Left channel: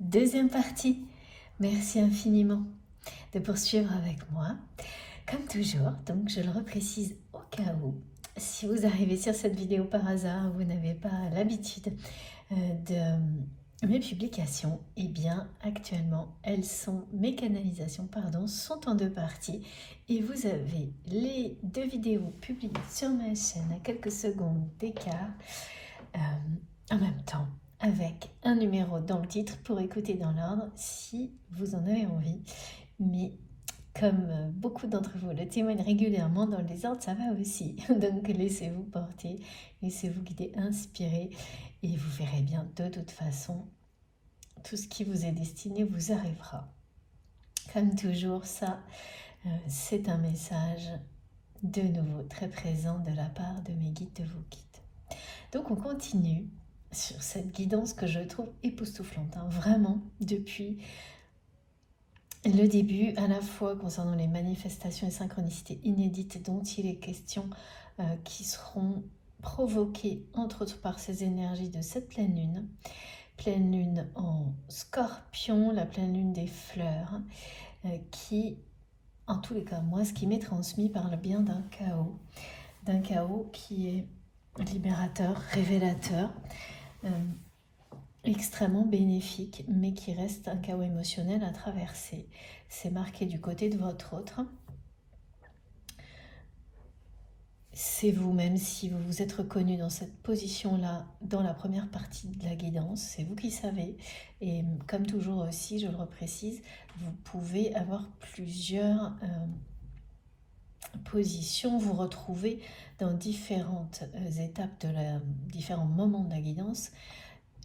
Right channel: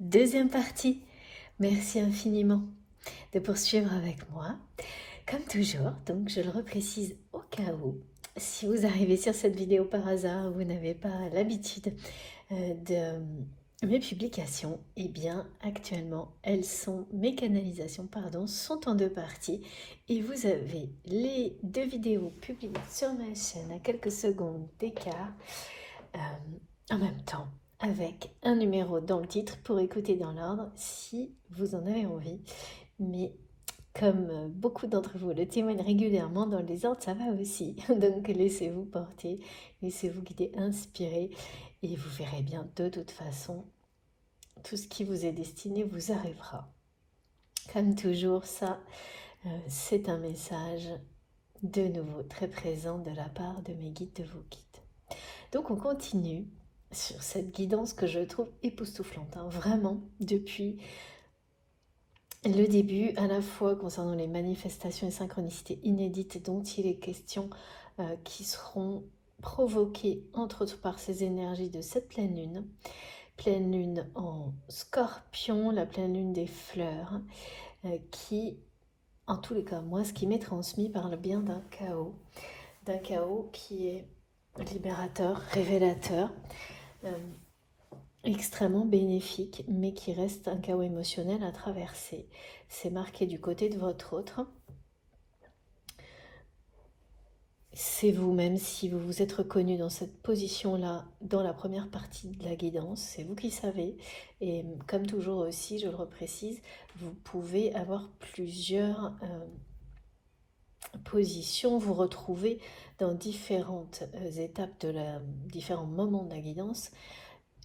Deuxième partie. Merci infiniment de poursuivre avec moi. Comme toujours, donc je le reprécise au cas où, si vous arrivez sur cette vidéo par hasard, vous n'avez pas l'habitude de mes publications, eh bien actuellement mes canalisations sont en deux parties et vous avez les deux vidéos publiées sur ma chaîne à quelques secondes d'écart en même temps avec un numéro dans le titre pour écouter dans l'ordre si vous en avez envie. Mais comme beaucoup d'entre vous le témoignent régulièrement, dans le désordre, ça va aussi. Donc laissez-vous porter, laissez-vous guider, inspirer, et vous verrez bien, de toute façon, tout ce qui vous est destiné vous arrivera. Comme toujours, c'est un message de nouveau très présent de la part de mes guides, de vos guides. Donc on continue sur cette guidance que je trouve époustouflante, vraiment, depuis le début, à la fois concernant les manifestations et synchronicités inédites dont il est question, qui seront provoquées entre autres par ces énergies de cette pleine lune en Scorpion, la pleine lune des fleurs, qui, en tous les cas, moi, ce qui m'est transmis parle bien d'un chaos qui est libérateur, révélateur, extrêmement bénéfique, mais qui reste un chaos émotionnel à traverser. C'est marqué du côté de votre autre. C'est vous, même si vous vous êtes reconnu dans cette position-là, dans la première partie de la guidance, c'est vous qui savez. Et comme toujours aussi, je le reprécise, vous pouvez avoir plusieurs positions, vous retrouver dans différentes étapes différents moments de la guidance.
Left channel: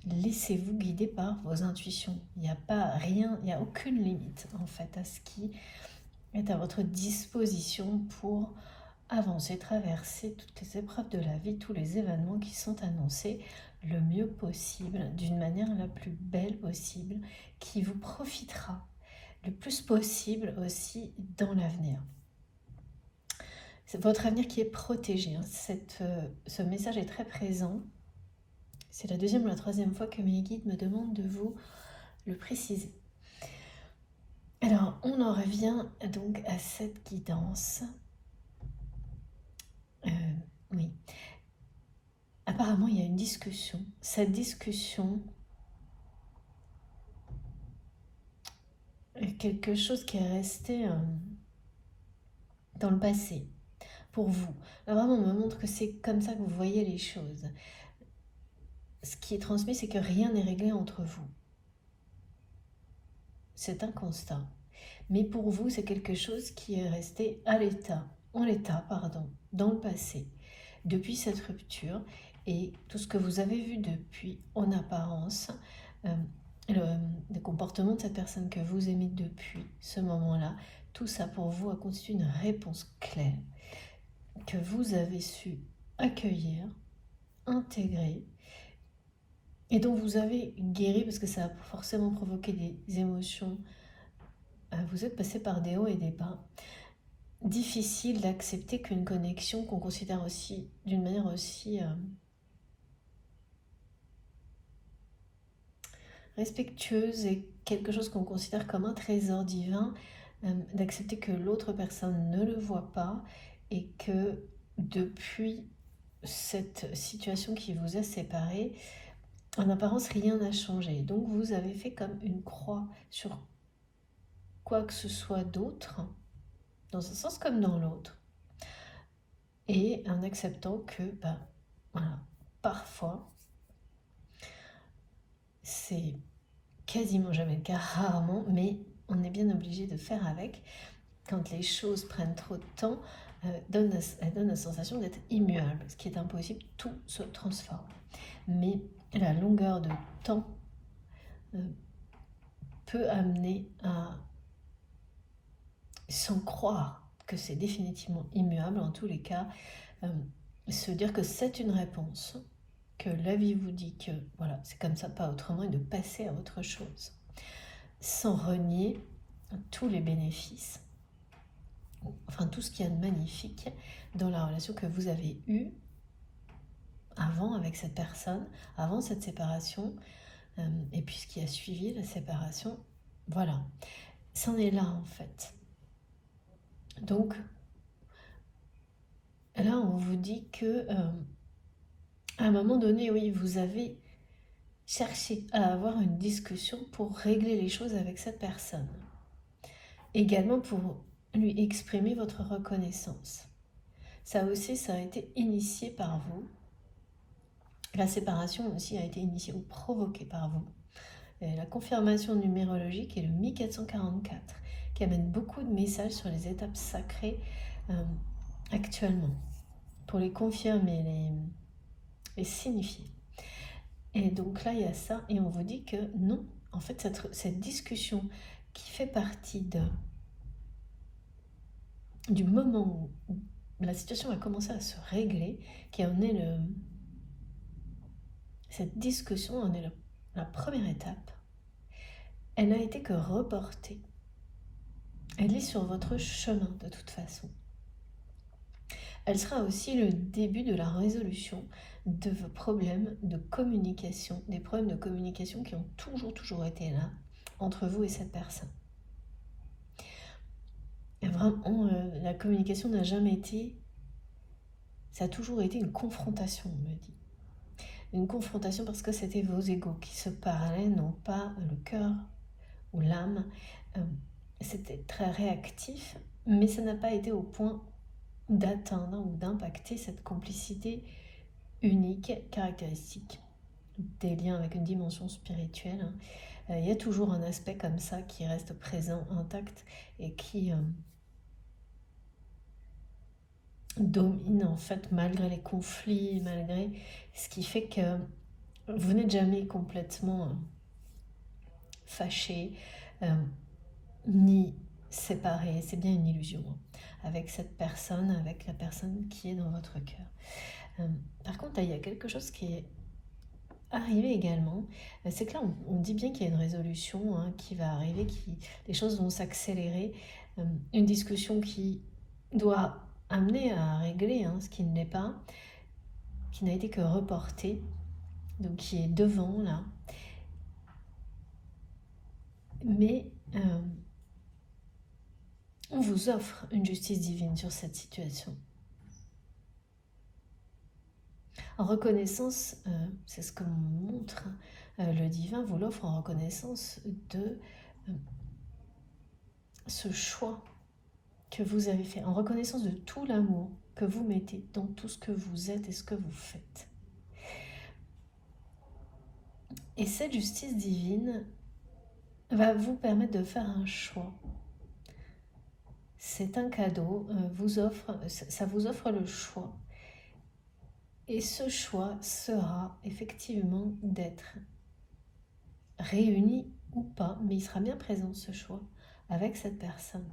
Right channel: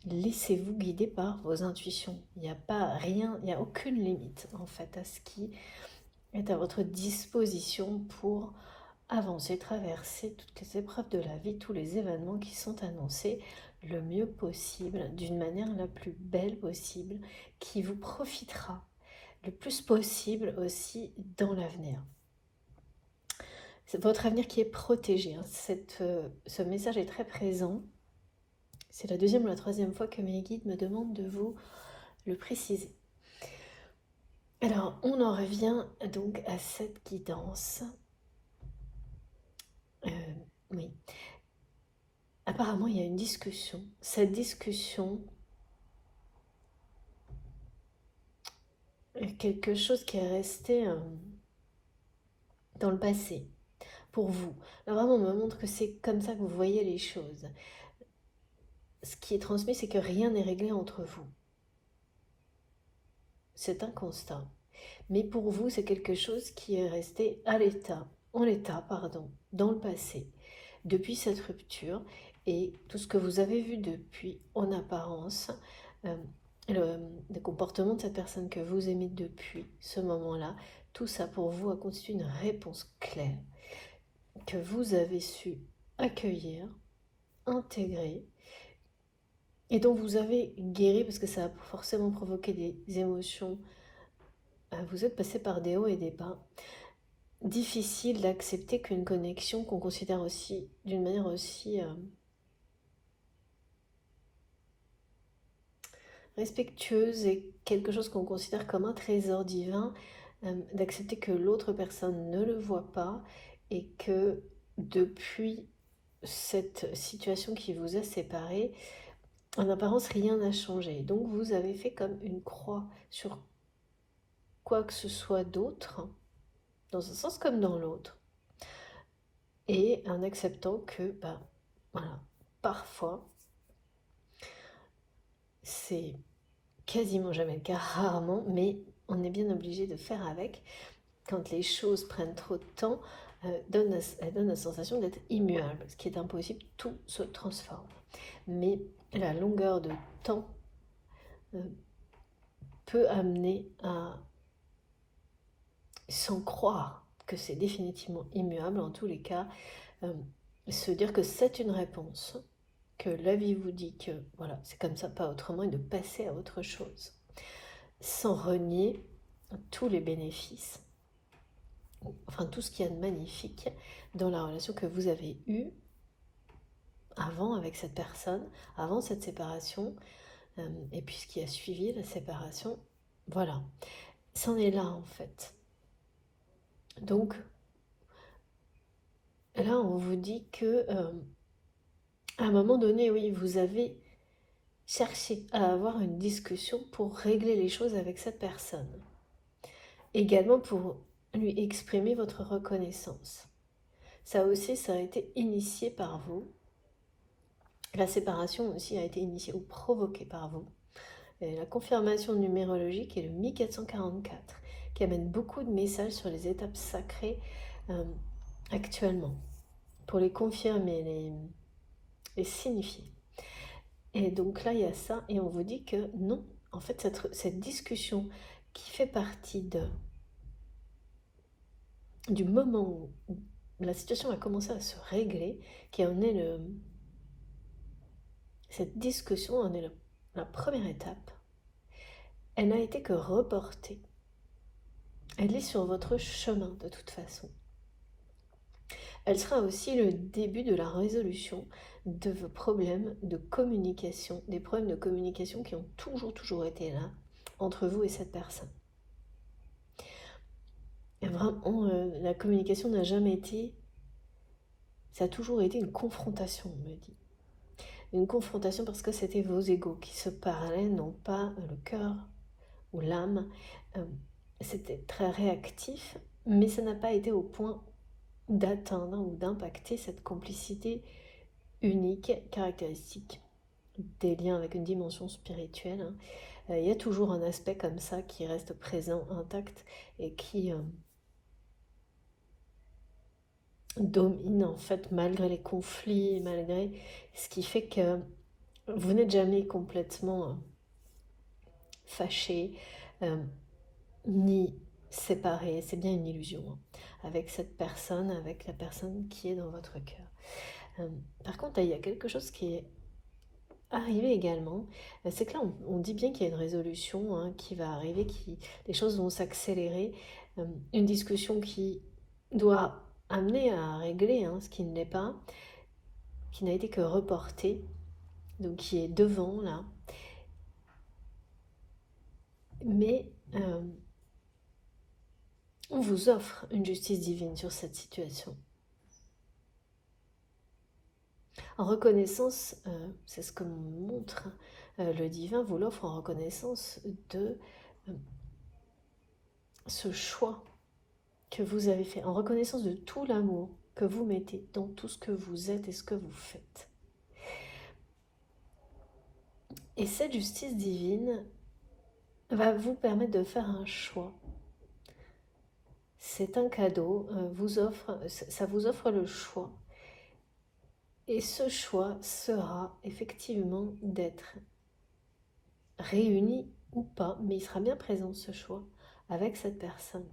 Laissez-vous guider par vos intuitions. Il n'y a pas rien, il n'y a aucune limite en fait à ce qui est à votre disposition pour avancer, traverser toutes les épreuves de la vie, tous les événements qui sont annoncés le mieux possible, d'une manière la plus belle possible, qui vous profitera le plus possible aussi dans l'avenir. C'est votre avenir qui est protégé. Ce message est très présent. C'est la deuxième ou la troisième fois que mes guides me demandent de vous le préciser. Alors, on en revient donc à cette guidance. Oui. Apparemment, il y a une discussion. Cette discussion est quelque chose qui est resté dans le passé pour vous. Là, vraiment, on me montre que c'est comme ça que vous voyez les choses. Ce qui est transmis, c'est que rien n'est réglé entre vous. C'est un constat. Mais pour vous, c'est quelque chose qui est resté dans le passé, depuis cette rupture, et tout ce que vous avez vu depuis, en apparence, le comportement de cette personne que vous aimez depuis ce moment-là, tout ça pour vous a constitué une réponse claire que vous avez su accueillir, intégrer, et dont vous avez guéri parce que ça a forcément provoqué des émotions. Vous êtes passé par des hauts et des bas. Difficile d'accepter qu'une connexion qu'on considère aussi d'une manière aussi respectueuse et quelque chose qu'on considère comme un trésor divin, d'accepter que l'autre personne ne le voit pas et que depuis cette situation qui vous a séparés, en apparence rien n'a changé. Donc vous avez fait comme une croix sur quoi que ce soit d'autre, dans un sens comme dans l'autre, et en acceptant que voilà, parfois c'est quasiment jamais le cas, rarement, mais on est bien obligé de faire avec. Quand les choses prennent trop de temps, elles donnent la sensation d'être immuables, ce qui est impossible, tout se transforme. Mais la longueur de temps peut amener à, sans croire que c'est définitivement immuable, en tous les cas, se dire que c'est une réponse, que la vie vous dit que voilà, c'est comme ça, pas autrement, et de passer à autre chose, sans renier tous les bénéfices, enfin tout ce qu'il y a de magnifique dans la relation que vous avez eue avant avec cette personne, avant cette séparation, et puis ce qui a suivi la séparation, voilà, c'en est là en fait. Donc là, on vous dit que à un moment donné, oui, vous avez cherché à avoir une discussion pour régler les choses avec cette personne. Également pour lui exprimer votre reconnaissance. Ça aussi, ça a été initié par vous. La séparation aussi a été initiée ou provoquée par vous. Et la confirmation numérologique est le 1444, qui amène beaucoup de messages sur les étapes sacrées actuellement, pour les confirmer, les signifier. Et donc là, il y a ça, et on vous dit que non, en fait, cette discussion qui fait partie du moment où la situation a commencé à se régler, qui en est cette discussion en est la première étape, elle n'a été que reportée. Elle est sur votre chemin de toute façon. Elle sera aussi le début de la résolution de vos problèmes de communication, des problèmes de communication qui ont toujours été là entre vous et cette personne. Et vraiment, la communication n'a jamais été, ça a toujours été une confrontation, on me dit. Une confrontation parce que c'était vos égos qui se parlaient, non pas le cœur ou l'âme. C'était très réactif, mais ça n'a pas été au point d'atteindre ou d'impacter cette complicité unique, caractéristique des liens avec une dimension spirituelle. Il y a toujours un aspect comme ça qui reste présent, intact, et qui domine en fait malgré les conflits, malgré ce qui fait que vous n'êtes jamais complètement fâché, ni séparé. C'est bien une illusion avec cette personne, avec la personne qui est dans votre cœur. Par contre, il y a quelque chose qui est arrivé également, c'est que là on dit bien qu'il y a une résolution qui va arriver, les choses vont s'accélérer, une discussion qui doit amener à régler ce qui ne l'est pas, qui n'a été que reporté, donc qui est devant là. Mais on vous offre une justice divine sur cette situation. En reconnaissance, c'est ce que montre le divin, vous l'offre en reconnaissance de ce choix que vous avez fait, en reconnaissance de tout l'amour que vous mettez dans tout ce que vous êtes et ce que vous faites. Et cette justice divine va vous permettre de faire un choix. C'est un cadeau, ça vous offre le choix. Et ce choix sera effectivement d'être réuni ou pas, mais il sera bien présent ce choix avec cette personne.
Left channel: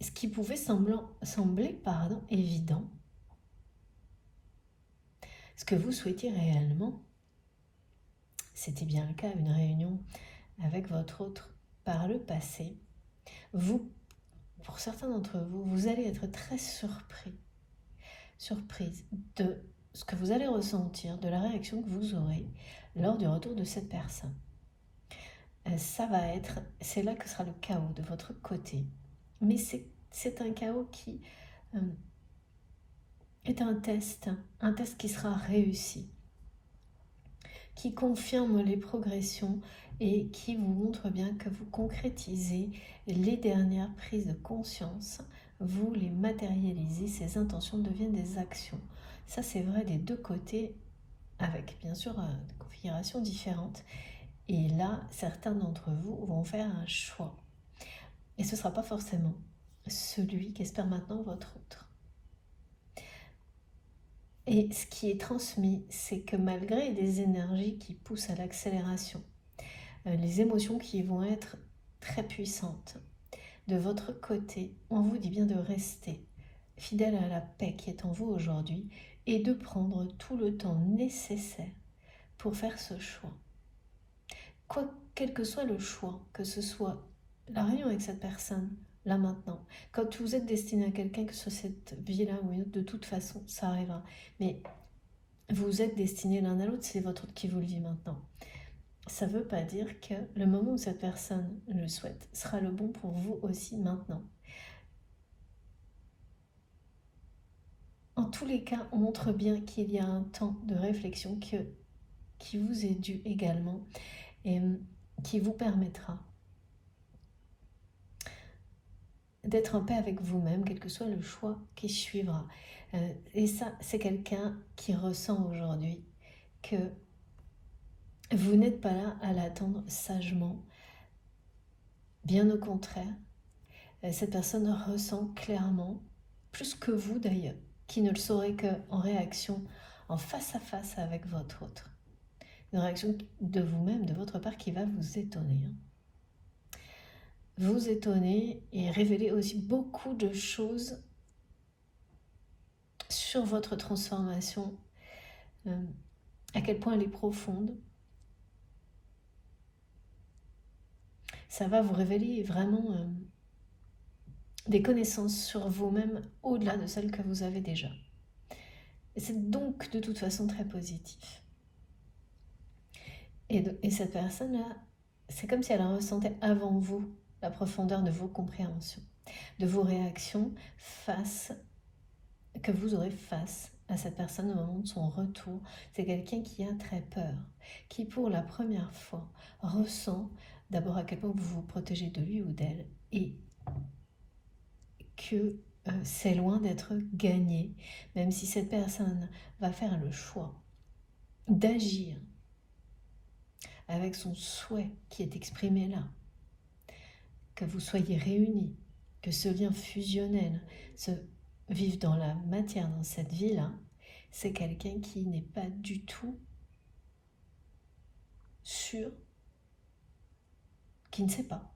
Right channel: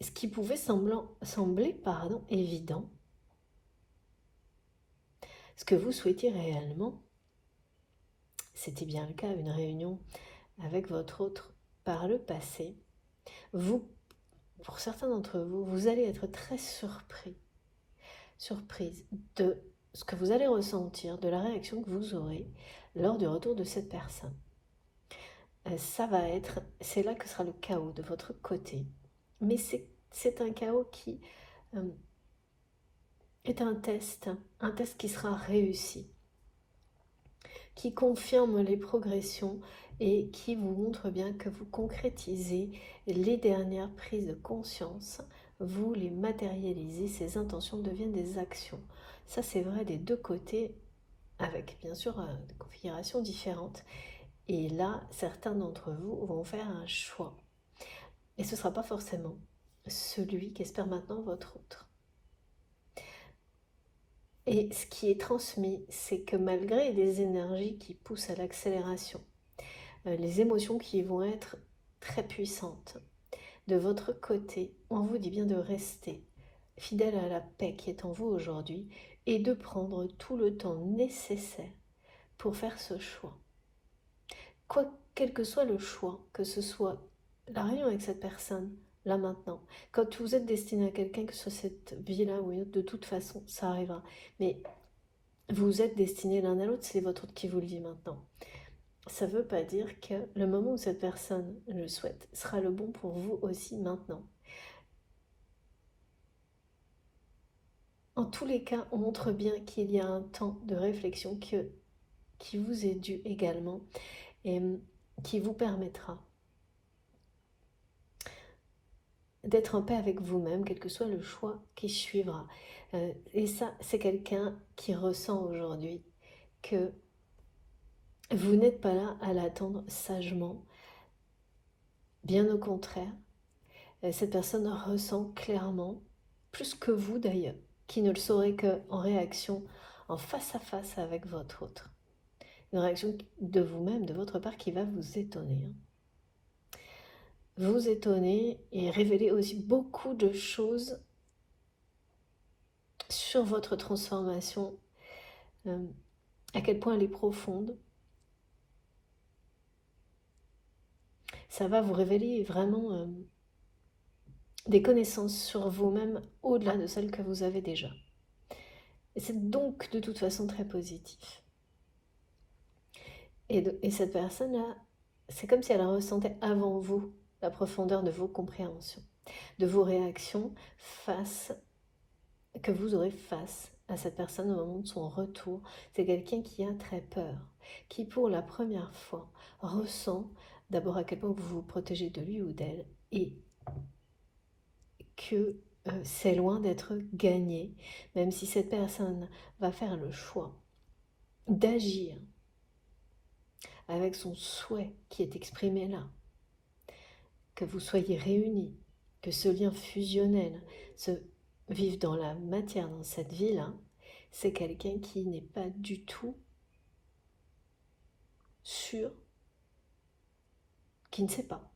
Ce qui pouvait sembler évident, ce que vous souhaitiez réellement, c'était bien le cas, une réunion avec votre autre par le passé. Vous, pour certains d'entre vous, vous allez être très surprise de ce que vous allez ressentir, de la réaction que vous aurez lors du retour de cette personne. C'est là que sera le chaos de votre côté. Mais c'est un chaos qui est un test qui sera réussi, qui confirme les progressions et qui vous montre bien que vous concrétisez les dernières prises de conscience, vous les matérialisez, ces intentions deviennent des actions. Ça c'est vrai des deux côtés, avec bien sûr des configurations différentes. Et là, certains d'entre vous vont faire un choix. Et ce ne sera pas forcément celui qu'espère maintenant votre autre. Et ce qui est transmis, c'est que malgré des énergies qui poussent à l'accélération, les émotions qui vont être très puissantes, de votre côté, on vous dit bien de rester fidèle à la paix qui est en vous aujourd'hui et de prendre tout le temps nécessaire pour faire ce choix. Quel que soit le choix, que ce soit la réunion avec cette personne, là maintenant, quand vous êtes destiné à quelqu'un, que ce soit cette vie-là ou une autre, de toute façon, ça arrivera. Mais vous êtes destinés l'un à l'autre, c'est votre autre qui vous le dit maintenant. Ça ne veut pas dire que le moment où cette personne le souhaite sera le bon pour vous aussi maintenant. En tous les cas, on montre bien qu'il y a un temps de réflexion qui vous est dû également et qui vous permettra d'être en paix avec vous-même, quel que soit le choix qui suivra. Et ça, c'est quelqu'un qui ressent aujourd'hui que vous n'êtes pas là à l'attendre sagement. Bien au contraire, cette personne ressent clairement, plus que vous d'ailleurs, qui ne le saurez qu'en réaction, en face à face avec votre autre. Une réaction de vous-même, de votre part, qui va vous étonner. Vous étonner et révéler aussi beaucoup de choses sur votre transformation, à quel point elle est profonde. Ça va vous révéler vraiment des connaissances sur vous-même au-delà de celles que vous avez déjà. Et c'est donc de toute façon très positif. Et cette personne-là, c'est comme si elle ressentait avant vous la profondeur de vos compréhensions, de vos réactions que vous aurez face à cette personne au moment de son retour. C'est quelqu'un qui a très peur, qui pour la première fois ressent d'abord à quel point vous vous protégez de lui ou d'elle et que c'est loin d'être gagné, même si cette personne va faire le choix d'agir avec son souhait qui est exprimé là, que vous soyez réunis, que ce lien fusionnel se vive dans la matière, dans cette vie-là, c'est quelqu'un qui n'est pas du tout sûr, qui ne sait pas.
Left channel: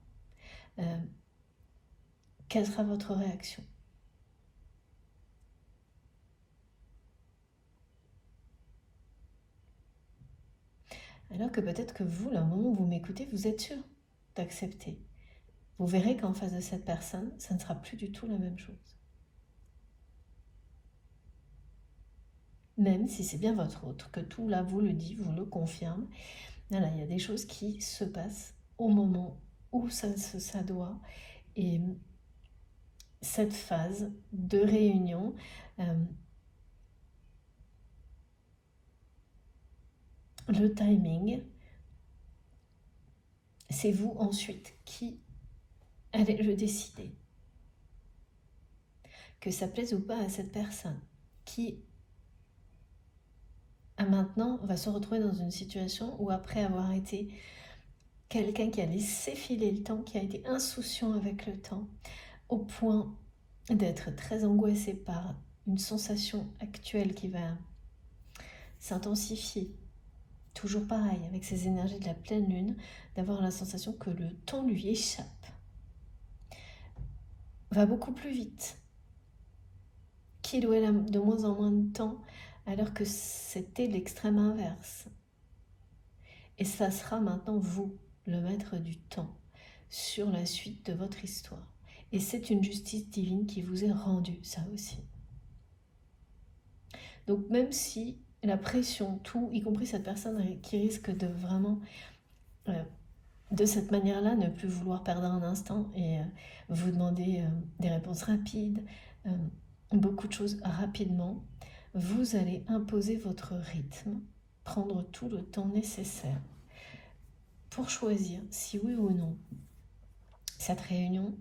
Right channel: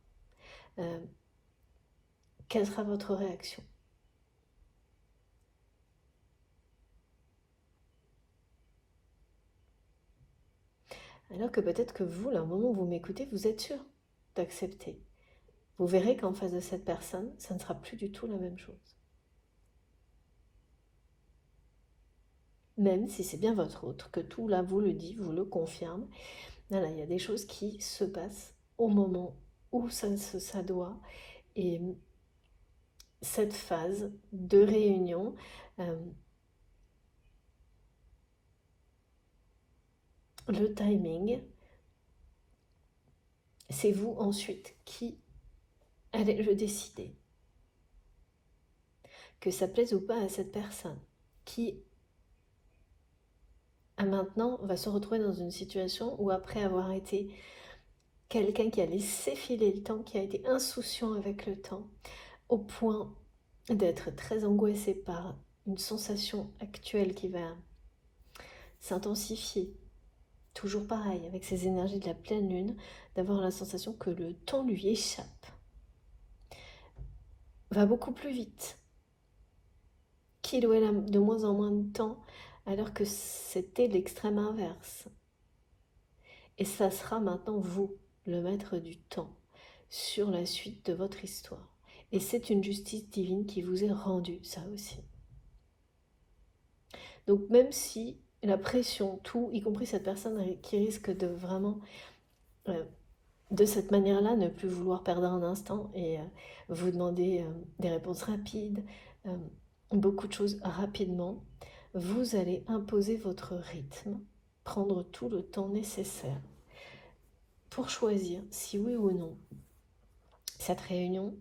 Quelle sera votre réaction? Alors que peut-être que vous, là, au moment où vous m'écoutez, vous êtes sûr d'accepter. Vous verrez qu'en face de cette personne, ça ne sera plus du tout la même chose. Même si c'est bien votre autre, que tout là vous le dit, vous le confirme, là, il y a des choses qui se passent au moment où ça doit. Et cette phase de réunion, le timing, c'est vous ensuite qui allez le décider. Que ça plaise ou pas à cette personne, qui maintenant va se retrouver dans une situation où après avoir été quelqu'un qui a laissé filer le temps, qui a été insouciant avec le temps, au point d'être très angoissé par une sensation actuelle qui va s'intensifier, toujours pareil, avec ces énergies de la pleine lune, d'avoir la sensation que le temps lui échappe, va beaucoup plus vite, qu'il ou elle a de moins en moins de temps, alors que c'était l'extrême inverse. Et ça sera maintenant vous, le maître du temps, sur la suite de votre histoire. Et c'est une justice divine qui vous est rendue, ça aussi. Donc même si la pression, tout, y compris cette personne qui risque de vraiment, de cette manière-là, ne plus vouloir perdre un instant et vous demander des réponses rapides, beaucoup de choses rapidement, vous allez imposer votre rythme, prendre tout le temps nécessaire pour choisir si oui ou non cette réunion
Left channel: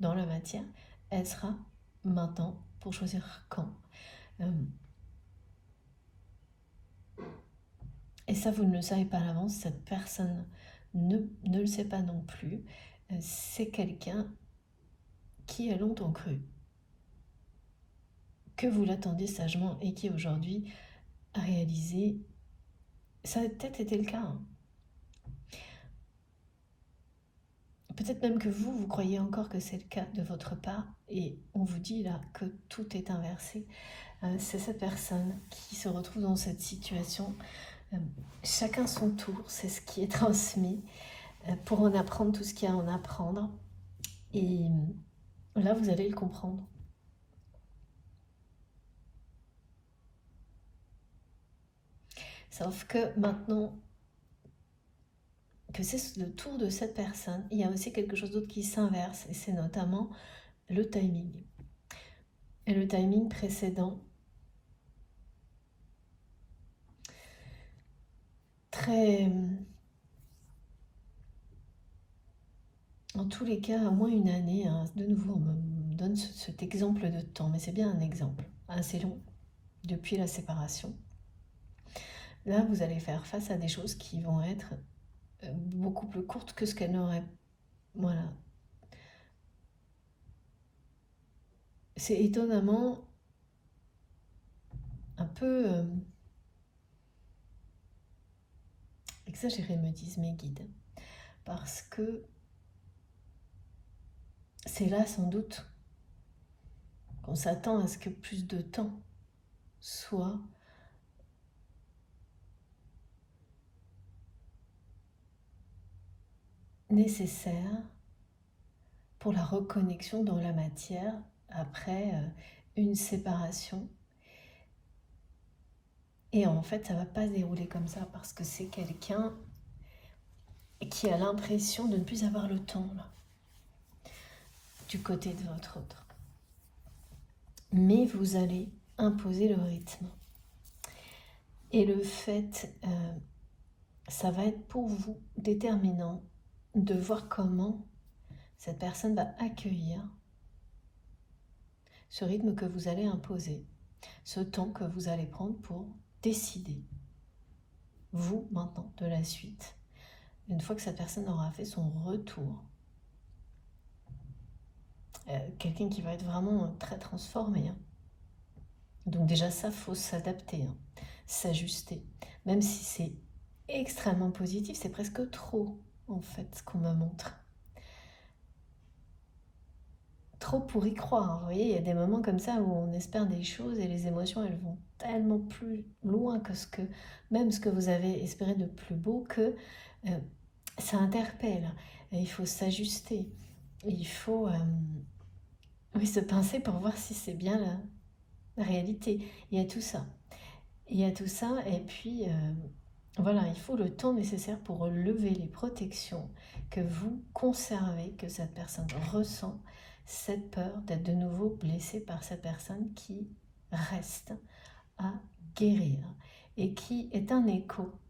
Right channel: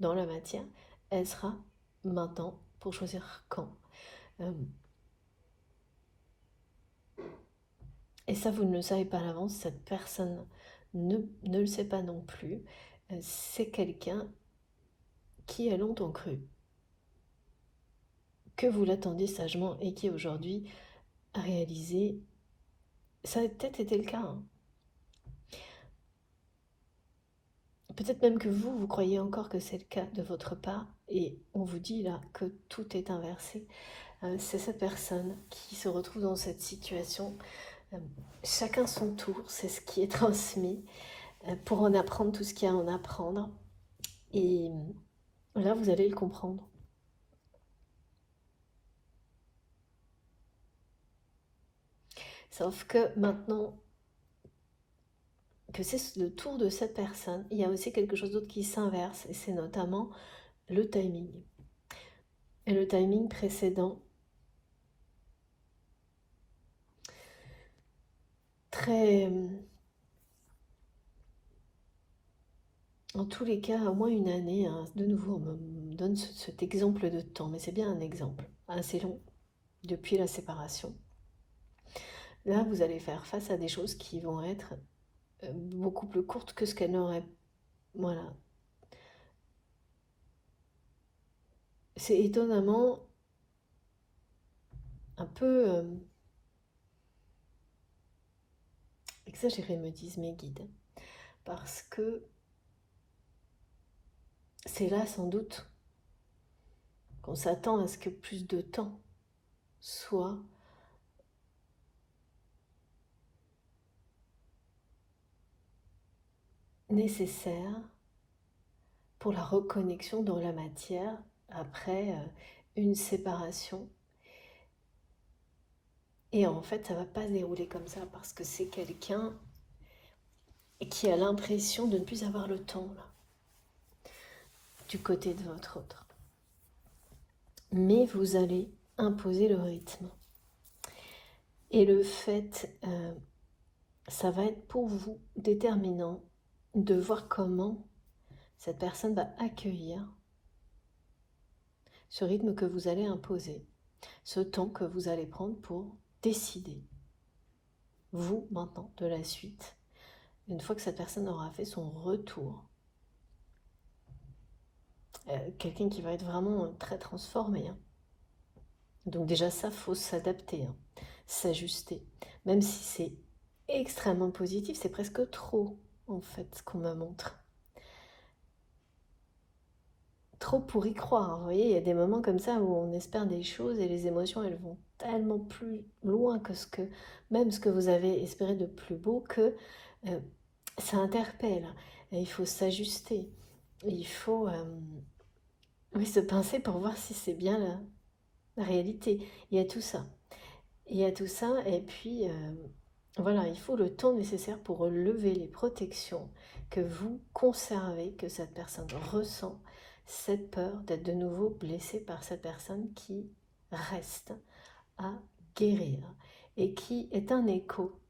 dans la matière, elle sera maintenant pour choisir quand. Et ça, vous ne le savez pas à l'avance, cette personne ne le sait pas non plus. C'est quelqu'un qui a longtemps cru que vous l'attendiez sagement et qui aujourd'hui a réalisé, ça a peut-être été le cas, hein. Peut-être même que vous croyez encore que c'est le cas de votre part et on vous dit là que tout est inversé. C'est cette personne qui se retrouve dans cette situation. Chacun son tour, c'est ce qui est transmis pour en apprendre tout ce qu'il y a à en apprendre. Et là, vous allez le comprendre. Sauf que maintenant que c'est le tour de cette personne, il y a aussi quelque chose d'autre qui s'inverse, et c'est notamment le timing. Et le timing précédent, très... En tous les cas, à moins une année, hein, de nouveau, on me donne cet exemple de temps, mais c'est bien un exemple assez long depuis la séparation. Là, vous allez faire face à des choses qui vont être beaucoup plus courtes que ce qu'elles n'auraient. Voilà. C'est étonnamment un peu exagéré, me disent mes guides, parce que c'est là sans doute qu'on s'attend à ce que plus de temps soit nécessaire pour la reconnexion dans la matière après une séparation. Et en fait, ça va pas se dérouler comme ça parce que c'est quelqu'un qui a l'impression de ne plus avoir le temps là, du côté de votre autre. Mais vous allez imposer le rythme. Et le fait, ça va être pour vous déterminant de voir comment cette personne va accueillir ce rythme que vous allez imposer, ce temps que vous allez prendre pour décider, vous maintenant, de la suite, une fois que cette personne aura fait son retour. Quelqu'un qui va être vraiment très transformé. Hein. Donc déjà ça, faut s'adapter, hein, s'ajuster. Même si c'est extrêmement positif, c'est presque trop, en fait, ce qu'on me montre. Trop pour y croire. Hein. Vous voyez, il y a des moments comme ça où on espère des choses et les émotions, elles vont tellement plus loin que même ce que vous avez espéré de plus beau que ça interpelle. Et il faut s'ajuster. Il faut oui, se pincer pour voir si c'est bien la réalité. Il y a tout ça. Il y a tout ça et puis voilà, il faut le temps nécessaire pour lever les protections que vous conservez, que cette personne ressent, cette peur d'être de nouveau blessée par cette personne qui reste à guérir et qui est un écho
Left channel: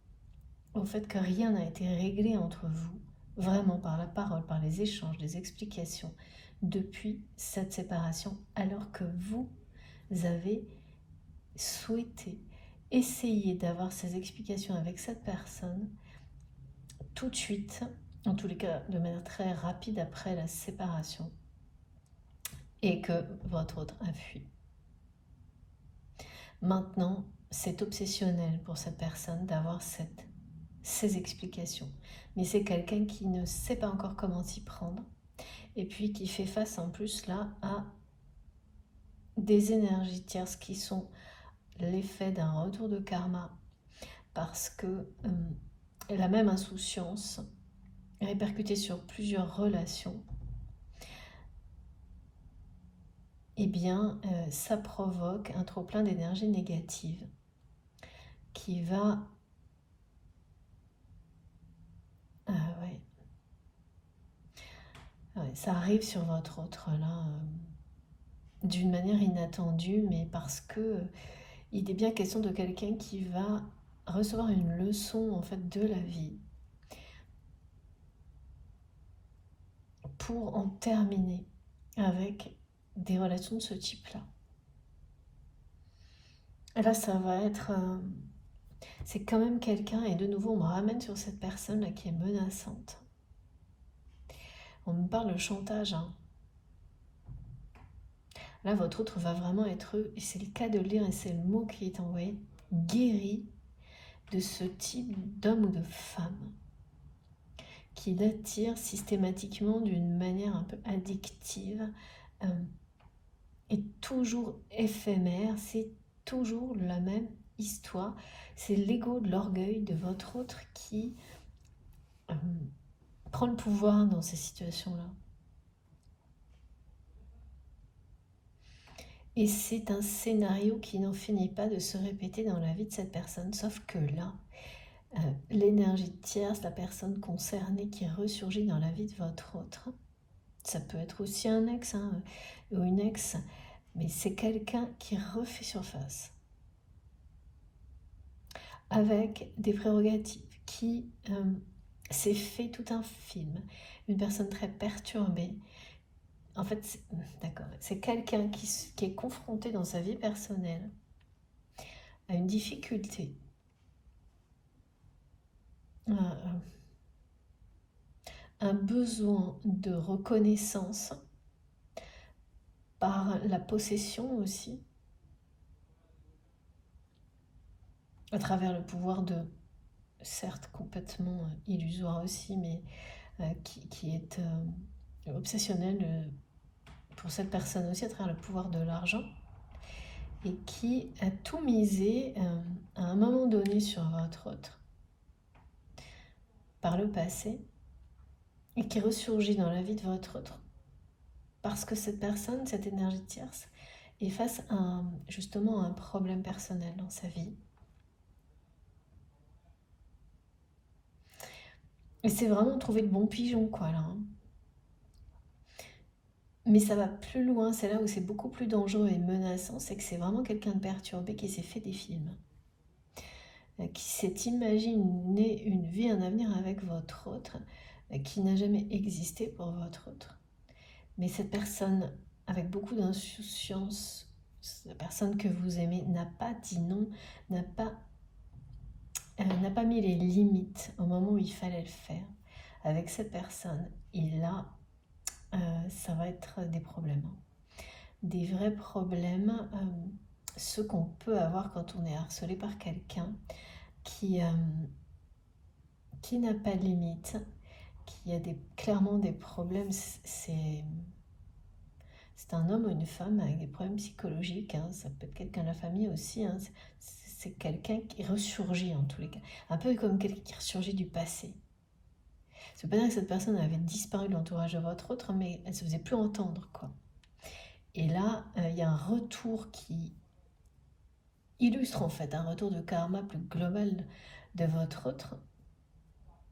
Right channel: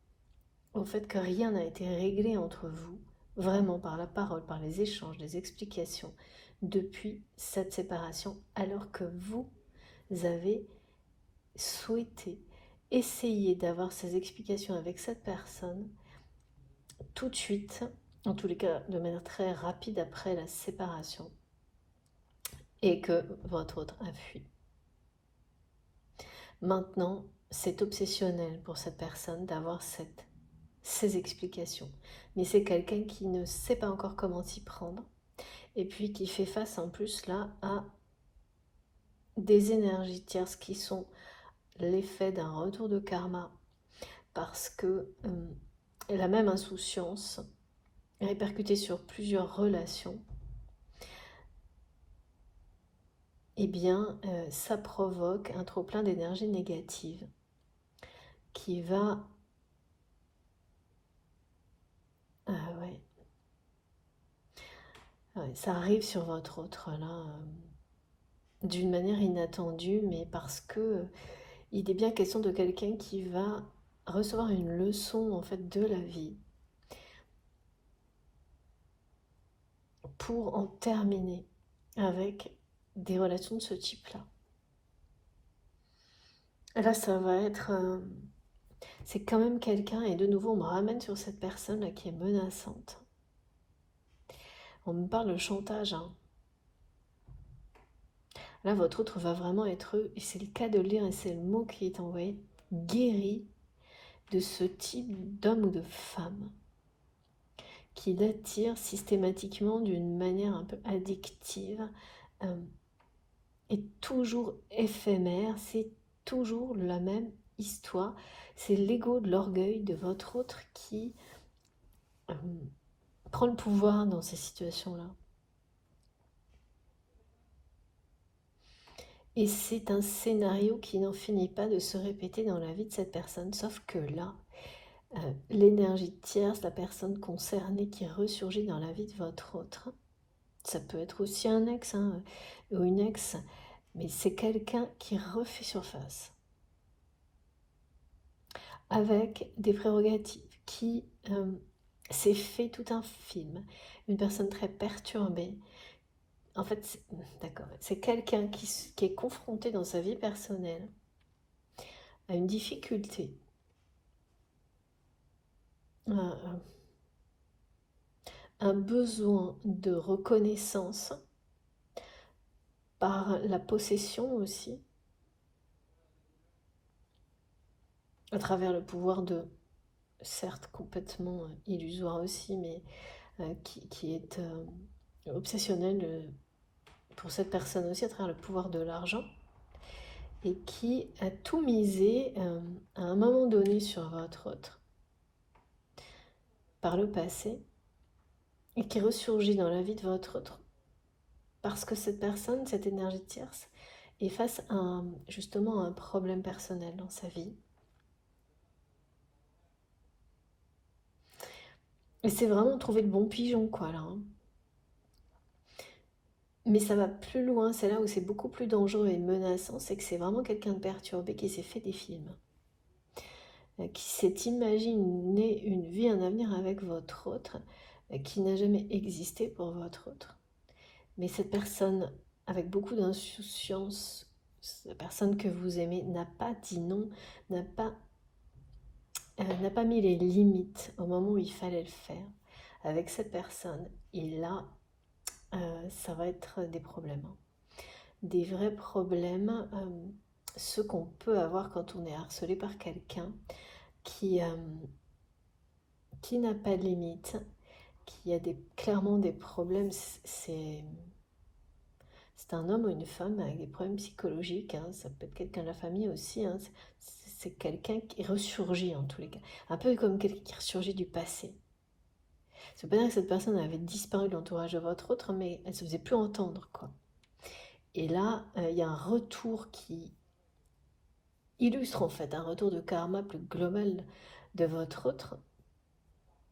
au fait que rien n'a été réglé entre vous, vraiment par la parole, par les échanges, les explications, depuis cette séparation, alors que vous avez souhaité essayer d'avoir ces explications avec cette personne tout de suite, en tous les cas de manière très rapide après la séparation, et que votre autre a fui. Maintenant, c'est obsessionnel pour cette personne d'avoir ces explications. Mais c'est quelqu'un qui ne sait pas encore comment s'y prendre, et puis qui fait face en plus là à des énergies tierces qui sont l'effet d'un retour de karma, parce que la même insouciance répercutée sur plusieurs relations, eh bien, ça provoque un trop-plein d'énergie négative qui va... ouais. Ouais, ça arrive sur votre autre, là, d'une manière inattendue, mais parce que il est bien question de quelqu'un qui va recevoir une leçon, en fait, de la vie pour en terminer avec des relations de ce type-là. Là, ça va être... c'est quand même quelqu'un, et de nouveau, on me ramène sur cette personne-là qui est menaçante. On me parle de chantage. Hein. Là, votre autre va vraiment être, et c'est le cas de le lire, et c'est le mot qui est envoyé, guéri de ce type d'homme ou de femme qui l'attire systématiquement d'une manière un peu addictive et toujours éphémère. C'est toujours la même histoire. C'est l'ego de l'orgueil de votre autre qui prend le pouvoir dans ces situations-là. Et c'est un scénario qui n'en finit pas de se répéter dans la vie de cette personne, sauf que là, l'énergie tierce, la personne concernée qui ressurgit dans la vie de votre autre, ça peut être aussi un ex ou une ex, mais c'est quelqu'un qui refait surface avec des prérogatives, qui s'est fait tout un film, une personne très perturbée. En fait, d'accord, c'est quelqu'un qui est confronté dans sa vie personnelle à une difficulté, un besoin de reconnaissance par la possession aussi, à travers le pouvoir de, certes complètement illusoire aussi, mais qui est obsessionnel pour cette personne aussi, à travers le pouvoir de l'argent, et qui a tout misé à un moment donné sur votre autre par le passé, et qui ressurgit dans la vie de votre autre parce que cette personne, cette énergie tierce, est face à justement à un problème personnel dans sa vie. Et c'est vraiment trouver le bon pigeon, quoi, là. Mais ça va plus loin, c'est là où c'est beaucoup plus dangereux et menaçant, c'est que c'est vraiment quelqu'un de perturbé qui s'est fait des films, qui s'est imaginé une vie, un avenir avec votre autre, qui n'a jamais existé pour votre autre. Mais cette personne, avec beaucoup d'insouciance, la personne que vous aimez, n'a pas dit non, n'a pas mis les limites au moment où il fallait le faire avec cette personne. Et là, ça va être des problèmes. Des vrais problèmes, ceux qu'on peut avoir quand on est harcelé par quelqu'un qui n'a pas de limite, qui a clairement des problèmes. C'est un homme ou une femme avec des problèmes psychologiques, hein. Ça peut être quelqu'un de la famille aussi, hein. C'est quelqu'un qui ressurgit en tous les cas, un peu comme quelqu'un qui ressurgit du passé. C'est pas dire que cette personne avait disparu de l'entourage de votre autre, mais elle se faisait plus entendre, quoi. Et là, il y a un retour qui illustre en fait un retour de karma plus global de votre autre,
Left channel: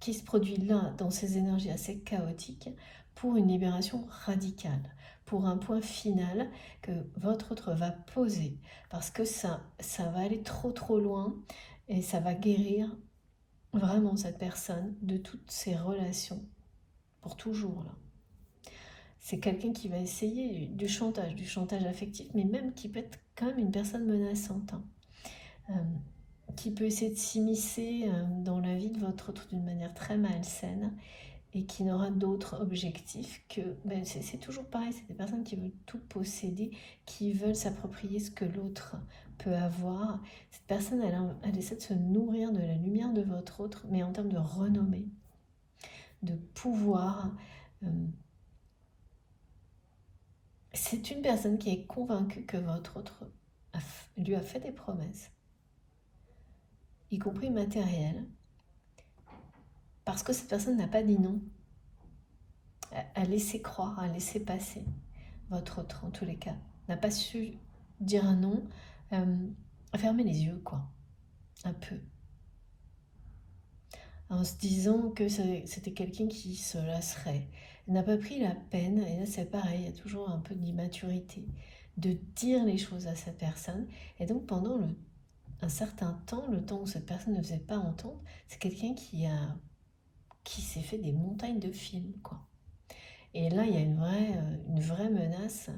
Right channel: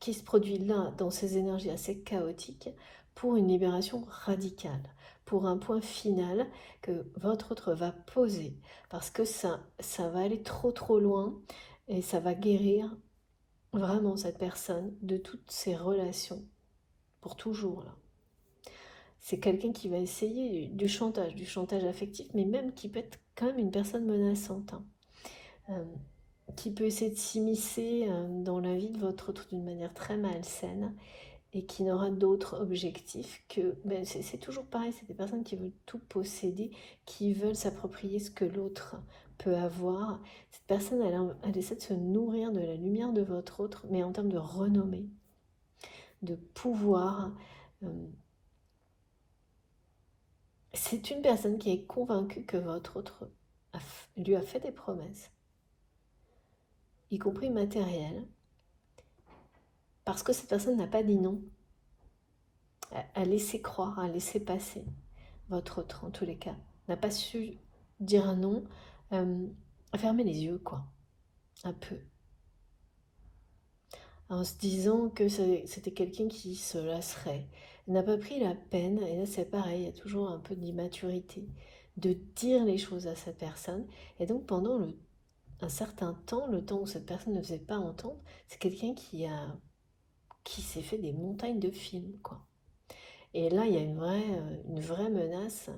qui se produit là dans ces énergies assez chaotiques pour une libération radicale, pour un point final que votre autre va poser, parce que ça va aller trop loin et ça va guérir vraiment cette personne de toutes ses relations pour toujours là. C'est quelqu'un qui va essayer du chantage affectif, mais même qui peut être quand même une personne menaçante, hein. Qui peut essayer de s'immiscer dans la vie de votre autre d'une manière très malsaine et qui n'aura d'autre objectif que... c'est toujours pareil, c'est des personnes qui veulent tout posséder, qui veulent s'approprier ce que l'autre peut avoir. Cette personne, elle essaie de se nourrir de la lumière de votre autre, mais en termes de renommée, de pouvoir. C'est une personne qui est convaincue que votre autre lui a fait des promesses, y compris matérielles, parce que cette personne n'a pas dit non, a laissé croire, a laissé passer votre autre en tous les cas, n'a pas su dire non, a fermé les yeux, quoi, un peu, en se disant que c'était quelqu'un qui se lasserait. Elle n'a pas pris la peine, et là c'est pareil, il y a toujours un peu d'immaturité, de dire les choses à cette personne, et donc pendant un certain temps, le temps où cette personne ne faisait pas entendre, c'est quelqu'un qui s'est fait des montagnes de films, quoi. Et là, il y a une vraie menace,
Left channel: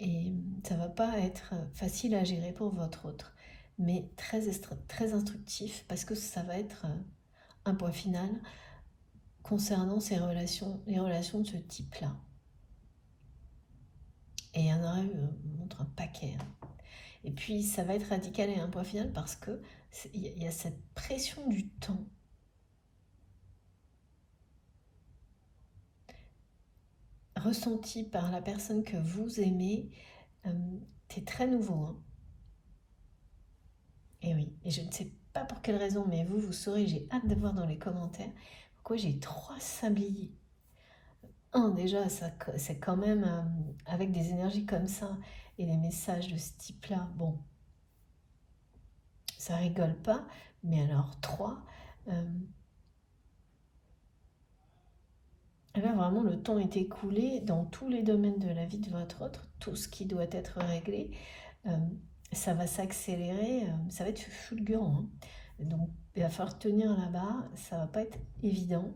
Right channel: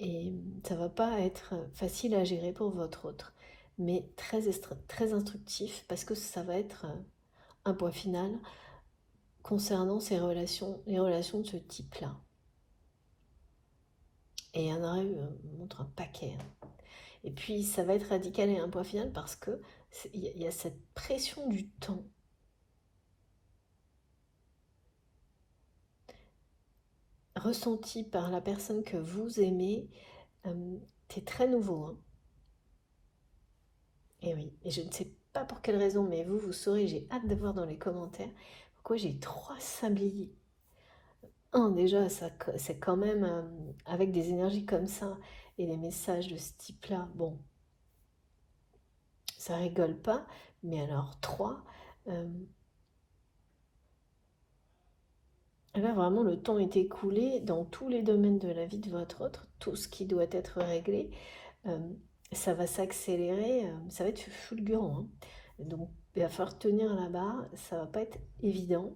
et ça va pas être facile à gérer pour votre autre, mais très instructif, parce que ça va être un point final concernant les relations de ce type-là. Et il y en aura eu, montre un paquet, hein. Et puis ça va être radical et un point final parce que il y a cette pression du temps ressentie par la personne que vous aimez. C'est très nouveau, hein. Et oui, et je ne sais pas pour quelle raison, mais vous saurez, j'ai hâte de voir dans les commentaires pourquoi j'ai 3 sabliers. Déjà, c'est quand même avec des énergies comme ça et des messages de ce type-là, bon, ça rigole pas. Mais alors, 3, là vraiment le temps est écoulé dans tous les domaines de la vie de votre autre, tout ce qui doit être réglé, euh, ça va s'accélérer, ça va être fulgurant, hein. Donc il va falloir tenir la barre, ça va pas être évident.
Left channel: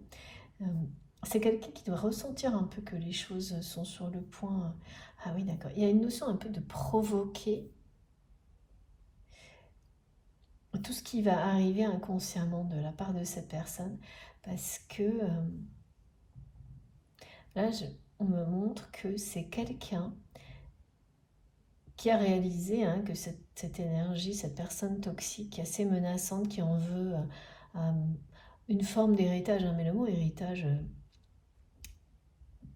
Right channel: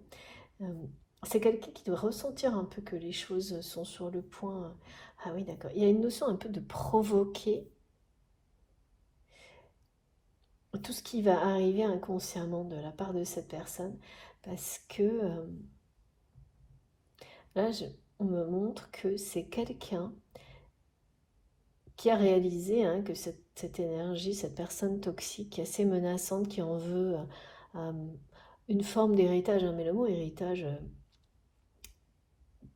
Euh, c'est quelqu'un qui doit ressentir un peu que les choses sont sur le point. Ah oui, d'accord. Il y a une notion un peu de provoquer tout ce qui va arriver inconsciemment de la part de cette personne, parce que là, on me montre que c'est quelqu'un qui a réalisé, hein, que cette énergie, cette personne toxique, assez menaçante, qui en veut euh, une forme d'héritage, hein, mais le mot héritage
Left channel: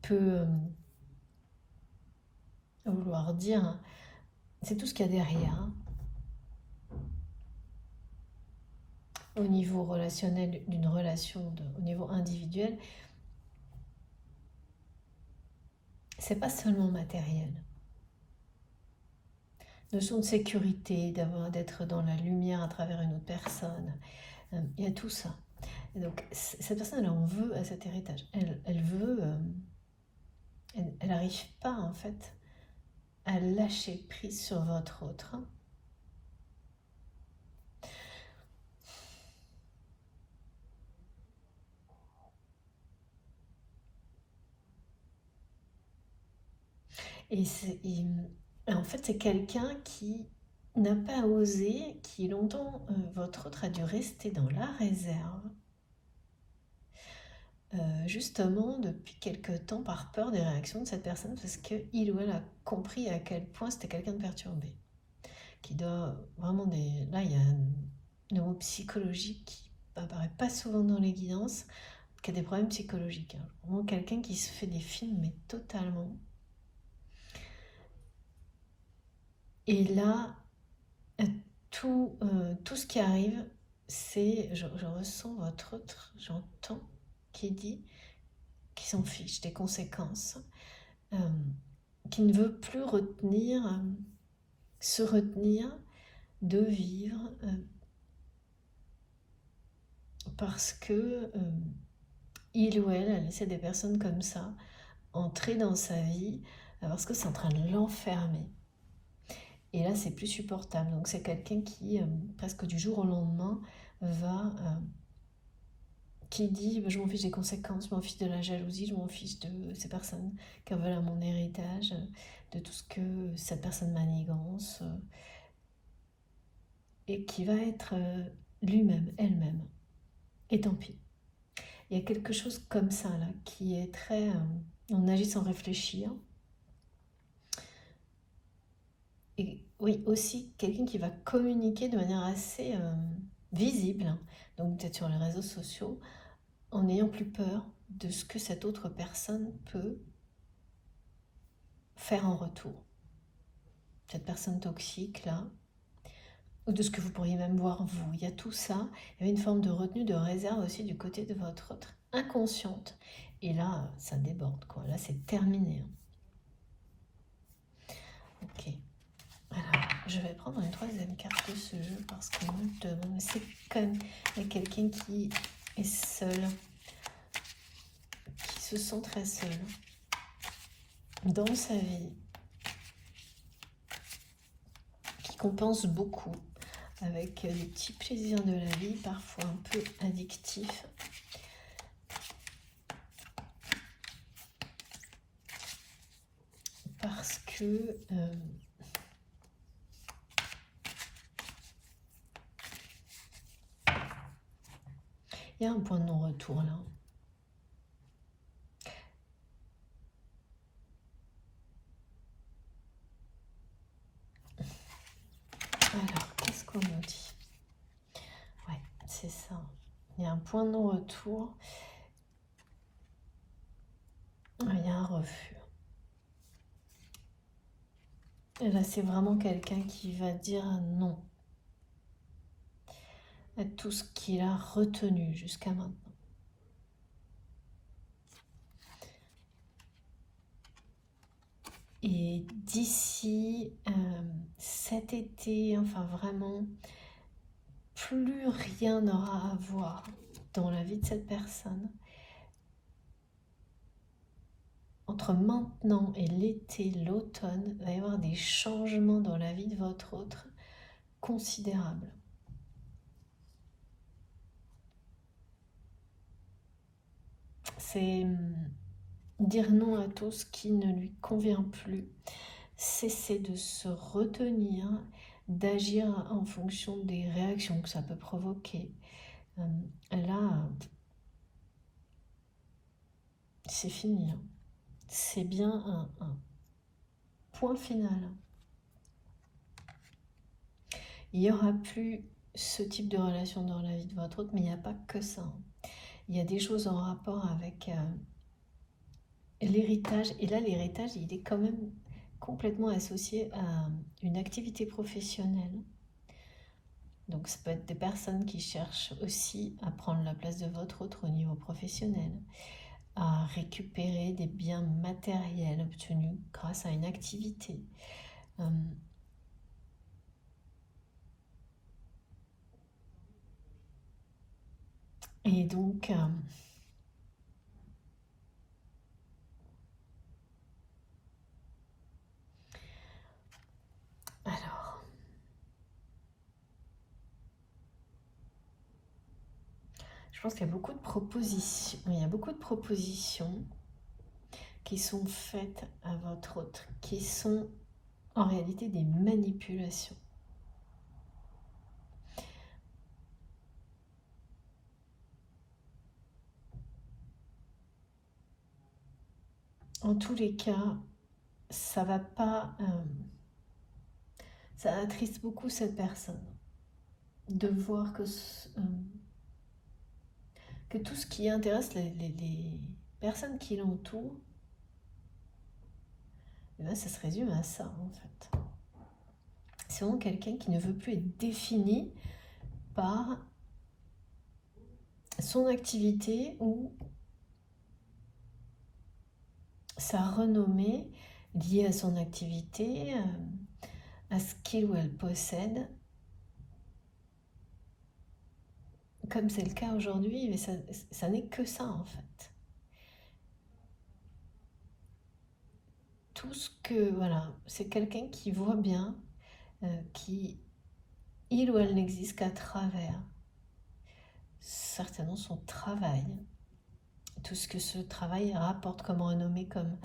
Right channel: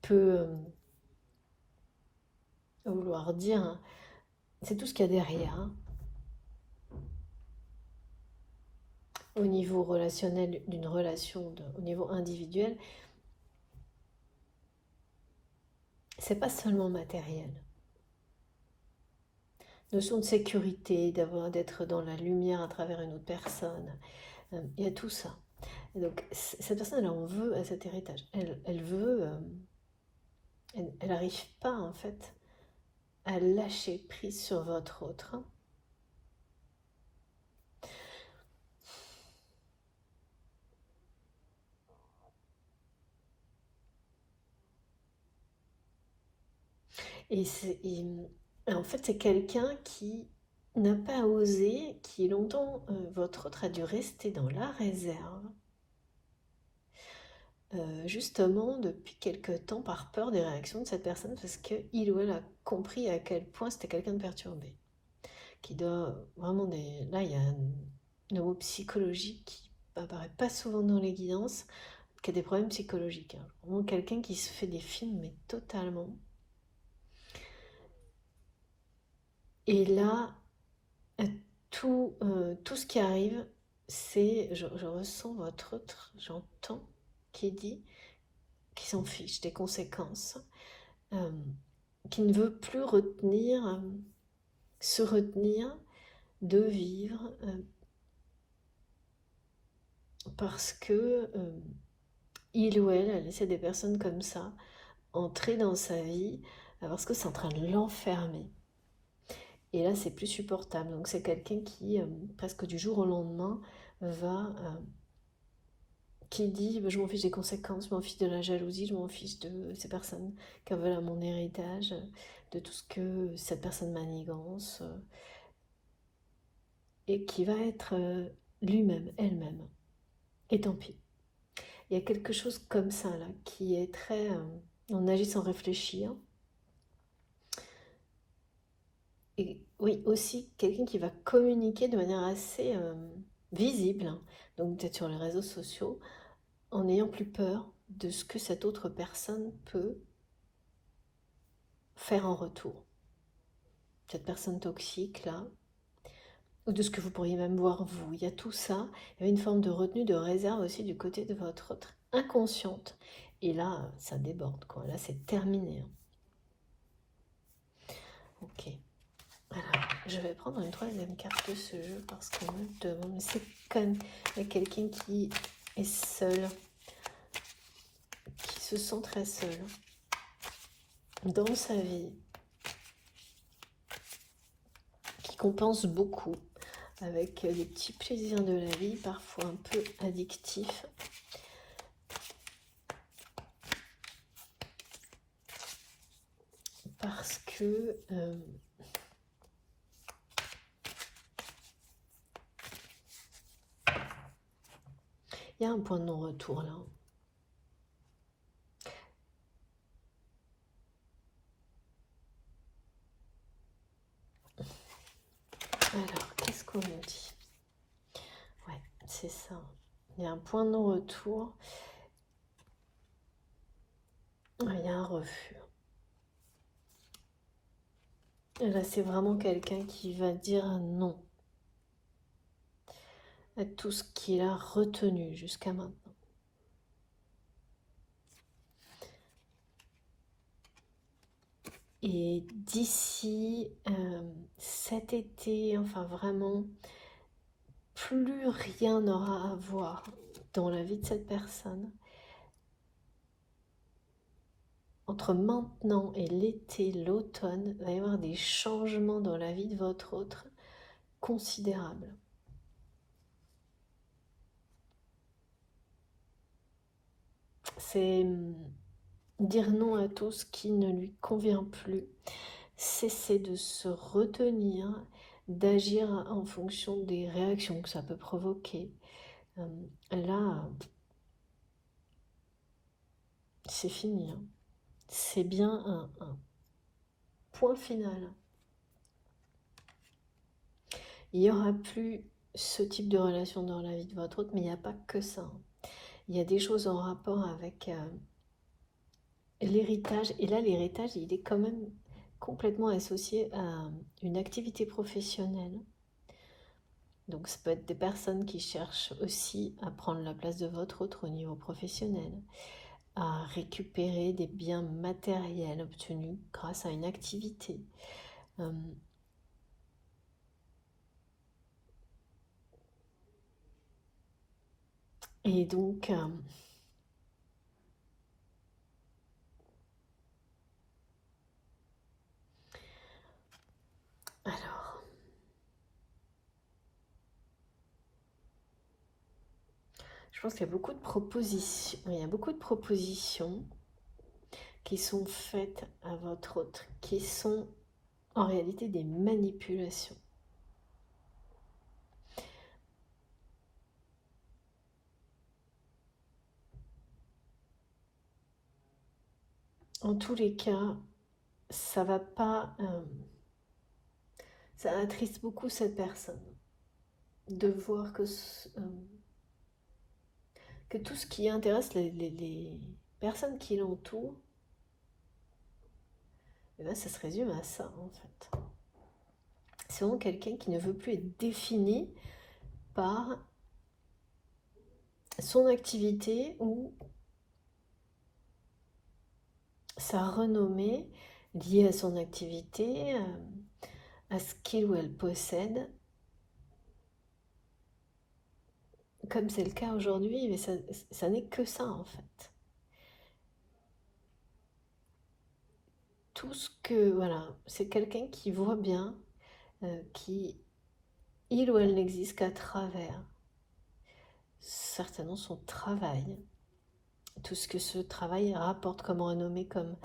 peut vouloir dire, hein, c'est tout ce qu'il y a derrière, hein, au niveau relationnel d'une relation, au niveau individuel, c'est pas seulement matériel. Notion de sécurité, d'être dans la lumière à travers une autre personne, il y a tout ça. Et donc cette personne, elle en veut à cet héritage. Elle veut, elle n'arrive pas en fait à lâcher prise sur votre autre. En fait, c'est quelqu'un qui n'a pas osé, qui longtemps, votre autre a dû rester dans la réserve, justement depuis quelque temps par peur des réactions de cette personne, parce qu'il ou elle a compris à quel point c'était quelqu'un de perturbé, qui doit vraiment des... Là, il y a un mot psychologique qui apparaît pas souvent dans les guidances, qui a des problèmes psychologiques, hein. Vraiment quelqu'un qui se fait des films, mais totalement. Et là, tout ce qui arrive, c'est, je ressens votre autre, j'entends, qui dit qu'il s'en fiche des conséquences, euh, qui ne veut plus se retenir de vivre, parce que il ou elle a laissé des personnes comme ça entrer dans sa vie, parce que c'est en train de l'enfermer. Et là, c'est plus supportable. Donc, c'est quelqu'un qui, presque du jour au lendemain, qui dit bah, je m'en fiche des conséquences, je m'en fiche de la jalousie, je m'en fiche de ces personnes qui en veulent à mon héritage, de tout ce que cette personne manigance, et qui va être lui-même, elle-même. Et tant pis. Il y a quelque chose comme ça, là, qui est très. On agit sans réfléchir. Et oui, aussi quelqu'un qui va communiquer de manière assez visible, hein, donc peut-être sur les réseaux sociaux, en n'ayant plus peur de ce que cette autre personne peut faire en retour. Cette personne toxique là, ou de ce que vous pourriez même voir vous. Il y a tout ça. Il y a une forme de retenue, de réserve aussi du côté de votre autre inconsciente. Et là, ça déborde, quoi. Là, c'est terminé, hein. Ok. Alors, je vais prendre une troisième carte de ce jeu parce qu'on me demande, c'est comme il y a quelqu'un qui est seul, qui se sent très seul dans sa vie, qui compense beaucoup avec des petits plaisirs de la vie, parfois un peu addictifs. Parce que il y a un point de non-retour là. Alors, qu'est-ce qu'on nous dit? Ouais, c'est ça. Il y a un point de non-retour. Il y a un refus. Et là, c'est vraiment quelqu'un qui va dire non à tout ce qu'il a retenu jusqu'à maintenant. Et d'ici cet été, enfin vraiment, plus rien n'aura à voir dans la vie de cette personne. Entre maintenant et l'été, l'automne, il va y avoir des changements dans la vie de votre autre considérables. C'est dire non à tout ce qui ne lui convient plus, cesser de se retenir, d'agir en fonction des réactions que ça peut provoquer. Là, c'est fini. C'est bien un point final. Il n'y aura plus ce type de relation dans la vie de votre autre, mais il n'y a pas que ça. Il y a des choses en rapport avec l'héritage. Et là, l'héritage, il est quand même complètement associé à une activité professionnelle. Donc ça peut être des personnes qui cherchent aussi à prendre la place de votre autre au niveau professionnel, à récupérer des biens matériels obtenus grâce à une activité. Et donc, alors, je pense qu'il y a beaucoup de propositions. Il y a beaucoup de propositions qui sont faites à votre autre, qui sont en réalité des manipulations. En tous les cas, ça va pas, ça attriste beaucoup cette personne de voir que tout ce qui intéresse les personnes qui l'entourent, eh ben, ça se résume à ça en fait. C'est vraiment quelqu'un qui ne veut plus être défini par son activité ou sa renommée liée à son activité, à ce qu'il ou elle possède. Comme c'est le cas aujourd'hui, mais ça n'est que ça en fait. Tout ce que, voilà, c'est quelqu'un qui voit bien, qui, il ou elle n'existe qu'à travers certainement son travail, tout ce que ce travail rapporte comme renommée, comme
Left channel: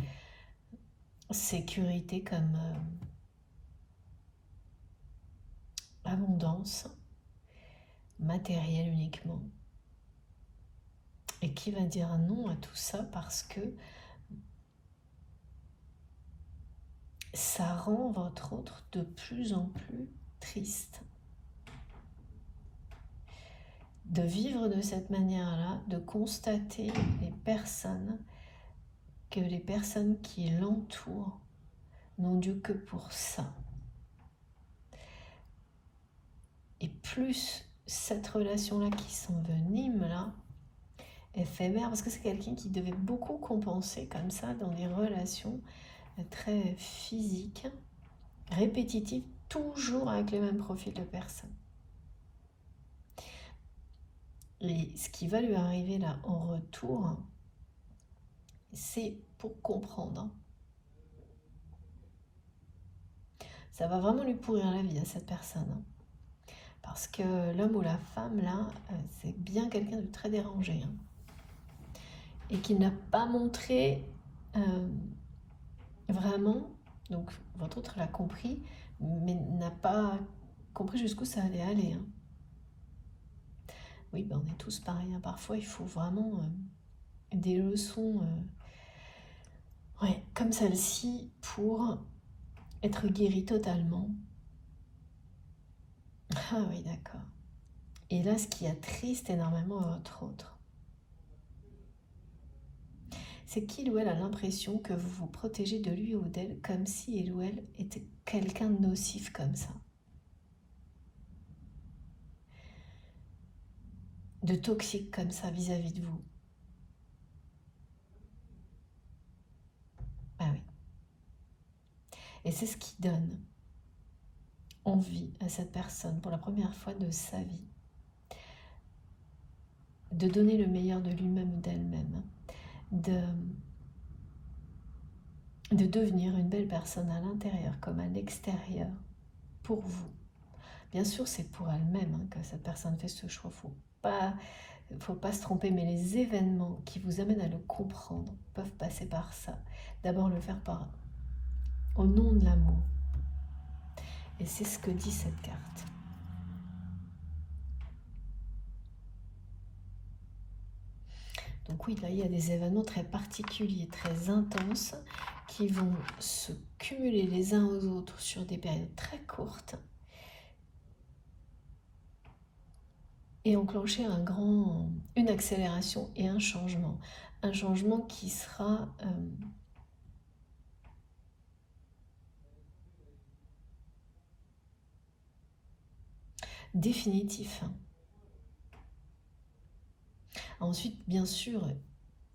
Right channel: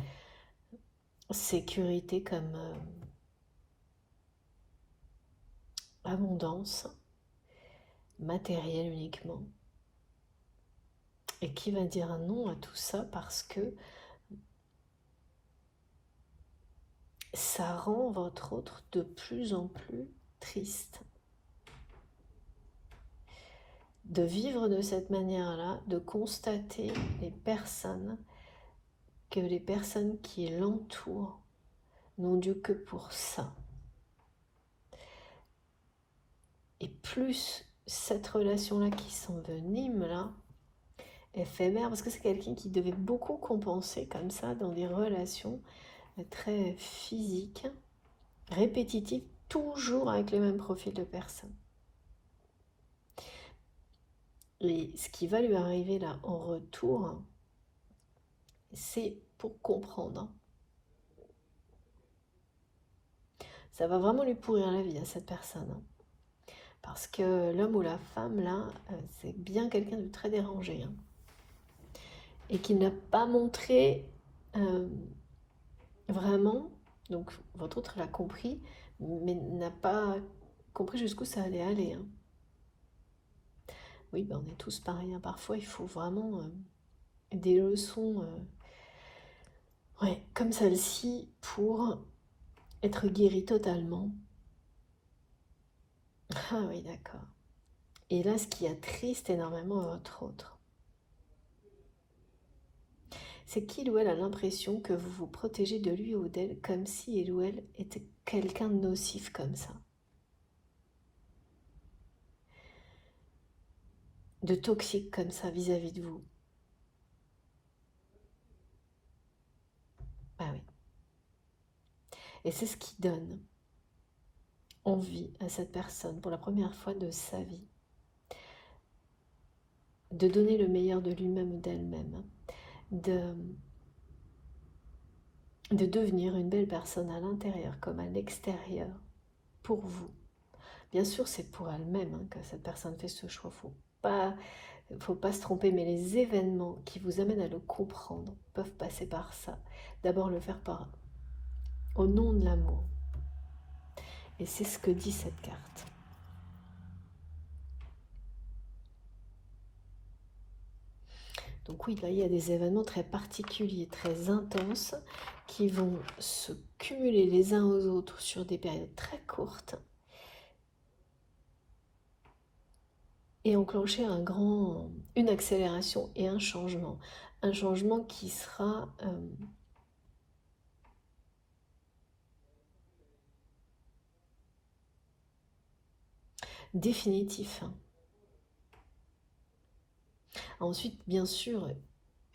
sécurité, comme abondance matérielle uniquement. Et qui va dire non à tout ça parce que ça rend votre autre de plus en plus triste. De vivre de cette manière-là, de constater que les personnes qui l'entourent n'ont Dieu que pour ça. Et plus cette relation-là qui s'envenime là, éphémère, parce que c'est quelqu'un qui devait beaucoup compenser comme ça dans des relations très physiques, répétitives, toujours avec le même profil de personne. Et ce qui va lui arriver là en retour, c'est pour comprendre. Ça va vraiment lui pourrir la vie à cette personne. Parce que l'homme ou la femme, là, c'est bien quelqu'un de très dérangé. Et qui n'a pas montré vraiment, donc votre autre l'a compris, mais n'a pas compris jusqu'où ça allait aller. Oui, ben on est tous pareils. Parfois, il faut vraiment des leçons ouais, comme celle-ci pour être guéri totalement. Ah oui, d'accord. Et là, ce qui attriste énormément votre autre, c'est qu'il ou elle a l'impression que vous vous protégez de lui ou d'elle comme si il ou elle était quelqu'un de nocif comme ça. De toxique comme ça vis-à-vis de vous. Ah oui. Et c'est ce qui donne envie à cette personne, pour la première fois de sa vie, de donner le meilleur de lui-même ou d'elle-même, de devenir une belle personne à l'intérieur comme à l'extérieur, pour vous. Bien sûr, c'est pour elle-même que cette personne fait ce choix. Faut pas se tromper, mais les événements qui vous amènent à le comprendre peuvent passer par ça. D'abord le faire au nom de l'amour. Et c'est ce que dit cette carte. Donc oui, là, il y a des événements très particuliers, très intenses, qui vont se cumuler les uns aux autres sur des périodes très courtes et enclencher une accélération et un changement. Un changement qui sera définitif. Ensuite, bien sûr,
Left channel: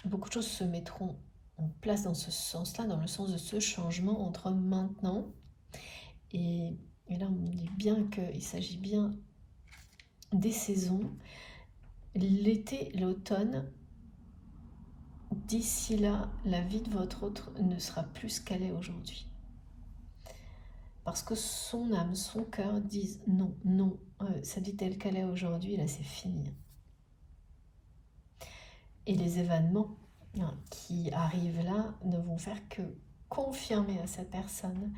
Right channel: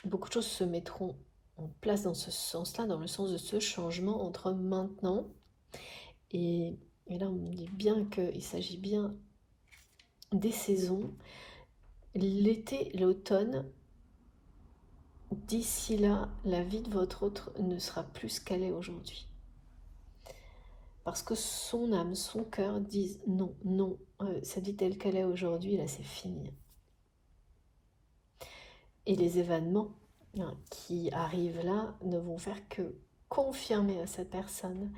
beaucoup de choses se mettront en place dans ce sens-là, dans le sens de ce changement entre maintenant et là on dit bien qu'il s'agit bien des saisons, l'été, l'automne. D'ici là, la vie de votre autre ne sera plus ce qu'elle est aujourd'hui. Parce que son âme, son cœur disent non, non, cette vie telle qu'elle est aujourd'hui, là c'est fini. Et les événements qui arrivent là ne vont faire que confirmer à cette personne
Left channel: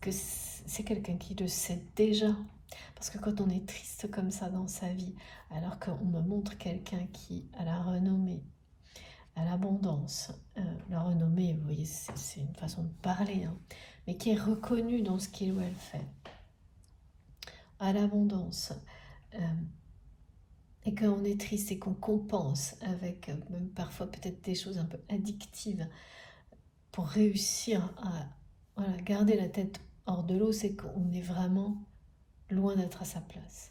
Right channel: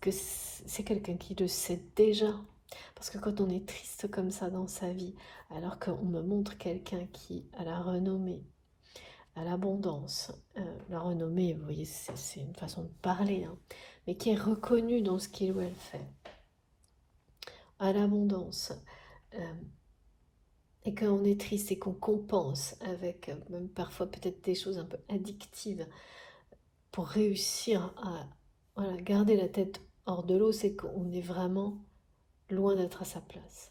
que c'est quelqu'un qui le sait déjà. Parce que quand on est triste comme ça dans sa vie, alors qu'on me montre quelqu'un qui a la renommée, à l'abondance, la renommée, vous voyez, c'est une façon de parler, mais qui est reconnue dans ce qu'il ou elle fait, à l'abondance, et qu'on est triste et qu'on compense avec même parfois peut-être des choses un peu addictives pour réussir à garder la tête hors de l'eau, c'est qu'on est vraiment loin d'être à sa place.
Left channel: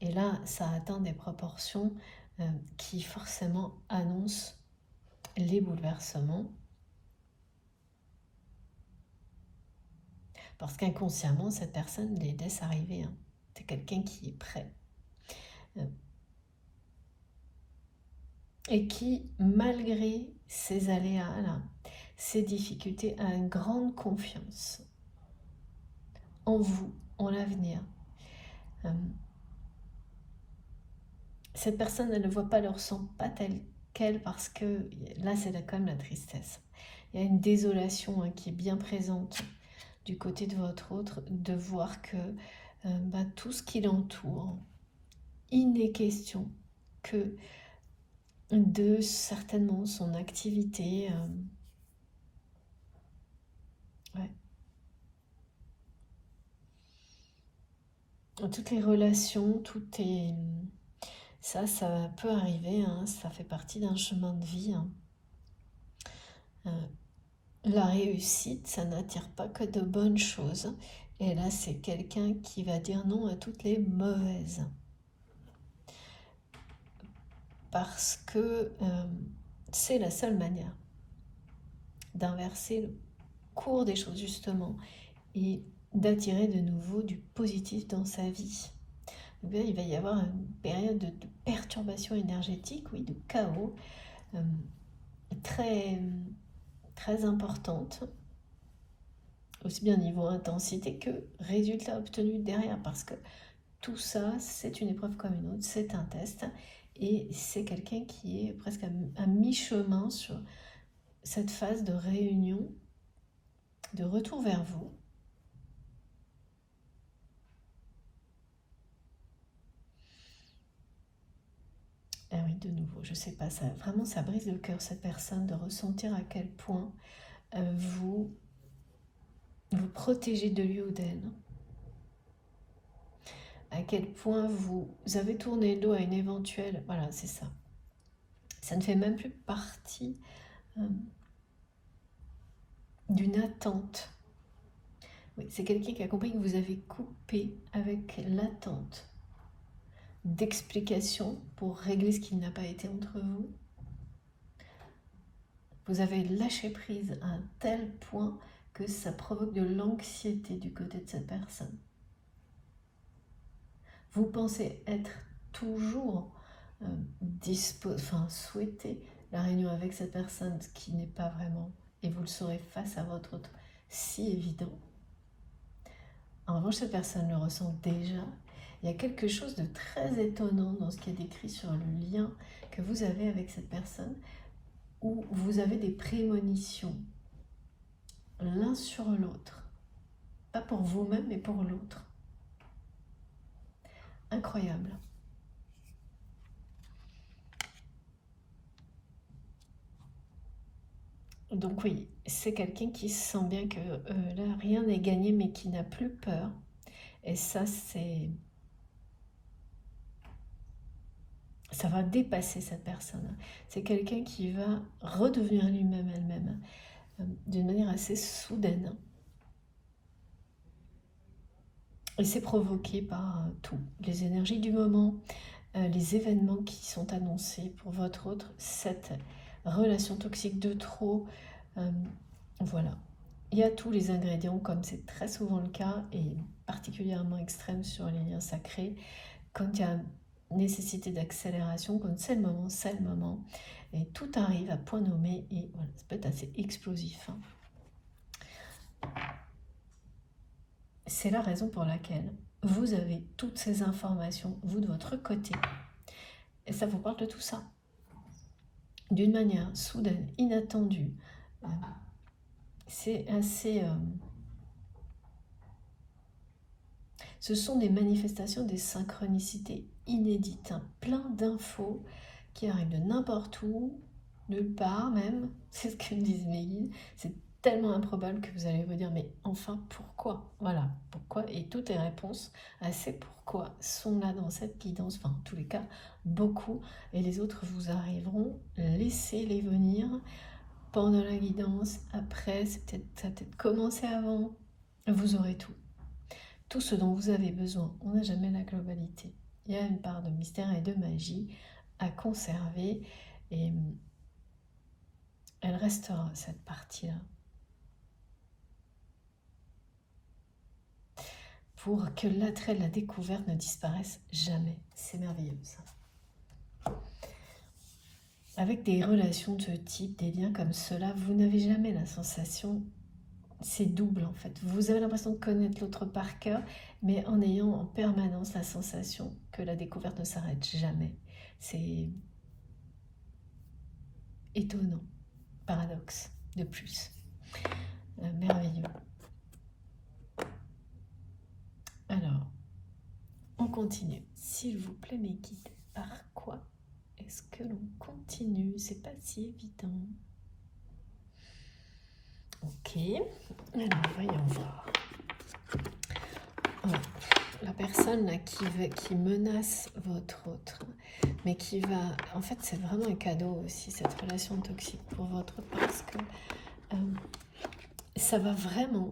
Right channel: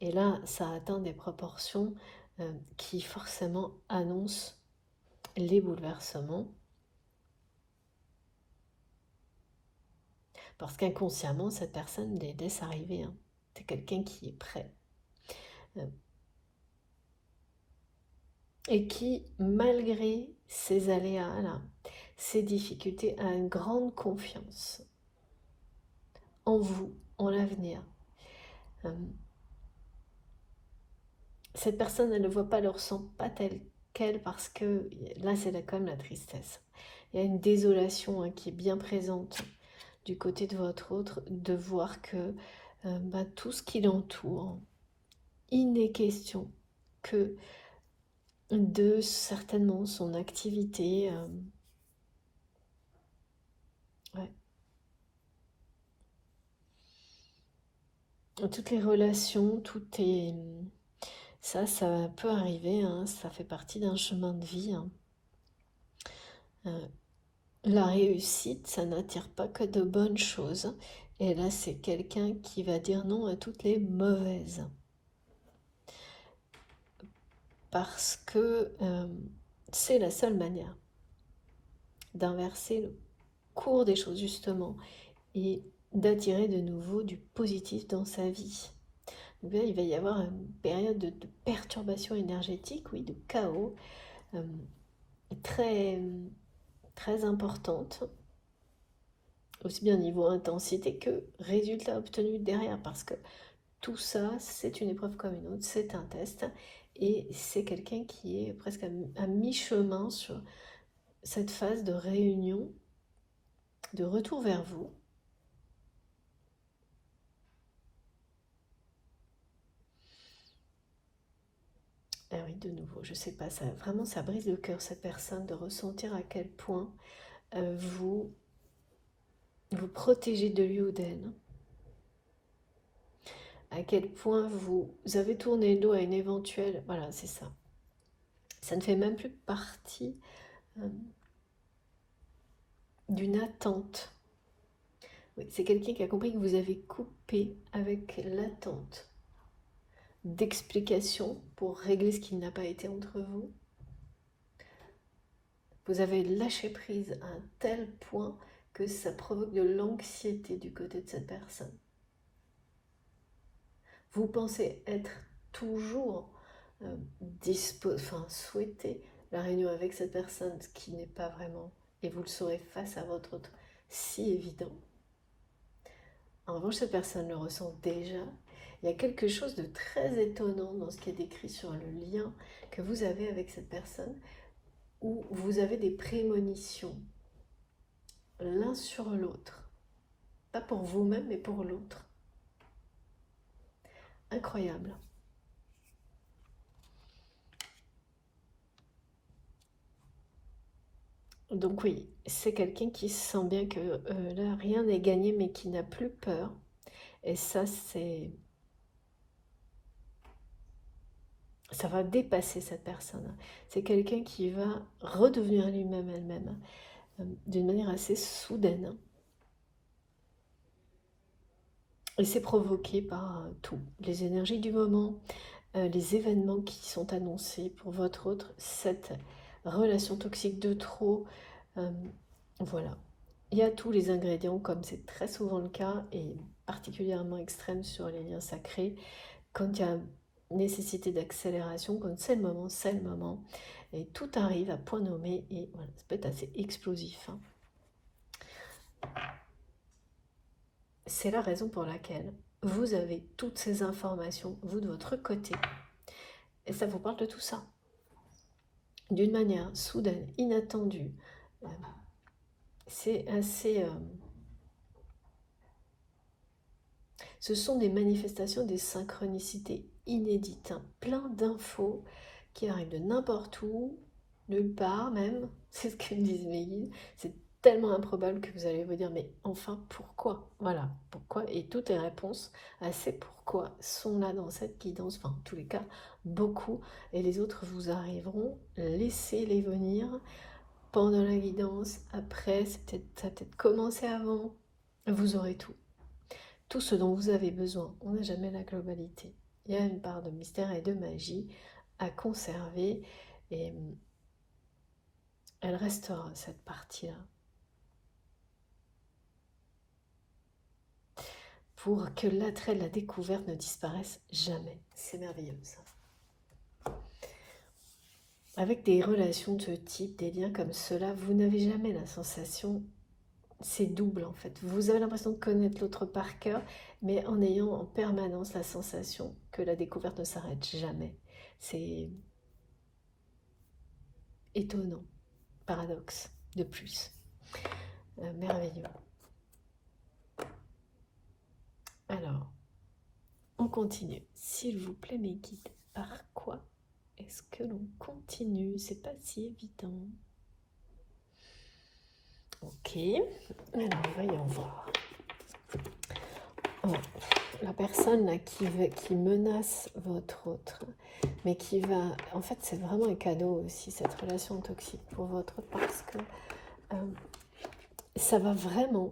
Et là, ça atteint des proportions qui forcément annoncent les bouleversements. Parce qu'inconsciemment, cette personne les laisse arriver. C'est quelqu'un qui est prêt. Et qui, malgré ces aléas-là, ces difficultés, a une grande confiance en vous, en l'avenir. Cette personne, elle ne voit pas, elle ne ressent pas telle qu'elle, parce que là, c'est quand même la tristesse. Il y a une désolation qui est bien présente du côté de votre autre, de voir que tout ce qui l'entoure, il n'est question que de certainement son activité. Ouais. Toutes les relations, tout est... Ça peut arriver, ça fait partie d'un chemin de vie. La réussite, ça n'attire pas que de bonnes choses. Et là, c'est quelqu'un qui va dire non à toutes les mauvaises. Parce que c'est la seule manière d'inverser le cours des choses, justement, et d'attirer de nouveau du positif dans sa vie. Donc là, il va y avoir une période de perturbation énergétique, oui, de chaos, très, très importante, aussi bien au niveau intensité que résultat obtenu derrière, parce que tout ça, c'est une épreuve comme une autre, c'est un test, et c'est quelqu'un qui est presque à mi-chemin sur cette phase de réunion, de retour vers vous. Ah oui, de nouveau, je sais pas, vraiment ça brise le cœur, cette personne, de ressentir à quel point vous protégez de lui ou d'elle. À quel point vous avez tourné le dos à une éventuelle... Voilà, c'est ça. Ça ne fait même plus partie d'une attente. Oui, c'est quelqu'un qui a compris que vous avez coupé avec l'attente d'explication pour régler ce qui n'a pas été entre vous. Vous avez lâché prise à un tel point que ça provoque de l'anxiété du côté de cette personne. Vous pensez être toujours souhaiter la réunion avec cette personne, ce qui n'est pas vraiment, et vous le saurez face à votre autre, si évident. En revanche, cette personne le ressent déjà. Il y a quelque chose de très étonnant dans ce qui est décrit sur le lien que vous avez avec cette personne, où vous avez des prémonitions, l'un sur l'autre. Pas pour vous-même, mais pour l'autre. Incroyable. Donc oui, c'est quelqu'un qui sent bien que là, rien n'est gagné, mais qui n'a plus peur. Et ça va dépasser cette personne. C'est quelqu'un qui va redevenir lui-même, elle-même, d'une manière assez soudaine. Et c'est provoqué par tout, les énergies du moment, les événements qui sont annoncés pour votre autre, cette relation toxique de trop, voilà. Il y a tous les ingrédients, comme c'est très souvent le cas, et particulièrement extrême sur les liens sacrés, quand il y a nécessité d'accélération, quand c'est le moment, et tout arrive à point nommé, et voilà, ça peut être assez explosif. C'est la raison pour laquelle vous avez toutes ces informations, vous de votre côté, et ça vous parle de tout ça. D'une manière soudaine, inattendue, c'est assez... ce sont des manifestations, des synchronicités inédites, hein, plein d'infos qui arrivent de n'importe où, nulle part même, c'est ce que disent mes guides, c'est tellement improbable que vous allez vous dire, mais enfin, pourquoi? Voilà, pourquoi? Et toutes les réponses à ces pourquoi sont là dans cette guidance, enfin, en tous les cas, beaucoup, et les autres vous arriveront, laissez-les venir pendant la guidance, après, ça a peut-être commencé avant, vous aurez tout. Tout ce dont vous avez besoin, on n'a jamais la globalité. Il y a une part de mystère et de magie à conserver, et elle restera, cette partie-là. Pour que l'attrait de la découverte ne disparaisse jamais. C'est merveilleux, ça. Avec des relations de ce type, des liens comme cela, vous n'avez jamais la sensation, c'est double en fait. Vous avez l'impression de connaître l'autre par cœur, mais en ayant en permanence la sensation que la découverte ne s'arrête jamais. C'est étonnant, paradoxe de plus. Merveilleux. Alors, on continue. S'il vous plaît, mes guides, par quoi est-ce que l'on continue? C'est pas si évident. Ok, alors voyons voir. Oh, la personne là qui menace votre autre, mais qui va... En fait, c'est vraiment un cadeau aussi, cette relation toxique pour votre autre, parce que ça va vraiment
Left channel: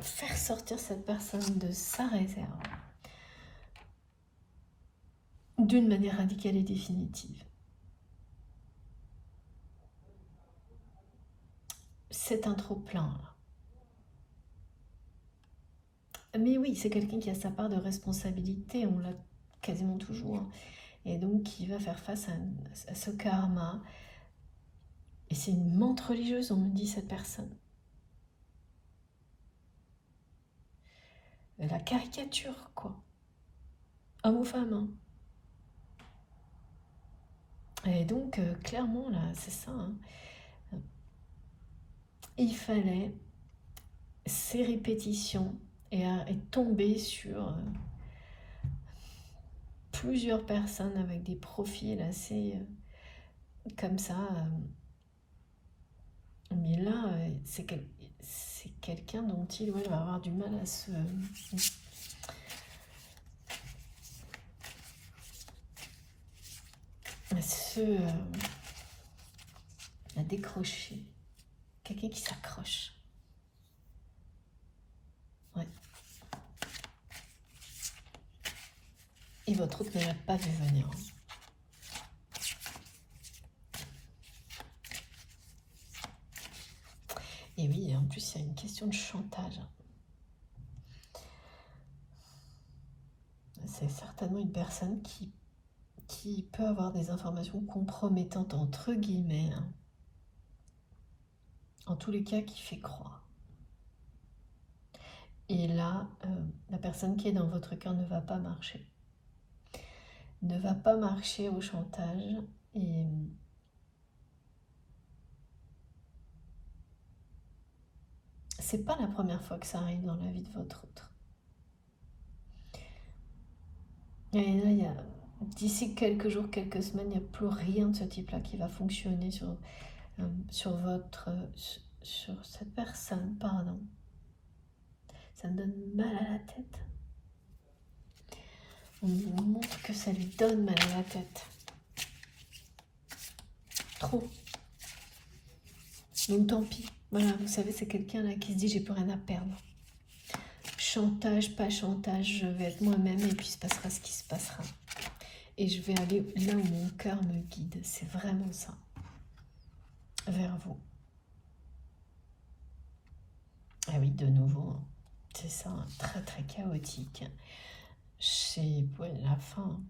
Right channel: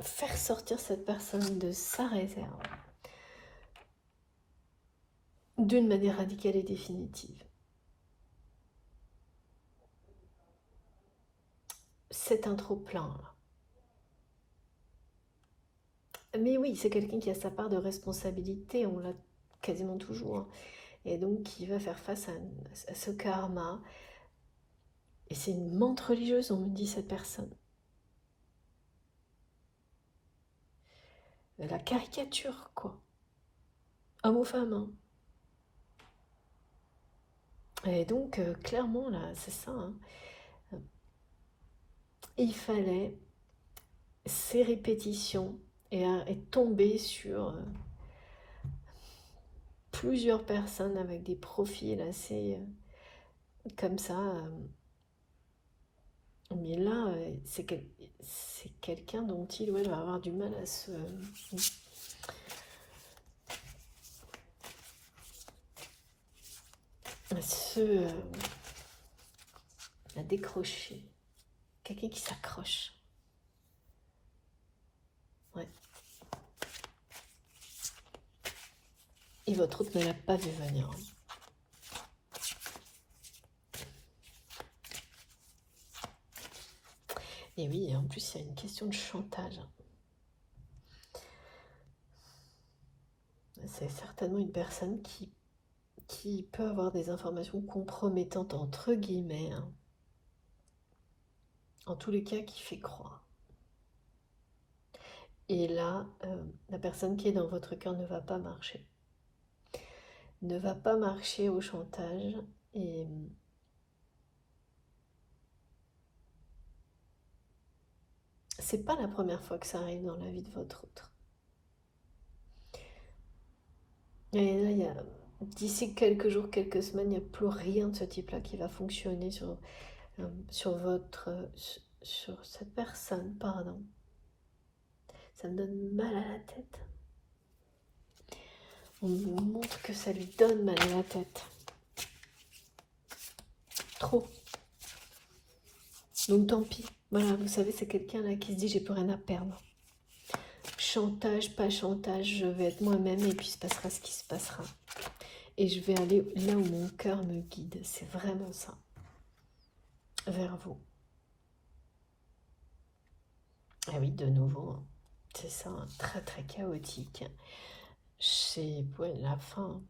faire sortir cette personne de sa réserve d'une manière radicale et définitive. C'est un trop-plein. Mais oui, c'est quelqu'un qui a sa part de responsabilité, on l'a quasiment toujours. Et donc qui va faire face à ce karma. Et c'est une menthe religieuse, on me dit cette personne. La caricature, quoi. Homme ou femme, hein. Et donc, clairement, là, c'est ça. Hein. Il fallait ces répétitions et tomber sur plusieurs personnes avec des profils assez comme ça. Mais là, c'est quelqu'un dont il va avoir du mal à décrocher. Quelqu'un qui s'accroche. Ouais. Et votre autre n'avait pas vu venir. Et oui, en plus, il y a une question de chantage. C'est certainement une personne qui peut avoir des informations compromettantes, entre guillemets, hein. En tous les cas, qui fait croire. Et là, la personne qui est dans votre cœur ne va pas marcher. Ne va pas marcher au chantage. Et c'est pas la première fois que ça arrive dans la vie de votre autre. Et là, d'ici quelques jours, quelques semaines, il n'y a plus rien de ce type-là qui va fonctionner sur cette personne, pardon. Ça me donne mal à la tête. On me montre que ça lui donne mal à la tête. Trop. Donc tant pis. Voilà, vous savez, c'est quelqu'un là qui se dit j'ai plus rien à perdre. Chantage, pas chantage, je vais être moi-même et puis il se passera ce qui se passera. Et je vais aller là où mon cœur me guide. C'est vraiment ça. Vers vous. Ah oui, de nouveau, c'est ça, très très chaotique. C'est la fin.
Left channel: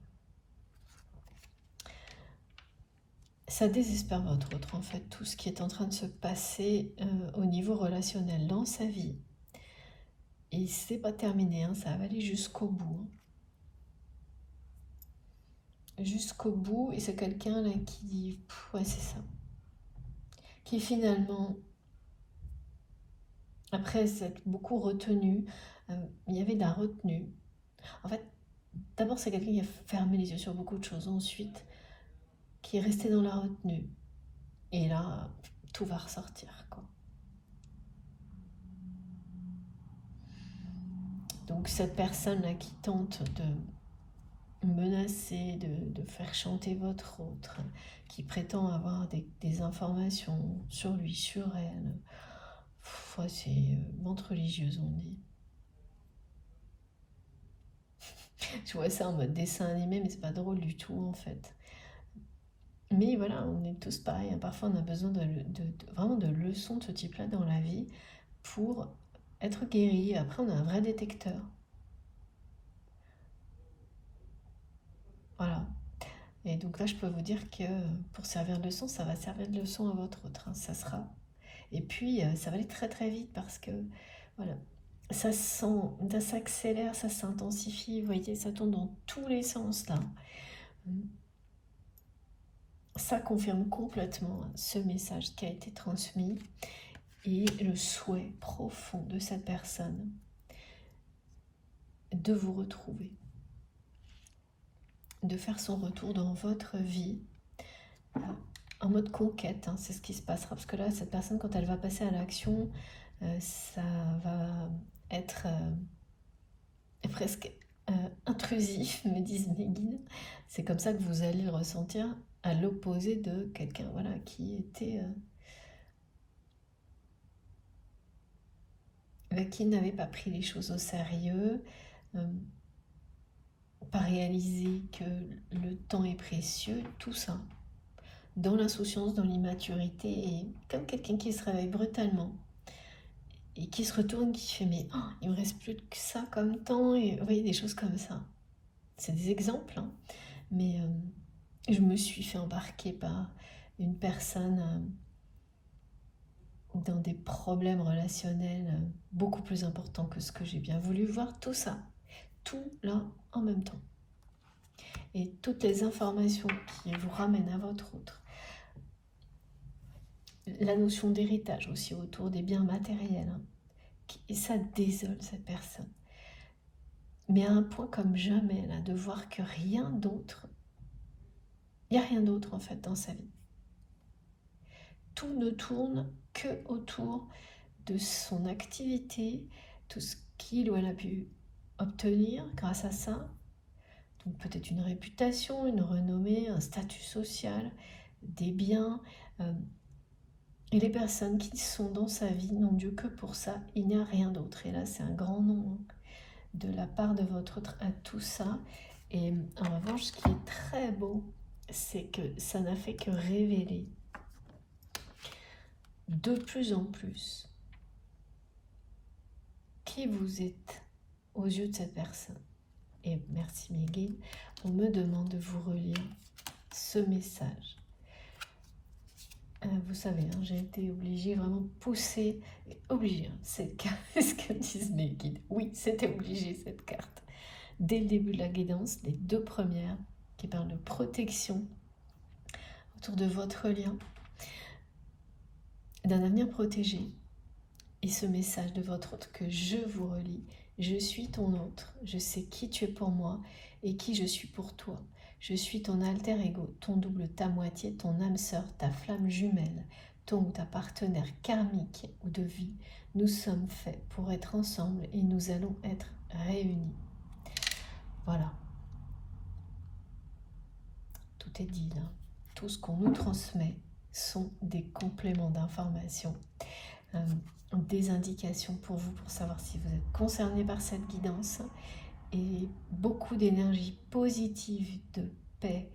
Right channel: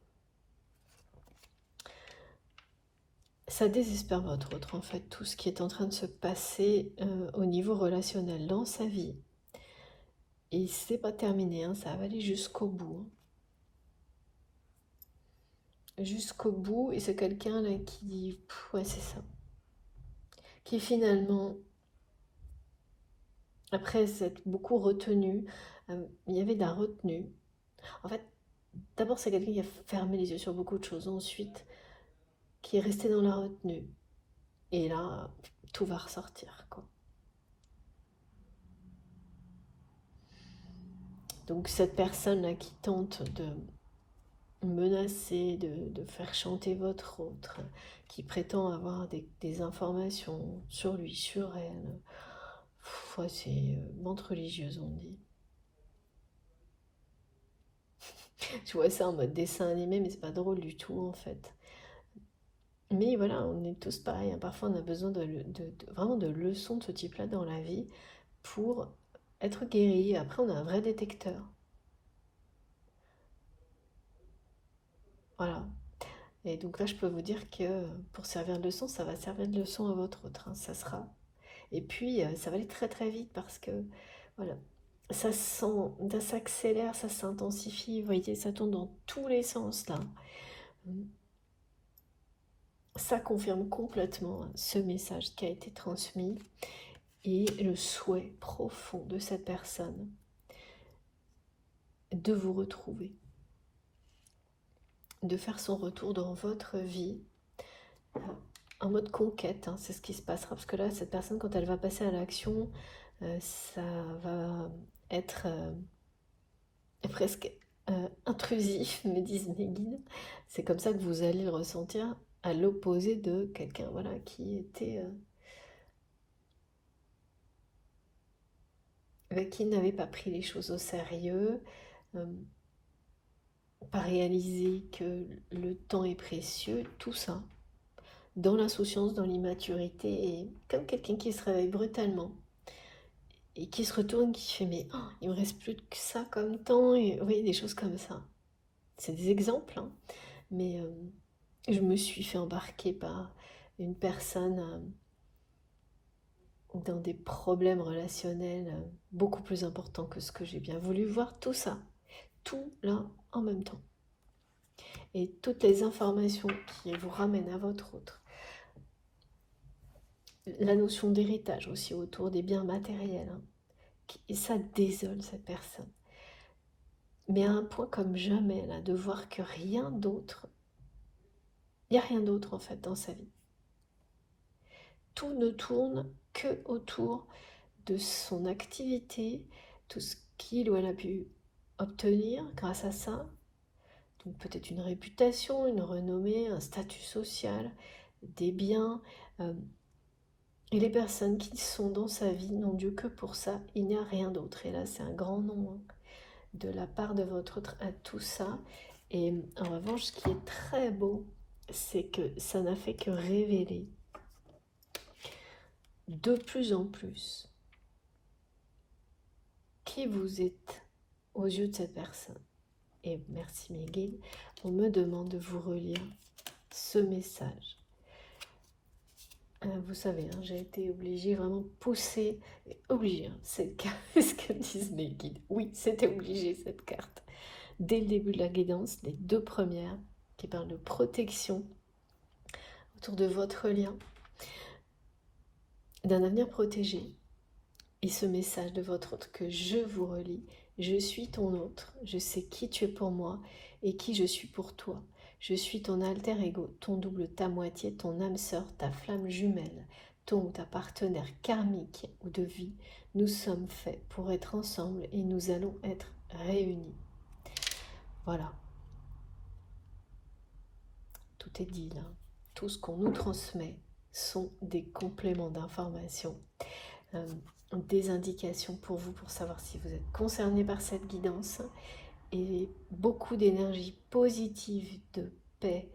Ça désespère votre autre, en fait, tout ce qui est en train de se passer au niveau relationnel dans sa vie. Et c'est pas terminé, hein, ça va aller jusqu'au bout. Jusqu'au bout, et c'est quelqu'un là qui dit, ouais, c'est ça. Qui finalement, après s'être beaucoup retenu, il y avait de la retenue. En fait, d'abord, c'est quelqu'un qui a fermé les yeux sur beaucoup de choses. Ensuite, qui est resté dans la retenue. Et là, tout va ressortir, quoi. Donc cette personne-là qui tente de menacer, de faire chanter votre autre, qui prétend avoir des informations sur lui, sur elle, c'est menthe religieuse, on dit. Tu vois ça en mode dessin animé, mais c'est pas drôle du tout en fait. Mais voilà, on est tous pareils, hein. Parfois on a besoin vraiment de leçons de ce type-là dans la vie pour être guéri. Après on a un vrai détecteur. Voilà. Et donc là je peux vous dire que pour servir de leçon, ça va servir de leçon à votre autre, hein. Ça sera. Et puis ça va aller très très vite parce que voilà, ça s'accélère, ça s'intensifie, vous voyez, ça tourne dans tous les sens là. Ça confirme complètement ce message qui a été transmis et le souhait profond de cette personne de vous retrouver, de faire son retour dans votre vie en mode conquête, hein, c'est ce qui se passera. Parce que là, cette personne, quand elle va passer à l'action, ça va être presque intrusif, me disent mes guides. C'est comme ça que vous allez le ressentir à l'opposé de quelqu'un voilà, qui n'avait pas pris les choses au sérieux, pas réalisé que le temps est précieux, tout ça. Dans l'insouciance, dans l'immaturité, et comme quelqu'un qui se réveille brutalement et qui se retourne, qui fait mais il me reste plus que ça comme temps, et vous voyez des choses comme ça. C'est des exemples, hein. Mais je me suis fait embarquer par une personne dans des problèmes relationnels beaucoup plus importants que ce que j'ai bien voulu voir, tout ça, tout là en même temps. Et toutes les informations qui vous ramènent à votre autre. La notion d'héritage aussi autour des biens matériels, hein. Et ça désole cette personne. Mais à un point comme jamais, là, de voir que rien d'autre, il n'y a rien d'autre en fait dans sa vie. Tout ne tourne que autour de son activité, tout ce qu'il ou elle a pu obtenir grâce à ça. Donc peut-être une réputation, une renommée, un statut social, des biens. Et les personnes qui sont dans sa vie n'ont Dieu que pour ça, il n'y a rien d'autre. Et là, c'est un grand nom, hein, de la part de votre autre à tout ça. Et en revanche, ce qui est très beau, c'est que ça n'a fait que révéler de plus en plus qui vous êtes aux yeux de cette personne. Et merci mes guides, on me demande de vous relire ce message. Vous savez, hein, j'ai été obligée, vraiment poussée, obligée, c'est ce que disent mes guides. Oui, c'était obligé cette carte. Dès le début de la guidance, les deux premières qui parlent de protection autour de votre lien, d'un avenir protégé, et ce message de votre autre que je vous relis. Je suis ton autre, je sais qui tu es pour moi et qui je suis pour toi. Je suis ton alter ego, ton double, ta moitié, ton âme sœur, ta flamme jumelle, ton ou ta partenaire karmique ou de vie. Nous sommes faits pour être ensemble et nous allons être réunis. Voilà. Tout est dit là. Tout ce qu'on nous transmet sont des compléments d'informations. Des indications pour vous, pour savoir si vous êtes concerné par cette guidance, et beaucoup d'énergie positive, de paix,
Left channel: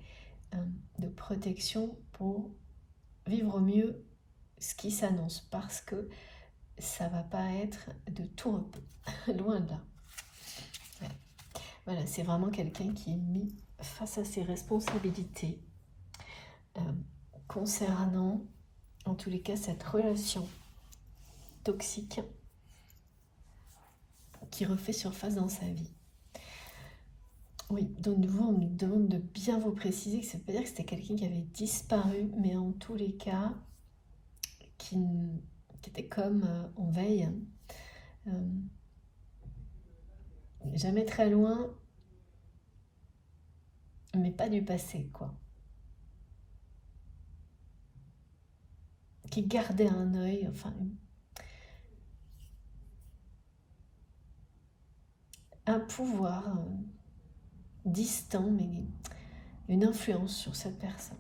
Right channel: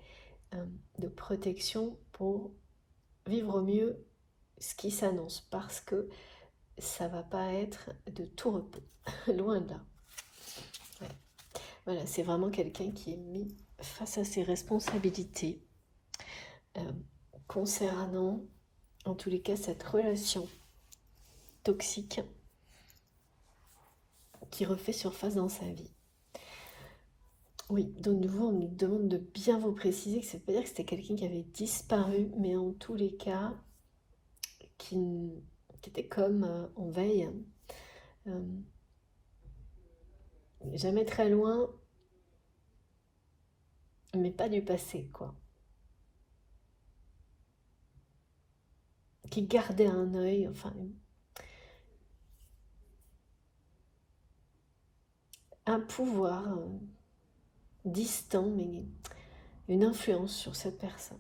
de protection pour vivre au mieux ce qui s'annonce, parce que ça va pas être de tout repos, loin de là. Ouais. Voilà, c'est vraiment quelqu'un qui est mis face à ses responsabilités concernant, en tous les cas, cette relation toxique qui refait surface dans sa vie. Oui, de nouveau, on nous demande de bien vous préciser que ça ne veut pas dire que c'était quelqu'un qui avait disparu, mais en tous les cas, qui était comme en veille, jamais très loin, mais pas du passé, quoi. Qui gardait un œil, enfin, un pouvoir distant, mais une influence sur cette personne.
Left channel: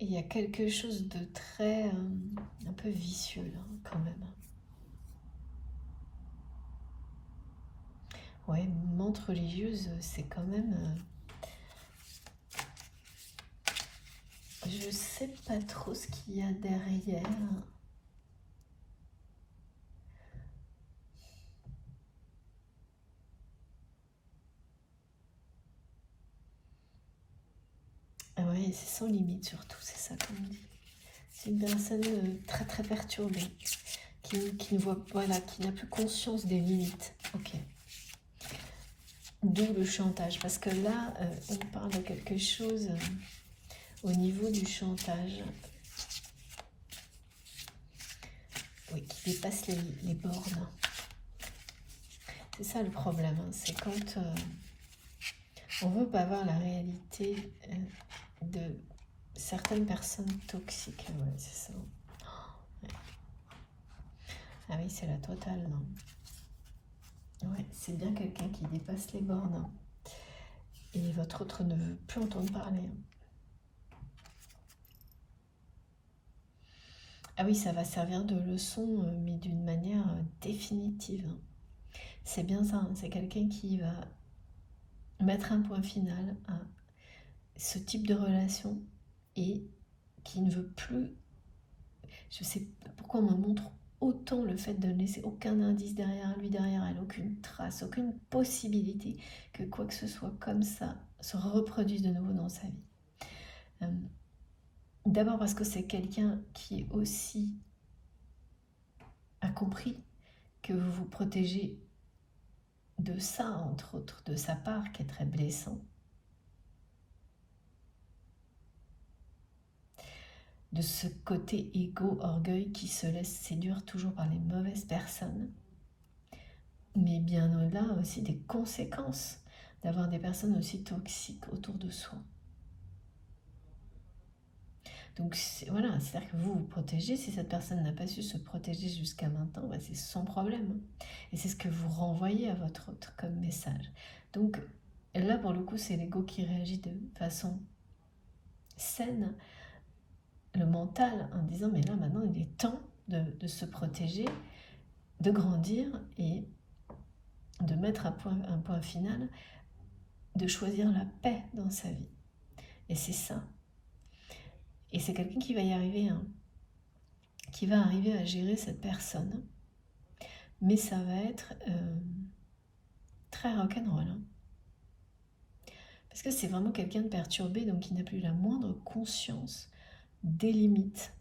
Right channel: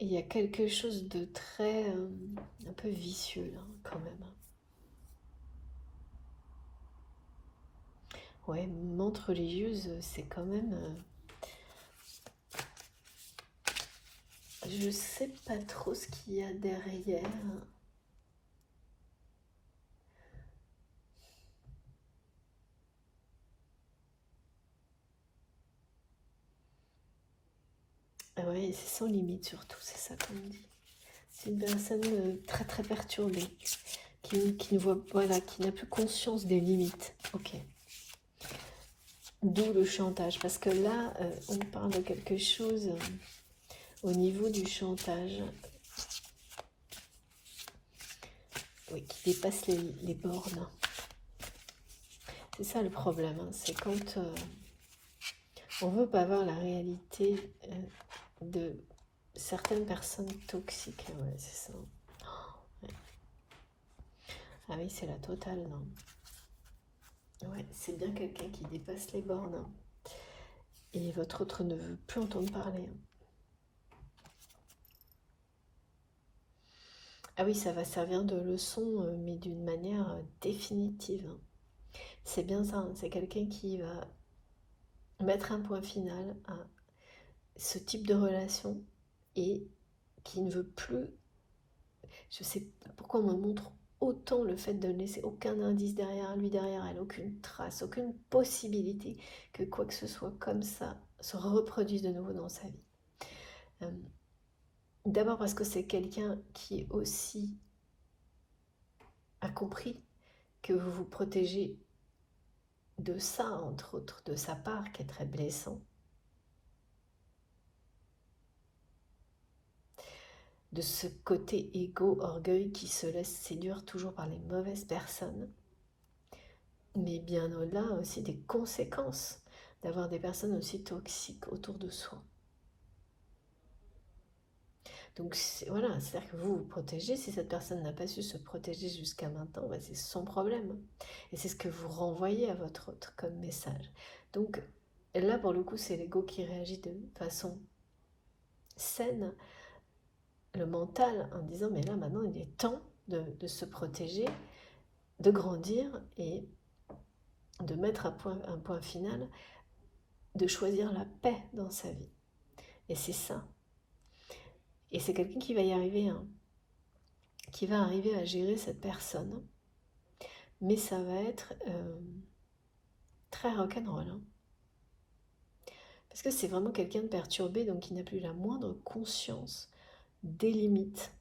Et il y a quelque chose de très, un peu vicieux là, quand même. Ouais, menthe religieuse, c'est quand même... je sais pas trop ce qu'il y a derrière. Oui, c'est sans limite surtout, c'est ça qu'on dit. C'est une personne très très perturbée, qui ne voit, voilà, qui n'a plus conscience des limites. Ok. D'où le chantage, parce que là, on parle de quelque chose au niveau du chantage, oui, qui dépasse les bornes. C'est ça le problème, hein, c'est quand on veut pas voir la réalité de certaines personnes toxiques. Ouais, c'est ça. Ouais. Ah oui, c'est la totale, non. Ouais, c'est bien quelqu'un qui dépasse les bornes. Et votre autre ne veut plus entendre parler. Ah oui, ça va servir de leçon, mais d'une manière définitive. C'est bien ça, hein, c'est quelqu'un qui va mettre un point final à ce type de relation et qui ne veut plus... Je sais pourquoi on me montre autant le fait de ne laisser aucun indice derrière lui, derrière elle, aucune trace, aucune possibilité que quoi que ce soit comme ça se reproduise de nouveau dans sa vie. D'abord parce que c'est quelqu'un qui aussi a compris que vous vous protégez de ça, entre autres, de sa part, qui est très blessant. De ce côté égo, orgueil qui se laisse séduire toujours par les mauvaises personnes. Mais bien au-delà aussi des conséquences d'avoir des personnes aussi toxiques autour de soi. Donc voilà, c'est-à-dire que vous vous protégez. Si cette personne n'a pas su se protéger jusqu'à maintenant, bah, c'est son problème. Et c'est ce que vous renvoyez à votre autre comme message. Donc là, pour le coup, c'est l'ego qui réagit de façon saine, le mental, en disant mais là maintenant il est temps de se protéger, de grandir et de mettre un point final de choisir la paix dans sa vie. Et c'est ça. Et c'est quelqu'un qui va y arriver, hein, qui va arriver à gérer cette personne. Mais ça va être très rock'n'roll. Hein. Parce que c'est vraiment quelqu'un de perturbé, donc qui n'a plus la moindre conscience des limites.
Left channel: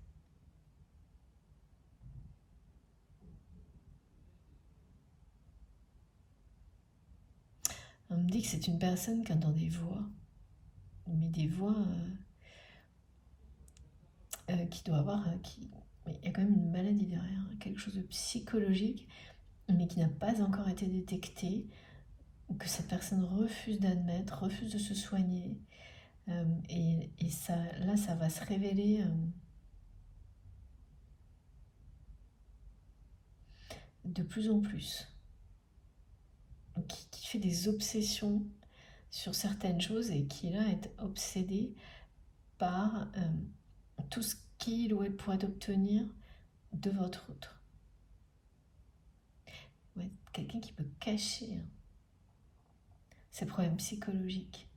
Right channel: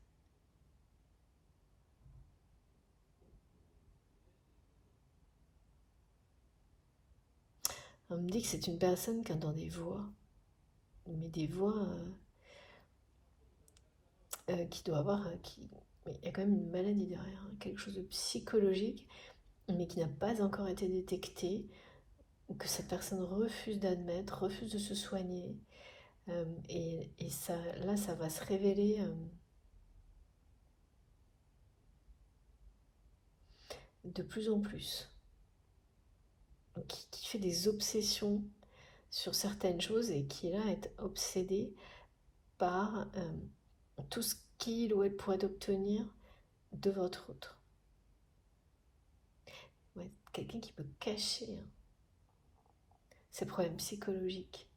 On me dit que c'est une personne qui entend des voix, mais des voix qui doit avoir... Mais il y a quand même une maladie derrière, hein, quelque chose de psychologique, mais qui n'a pas encore été détecté, ou que cette personne refuse d'admettre, refuse de se soigner. Et ça, là, ça va se révéler de plus en plus. Qui fait des obsessions sur certaines choses et qui là est obsédé par tout ce qu'il ou elle pourrait obtenir de votre autre. Ouais, quelqu'un qui peut cacher ses problèmes psychologiques.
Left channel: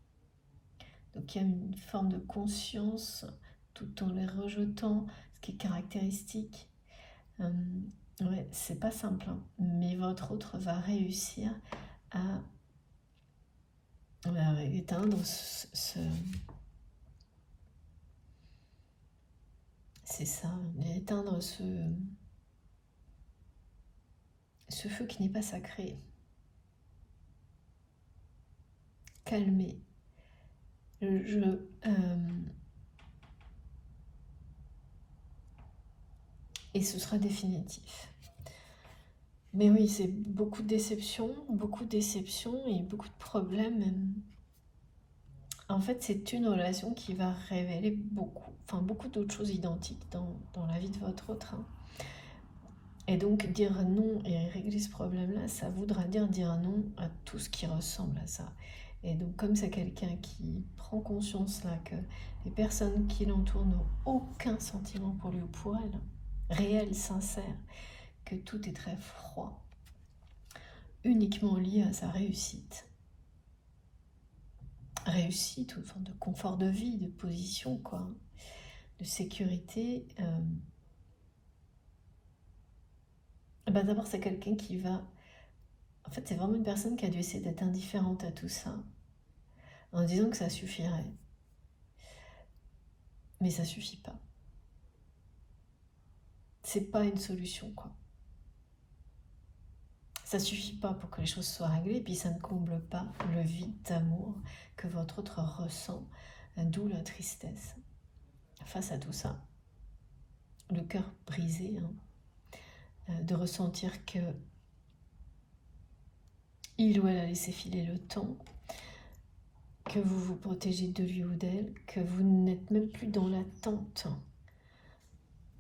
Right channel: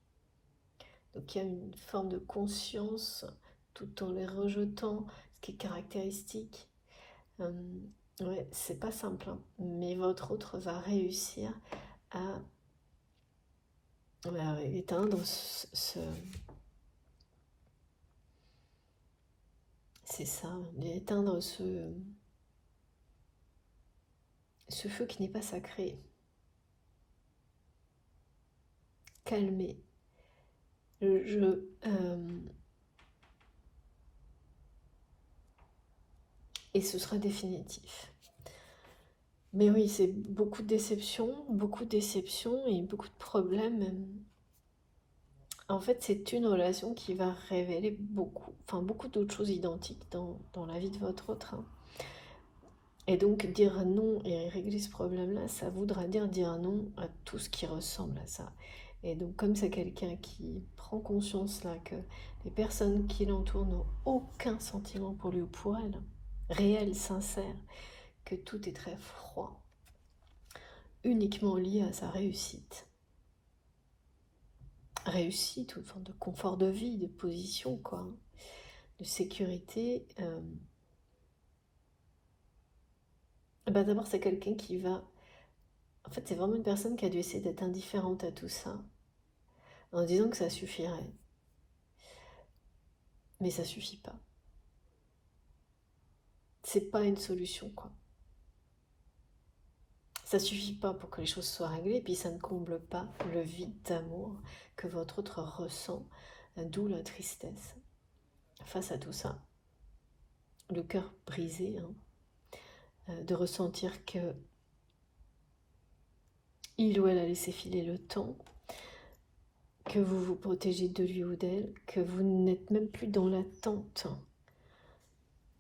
Donc il y a une forme de conscience tout en les rejetant, ce qui est caractéristique. Ouais, c'est pas simple, hein, mais votre autre va réussir à éteindre c'est ça, éteindre ce feu qui n'est pas sacré. Calmer le jeu. Et ce sera définitif. Mais oui, c'est beaucoup de déceptions et beaucoup de problèmes. En fait, c'est une relation qui va révéler beaucoup d'autres choses identiques dans la vie de votre autre. Et donc, dire non et régler ce problème-là, ça voudra dire non à tout ce qui ressemble à ça. Et donc, comme c'est quelqu'un qui prend conscience là que les personnes qui l'entourent n'ont aucun sentiment pour lui ou pour elle, réel, sincère, que tout est très froid, uniquement lié à sa réussite. Réussite, ou une forme de confort de vie, de position, quoi, de sécurité. D'abord, c'est quelqu'un qui va... En fait, c'est vraiment une personne qui a dû essayer d'être indifférente à tout ça, en disant que ça suffirait. Mais ça suffit pas. C'est pas une solution, quoi. Ça suffit pas pour que les choses soient réglées, et puis ça ne comble pas le vide d'amour que votre autre ressent, d'où la tristesse face à tout ça. Le cœur brisé, hein, de ressentir que il ou elle a laissé filer le temps, que vous vous protégez de lui ou d'elle, que vous n'êtes même plus dans l'attente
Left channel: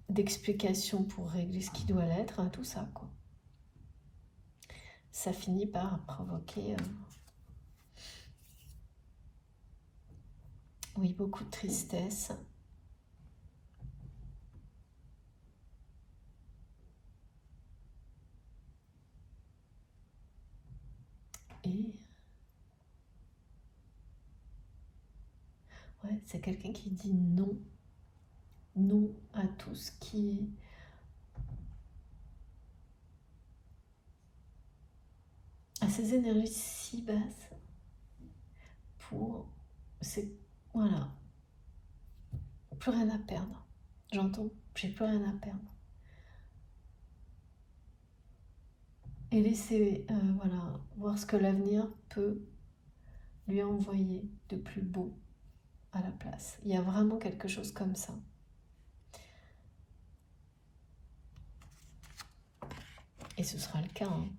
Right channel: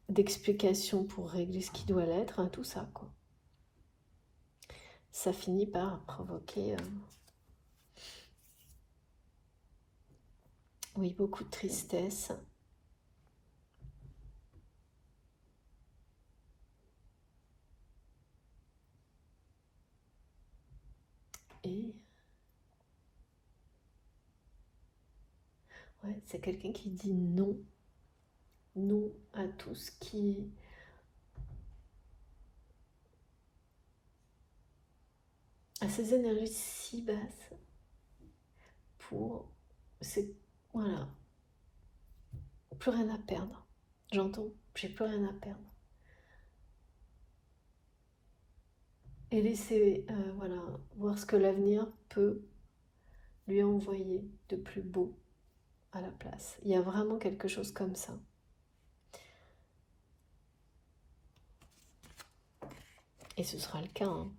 d'explications pour régler ce qui doit l'être, hein, tout ça, quoi. Ça finit par provoquer oui, beaucoup de tristesse. Et ouais, c'est quelqu'un qui dit non. Non à tout ce qui est à ces énergies si basses pour voilà, plus rien à perdre. J'entends, j'ai plus rien à perdre. Et laisser voilà, voir ce que l'avenir peut lui envoyer de plus beau à la place. Il y a vraiment quelque chose comme ça. Et ce sera le cas, hein,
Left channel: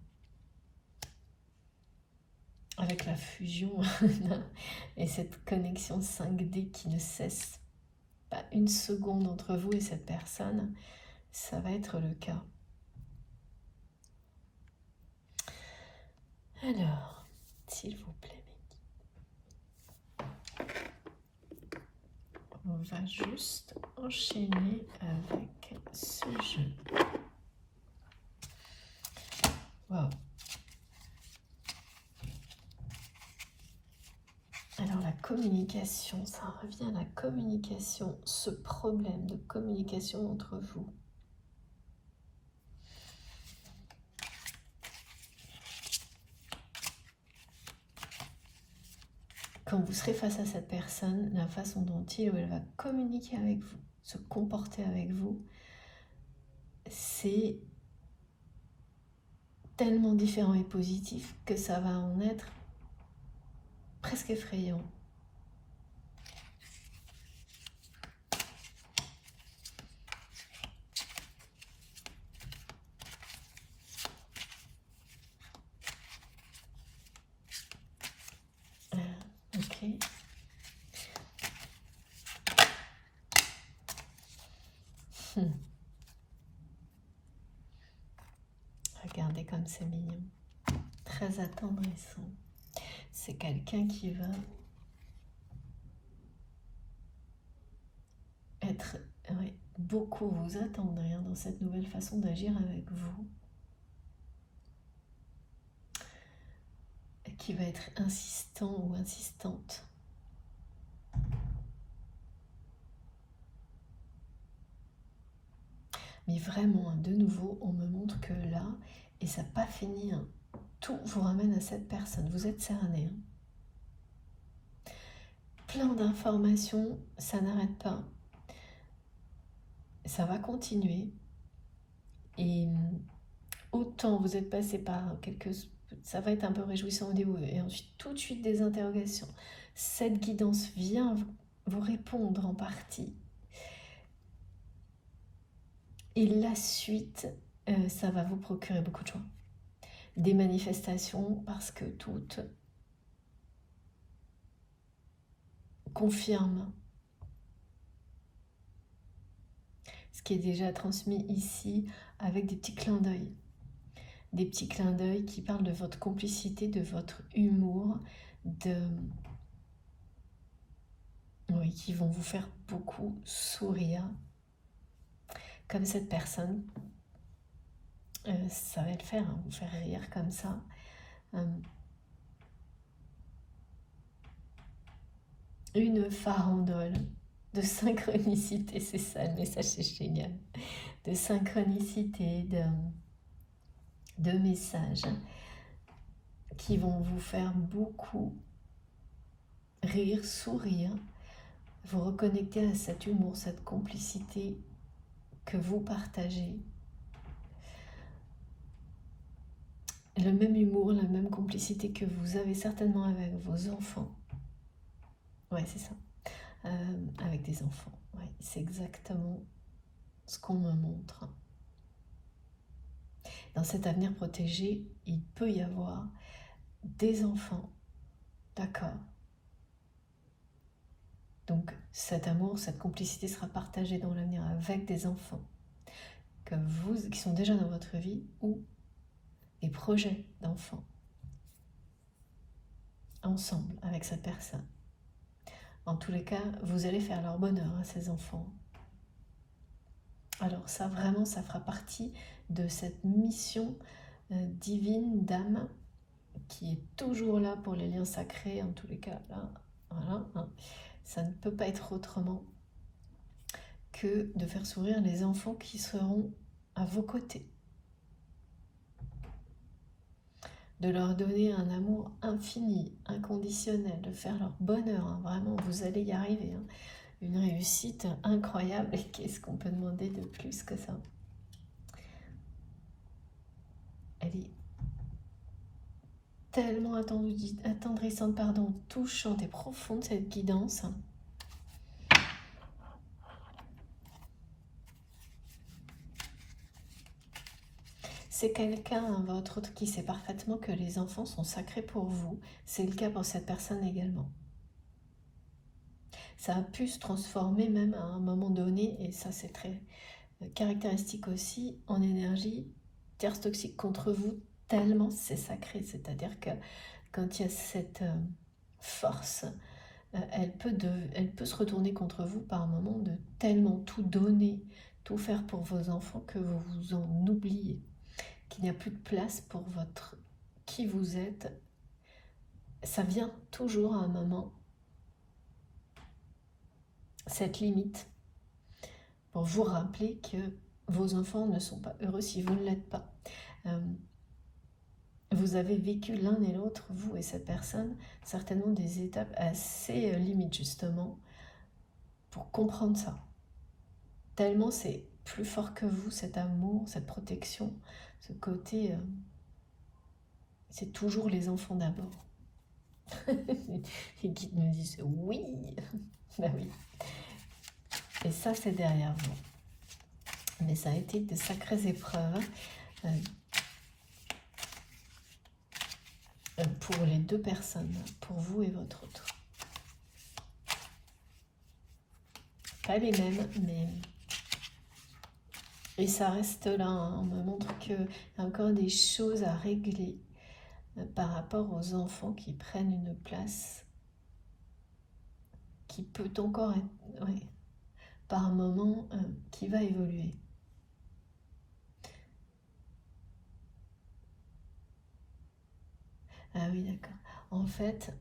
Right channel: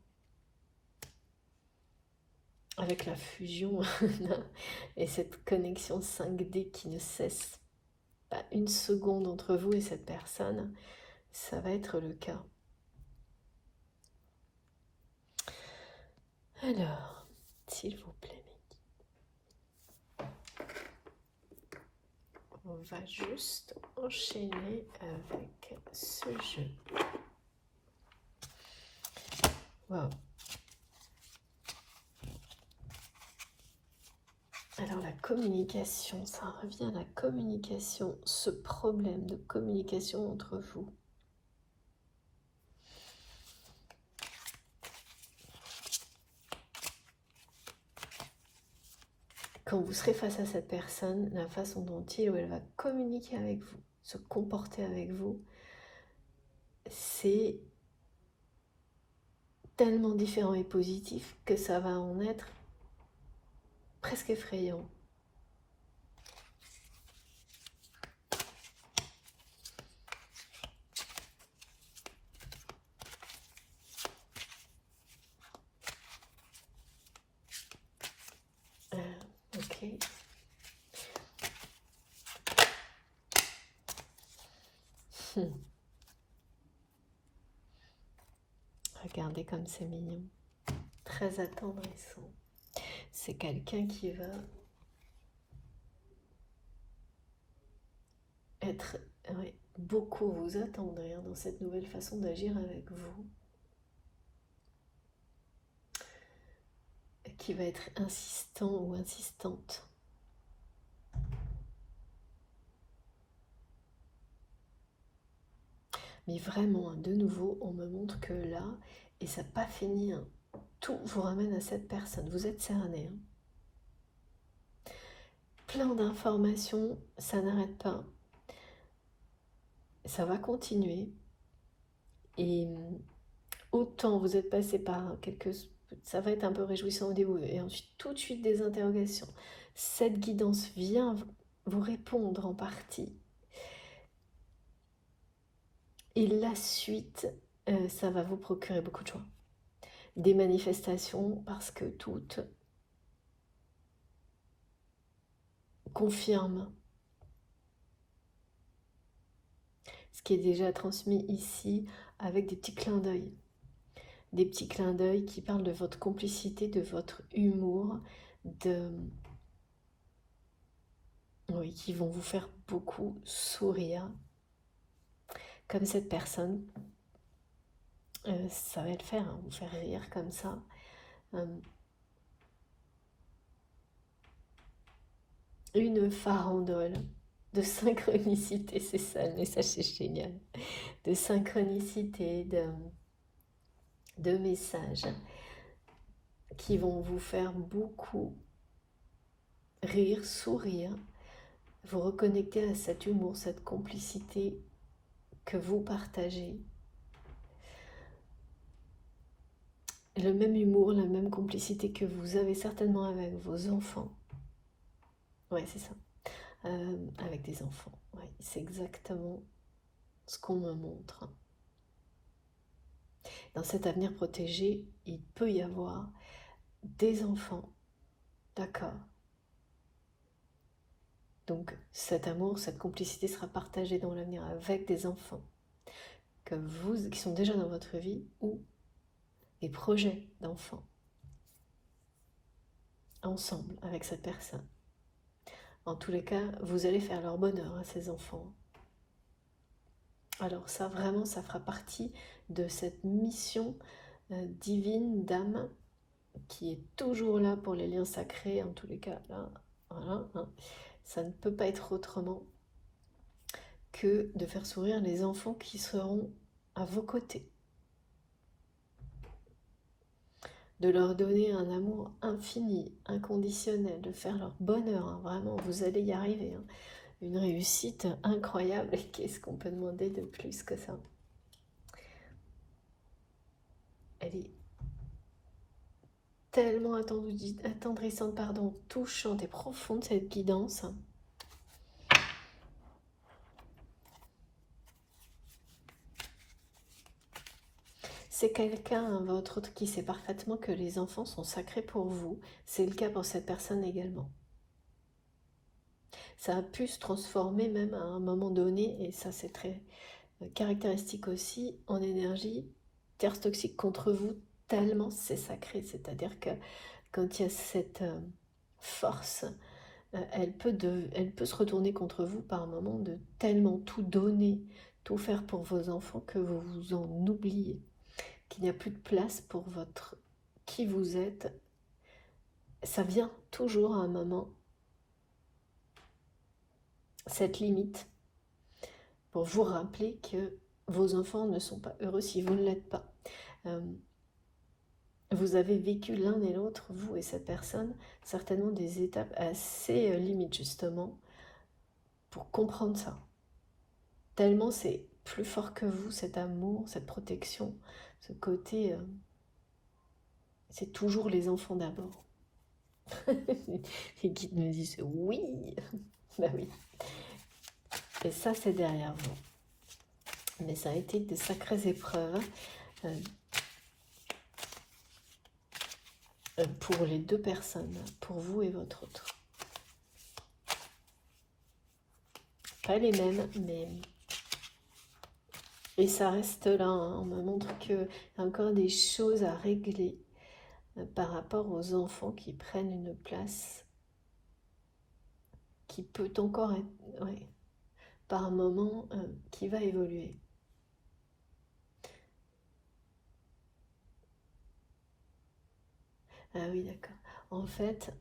avec la fusion et cette connexion 5D qui ne cesse pas une seconde entre vous et cette personne, ça va être le cas. Alors, s'il vous plaît, on va juste enchaîner avec ce jeu. Wow. communication, ça revient à la communication, ce problème de communication entre vous. Quand vous serez face à cette personne, la façon dont il ou elle va communiquer avec vous, se comporter avec vous, c'est tellement différent et positif que ça va en être presque effrayant. Ok. Regardez comme c'est mignon. Très attendrissant. C'est quelqu'un qui va être beaucoup vous attendrir dans cette nouvelle façon d'agir avec vous. Qui va être insistant ou insistante. Mais vraiment, de nouveau, on me montre que là, et ça n'a pas fini, hein, tout vous ramène à cette personne. Vous êtes cerné. Hein. Plein d'informations, ça n'arrête pas. Ça va continuer. Et autant vous êtes passé par quelques... Ça va être un peu réjouissant au début. Et ensuite, tout de suite, des interrogations. Cette guidance vient vous répondre en partie. Et la suite, ça va vous procurer beaucoup de joie. Des manifestations, parce que toutes confirment ce qui est déjà transmis ici avec des petits clins d'œil. Des petits clins d'œil qui parlent de votre complicité, de votre humour, oui, qui vont vous faire beaucoup sourire. Comme cette personne, ça va le faire, hein, vous faire rire comme ça. Une farandole de synchronicité, c'est ça le message, c'est génial. De synchronicité, de messages qui vont vous faire beaucoup rire, sourire, vous reconnecter à cet humour, cette complicité que vous partagez. Le même humour, la même complicité que vous avez certainement avec vos enfants. Ouais, c'est ça. Avec des enfants. Ouais, c'est exactement ce qu'on me montre. Dans cet avenir protégé, il peut y avoir des enfants. D'accord. Donc cet amour, cette complicité sera partagée dans l'avenir avec des enfants qui sont déjà dans votre vie ou des projets d'enfants ensemble avec cette personne. En tous les cas, vous allez faire leur bonheur à ces enfants. Alors ça, vraiment, ça fera partie de cette mission divine d'âme qui est toujours là pour les liens sacrés, en tous les cas. Là, voilà, hein. Ça ne peut pas être autrement que de faire sourire les enfants qui seront à vos côtés. De leur donner un amour infini, inconditionnel, de faire leur bonheur. Hein. Vraiment, vous allez y arriver. Hein. Une réussite incroyable. Et qu'est-ce qu'on peut demander de plus que ça? Elle est tellement attendrissante, touchante et profonde, cette guidance. C'est quelqu'un, votre autre, qui sait parfaitement que les enfants sont sacrés pour vous. C'est le cas pour cette personne également. Ça a pu se transformer même à un moment donné, et ça c'est très caractéristique aussi, en énergie tierce toxique contre vous, tellement c'est sacré. C'est-à-dire que quand il y a cette force, elle peut se retourner contre vous par moment de tellement tout donner, tout faire pour vos enfants que vous vous en oubliez, qu'il n'y a plus de place pour qui vous êtes. Ça vient toujours à un moment cette limite pour vous rappeler que vos enfants ne sont pas heureux si vous ne l'êtes pas. Vous avez vécu l'un et l'autre, vous et cette personne, certainement des étapes assez limites justement pour comprendre ça. Tellement c'est plus fort que vous, cet amour, cette protection, ce côté, c'est toujours les enfants d'abord. Et qui me disent oui, ben oui. Et ça c'est derrière vous. Mais ça a été de sacrées épreuves pour les deux personnes, pour vous et votre autre. Pas les mêmes, mais... Et ça reste là, hein. On me montre qu'il y a encore des choses à régler par rapport aux enfants qui prennent une place qui peut encore être, ouais, par un moment, qui va évoluer. Ah oui, d'accord. En fait,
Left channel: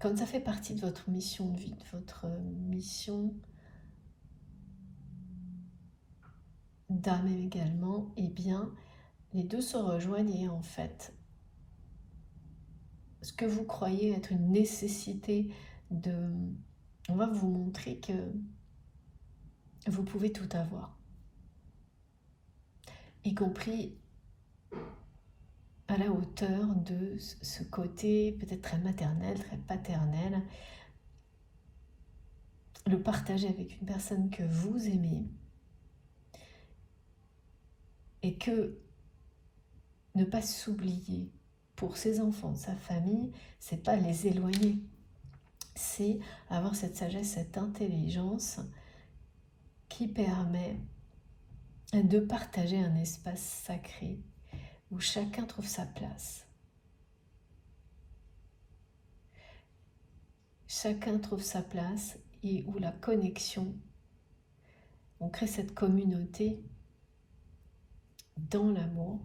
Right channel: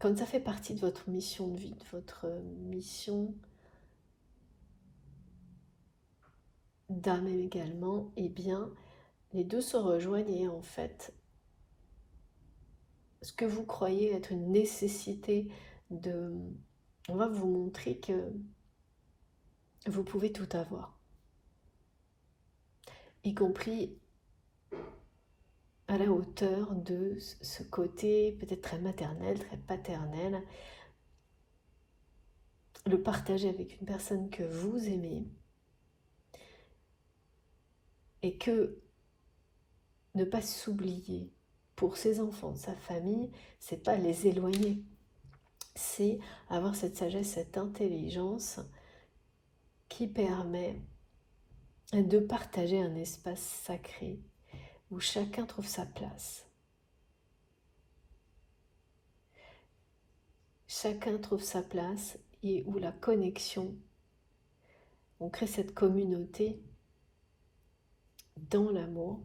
comme ça fait partie de votre mission de vie, de votre mission d'âme également, eh bien, les deux se rejoignent en fait, ce que vous croyez être une nécessité de... On va vous montrer que vous pouvez tout avoir, y compris à la hauteur de ce côté peut-être très maternel, très paternel, le partager avec une personne que vous aimez et que ne pas s'oublier pour ses enfants, sa famille, c'est pas les éloigner, c'est avoir cette sagesse, cette intelligence qui permet de partager un espace sacré où chacun trouve sa place. Chacun trouve sa place et où la connexion, on crée cette communauté dans l'amour,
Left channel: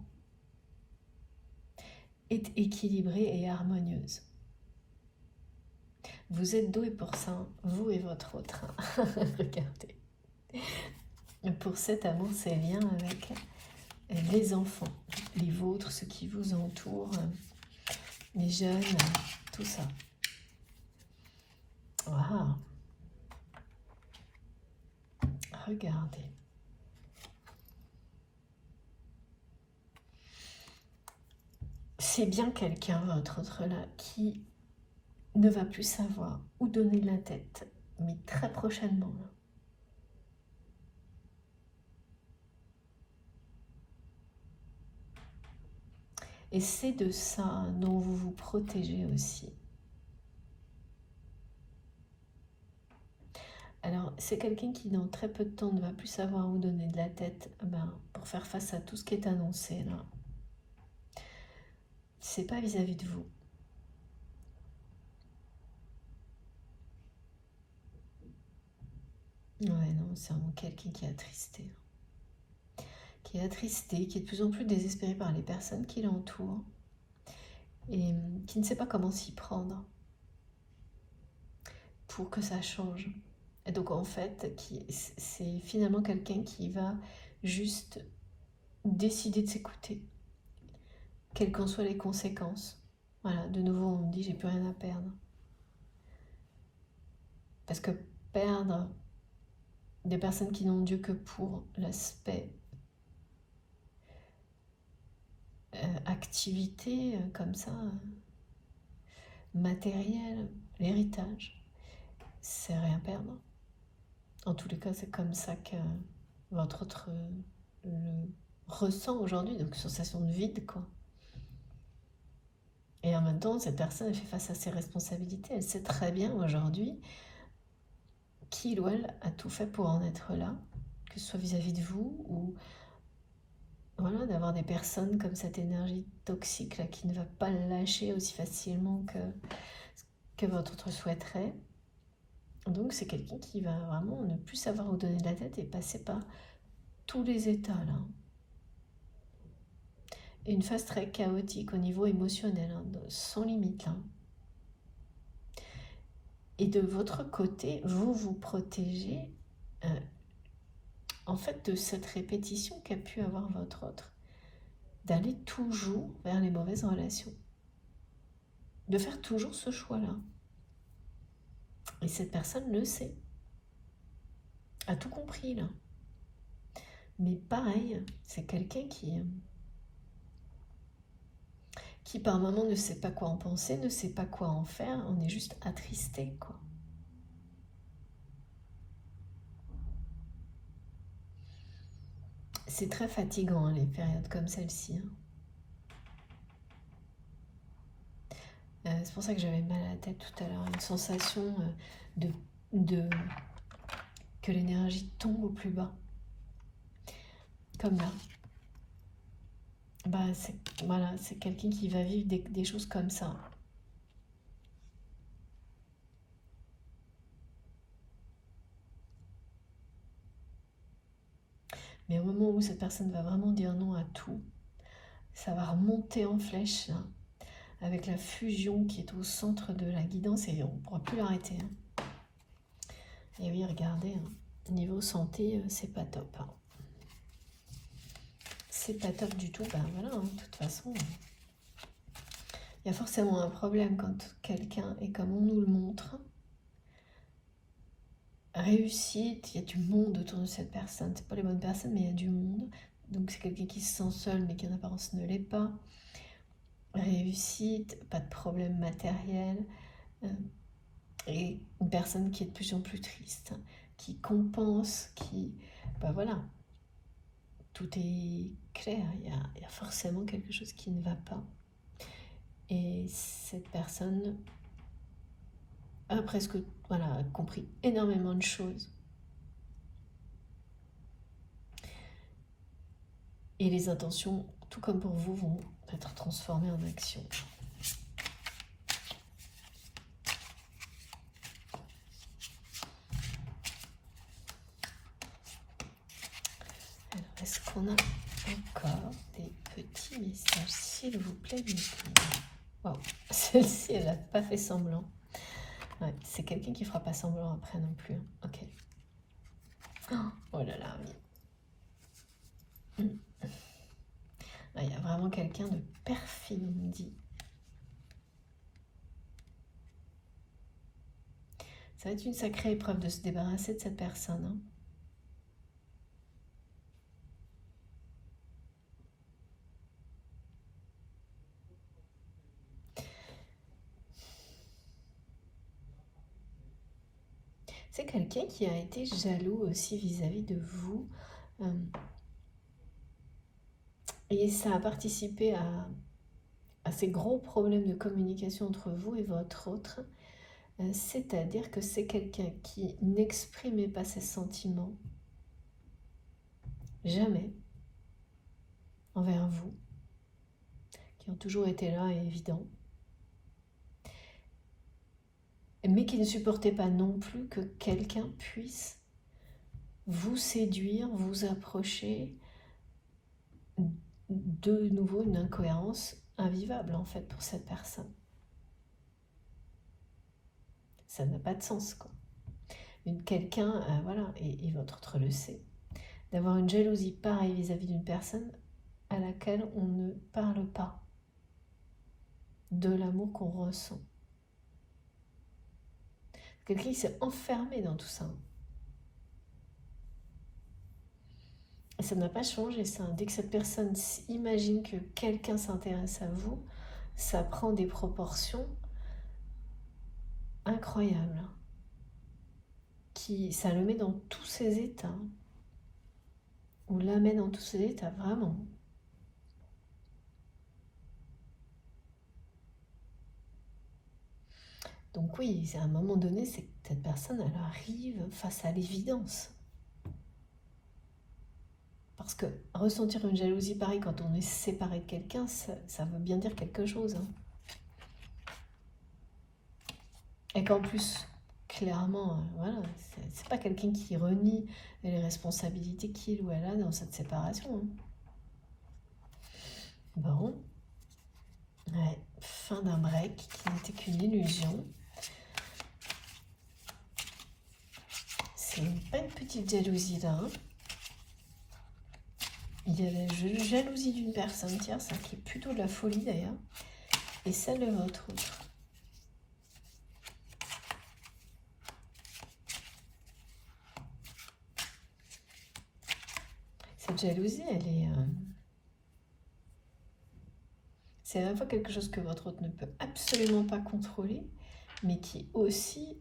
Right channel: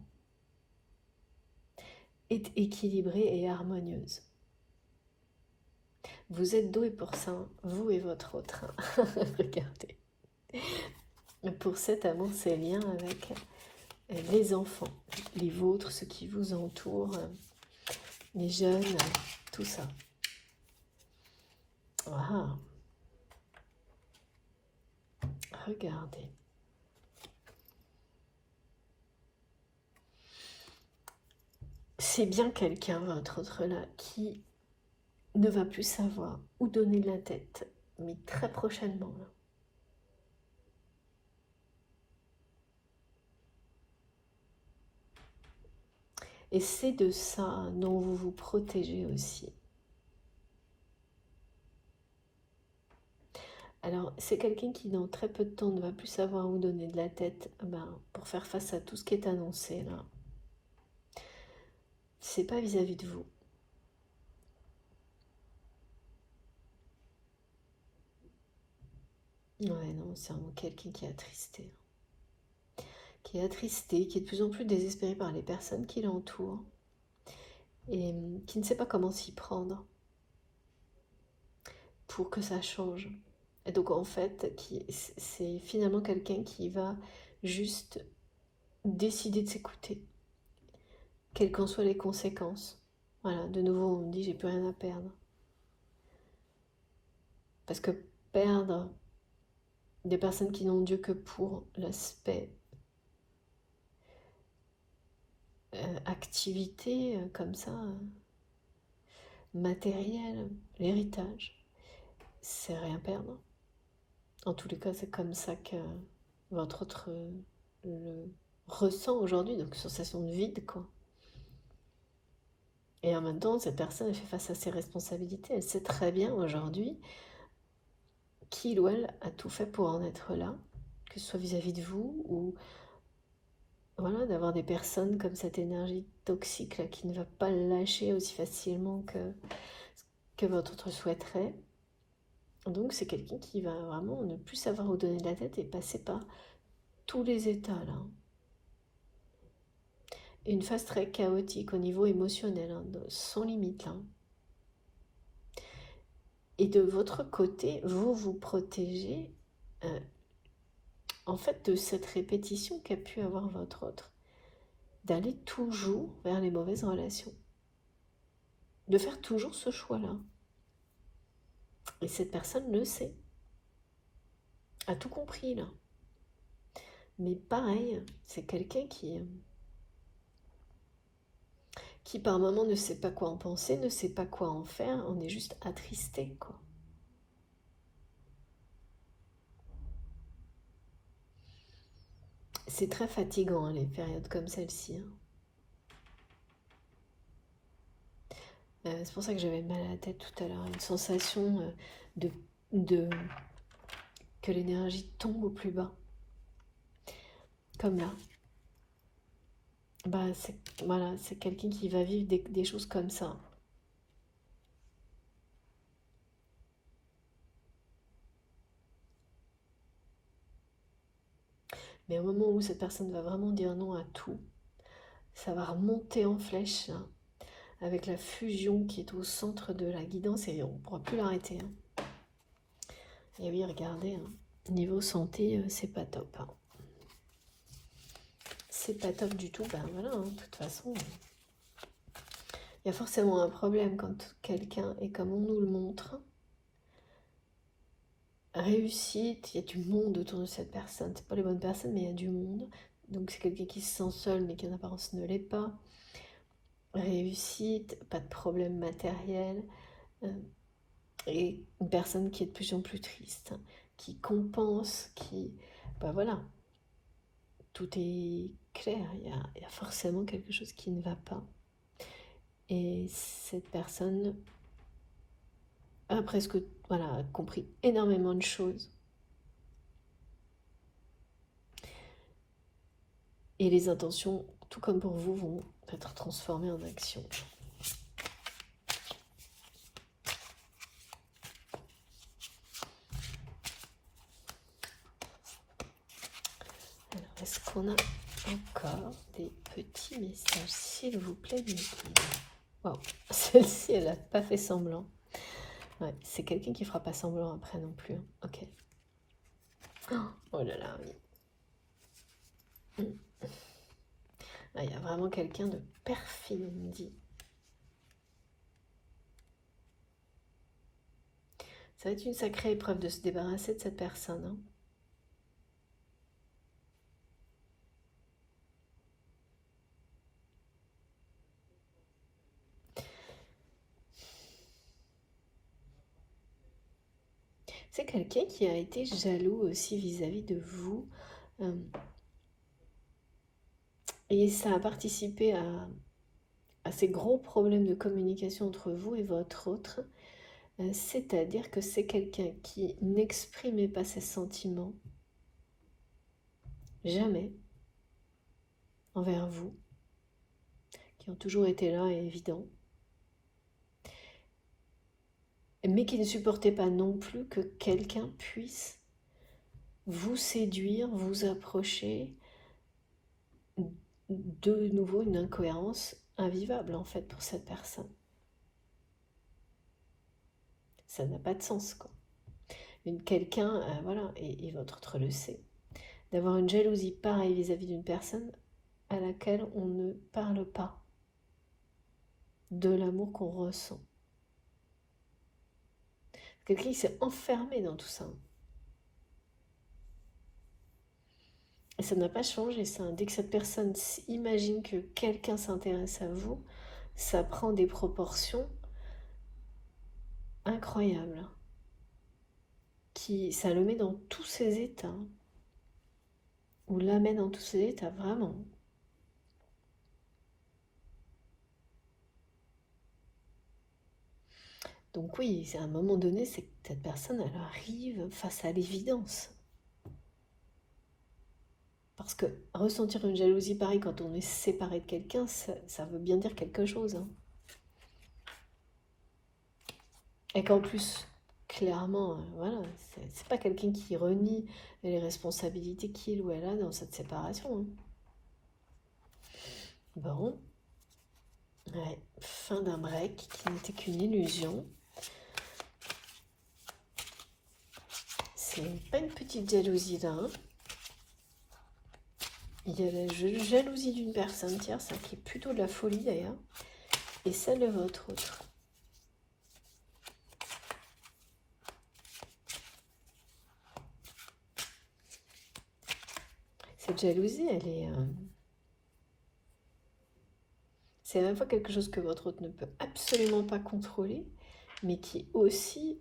est équilibrée et harmonieuse. Vous êtes doués pour ça, vous et votre autre. Regardez. Pour cet amour, c'est liens avec les enfants, les vôtres, ceux qui vous entourent, les jeunes, tout ça. Wow. Regardez. C'est bien quelqu'un, votre autre là, qui ne va plus savoir où donner la tête, mais très prochainement. Et c'est de ça dont vous vous protégez aussi. Alors, c'est quelqu'un qui, dans très peu de temps, ne va plus savoir où donner de la tête pour faire face à tout ce qui est annoncé là. C'est pas vis-à-vis de vous. Ouais, non, c'est vraiment quelqu'un qui est attristé. Qui est attristé, qui est de plus en plus désespéré par les personnes qui l'entourent et qui ne sait pas comment s'y prendre pour que ça change. Et donc en fait, c'est finalement quelqu'un qui va juste décider de s'écouter, quelles qu'en soient les conséquences. Voilà, de nouveau on me dit j'ai plus rien à perdre. Parce que perdre des personnes qui n'ont Dieu que pour l'aspect activité comme ça, matériel, l'héritage, c'est rien perdre. En tous les cas, c'est comme ça que votre autre le ressent aujourd'hui, donc sensation de vide, quoi. Et en même temps, cette personne, elle fait face à ses responsabilités. Elle sait très bien aujourd'hui qu'il ou elle a tout fait pour en être là, que ce soit vis-à-vis de vous ou voilà, d'avoir des personnes comme cette énergie toxique là qui ne va pas lâcher aussi facilement que votre autre souhaiterait. Donc c'est quelqu'un qui va vraiment ne plus savoir où donner de la tête et passer par tous les états là. Et une phase très chaotique au niveau émotionnel, hein, sans limite là. Et de votre côté, vous vous protégez en fait de cette répétition qu'a pu avoir votre autre. D'aller toujours vers les mauvaises relations. De faire toujours ce choix-là. Et cette personne le sait. A tout compris là. Mais pareil, c'est quelqu'un qui par moment ne sait pas quoi en penser, ne sait pas quoi en faire, on est juste attristé, quoi. C'est très fatigant, hein, les périodes comme celle-ci. Hein. C'est pour ça que j'avais mal à la tête tout à l'heure, une sensation de, de que l'énergie tombe au plus bas. Comme là. Bah, voilà, c'est quelqu'un qui va vivre des choses comme ça. Mais au moment où cette personne va vraiment dire non à tout, ça va remonter en flèche, là, avec la fusion qui est au centre de la guidance et on ne pourra plus l'arrêter. Hein. Et oui, regardez, hein, niveau santé, c'est pas top. Hein. C'est pas top du tout. Ben voilà, hein, de toute façon, il y a forcément un problème quand quelqu'un est comme on nous le montre. Réussite, il y a du monde autour de cette personne. C'est pas les bonnes personnes, mais il y a du monde. Donc c'est quelqu'un qui se sent seul, mais qui en apparence ne l'est pas. Réussite, pas de problème matériel. Et une personne qui est de plus en plus triste, qui compense, qui... Ben voilà, tout est clair, il y a forcément quelque chose qui ne va pas. Et cette personne a presque voilà, compris énormément de choses. Et les intentions, tout comme pour vous, vont être transformées en action. Alors, est-ce qu'on a encore des petits messages, s'il vous plaît, oh, celle-ci, elle n'a pas fait semblant. Ouais, c'est quelqu'un qui fera pas semblant après non plus. Ok. Oh là là, oui. Ah, il y a vraiment quelqu'un de perfide, on me dit. Ça va être une sacrée épreuve de se débarrasser de cette personne. Hein. C'est quelqu'un qui a été jaloux aussi vis-à-vis de vous. Et ça a participé à ces gros problèmes de communication entre vous et votre autre. C'est-à-dire que c'est quelqu'un qui n'exprimait pas ses sentiments. Jamais. Envers vous. Qui ont toujours été là et évidents. Mais qui ne supportait pas non plus que quelqu'un puisse vous séduire, vous approcher, de nouveau une incohérence invivable en fait pour cette personne. Ça n'a pas de sens quoi. Quelqu'un, voilà, et votre autre le sait, d'avoir une jalousie pareille vis-à-vis d'une personne à laquelle on ne parle pas de l'amour qu'on ressent. Quelqu'un qui s'est enfermé dans tout ça. Et ça n'a pas changé ça. Dès que cette personne imagine que quelqu'un s'intéresse à vous, ça prend des proportions incroyables. Ça le met dans tous ses états. Ou l'amène dans tous ses états, vraiment. Donc oui, à un moment donné, c'est que cette personne, elle arrive face à l'évidence. Parce que ressentir une jalousie pareille quand on est séparé de quelqu'un, ça veut bien dire quelque chose. Hein. Et qu'en plus, clairement, voilà, c'est pas quelqu'un qui renie les responsabilités qu'il ou elle a dans cette séparation. Hein. Bon, ouais, fin d'un break qui n'était qu'une illusion. pas une petite jalousie là. Hein. Il y a la jalousie d'une personne tierce, qui est plutôt de la folie d'ailleurs, et celle de votre autre. Cette jalousie, elle est... c'est à la fois quelque chose que votre autre ne peut absolument pas contrôler, mais qui aussi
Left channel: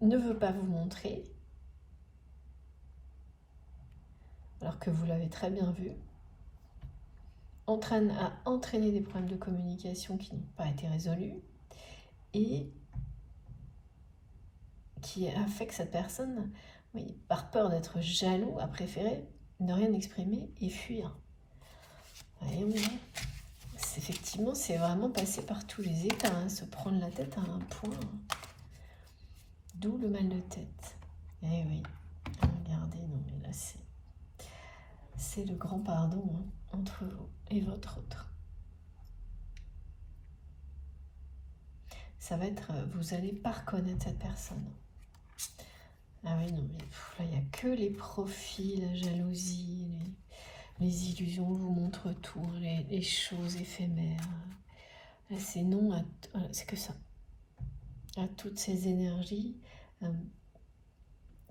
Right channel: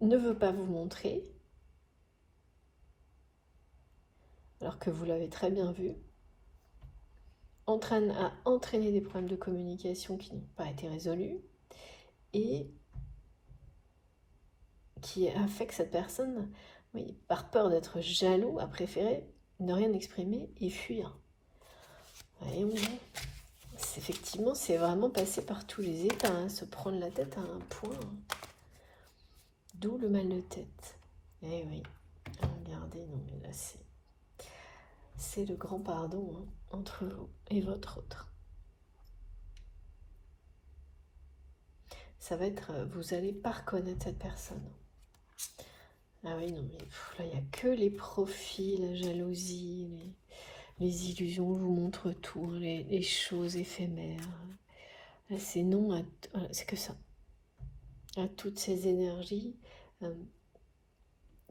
ne veut pas vous montrer, alors que vous l'avez très bien vu, a entraîné des problèmes de communication qui n'ont pas été résolus, et qui a fait que cette personne, oui, par peur d'être jaloux, a préféré ne rien exprimer et fuir. Voyez, effectivement, c'est vraiment passé par tous les états, hein, se prendre la tête à un point. D'où le mal de tête. Eh oui, regardez, non mais là c'est le grand pardon, hein, entre vous et votre autre. Ça va être, vous n'allez pas reconnaître cette personne. Ah oui, non mais là, il n'y a que les profils, la jalousie, les illusions vous montrent tout, les choses éphémères. Là, c'est non, c'est que ça. À toutes ces énergies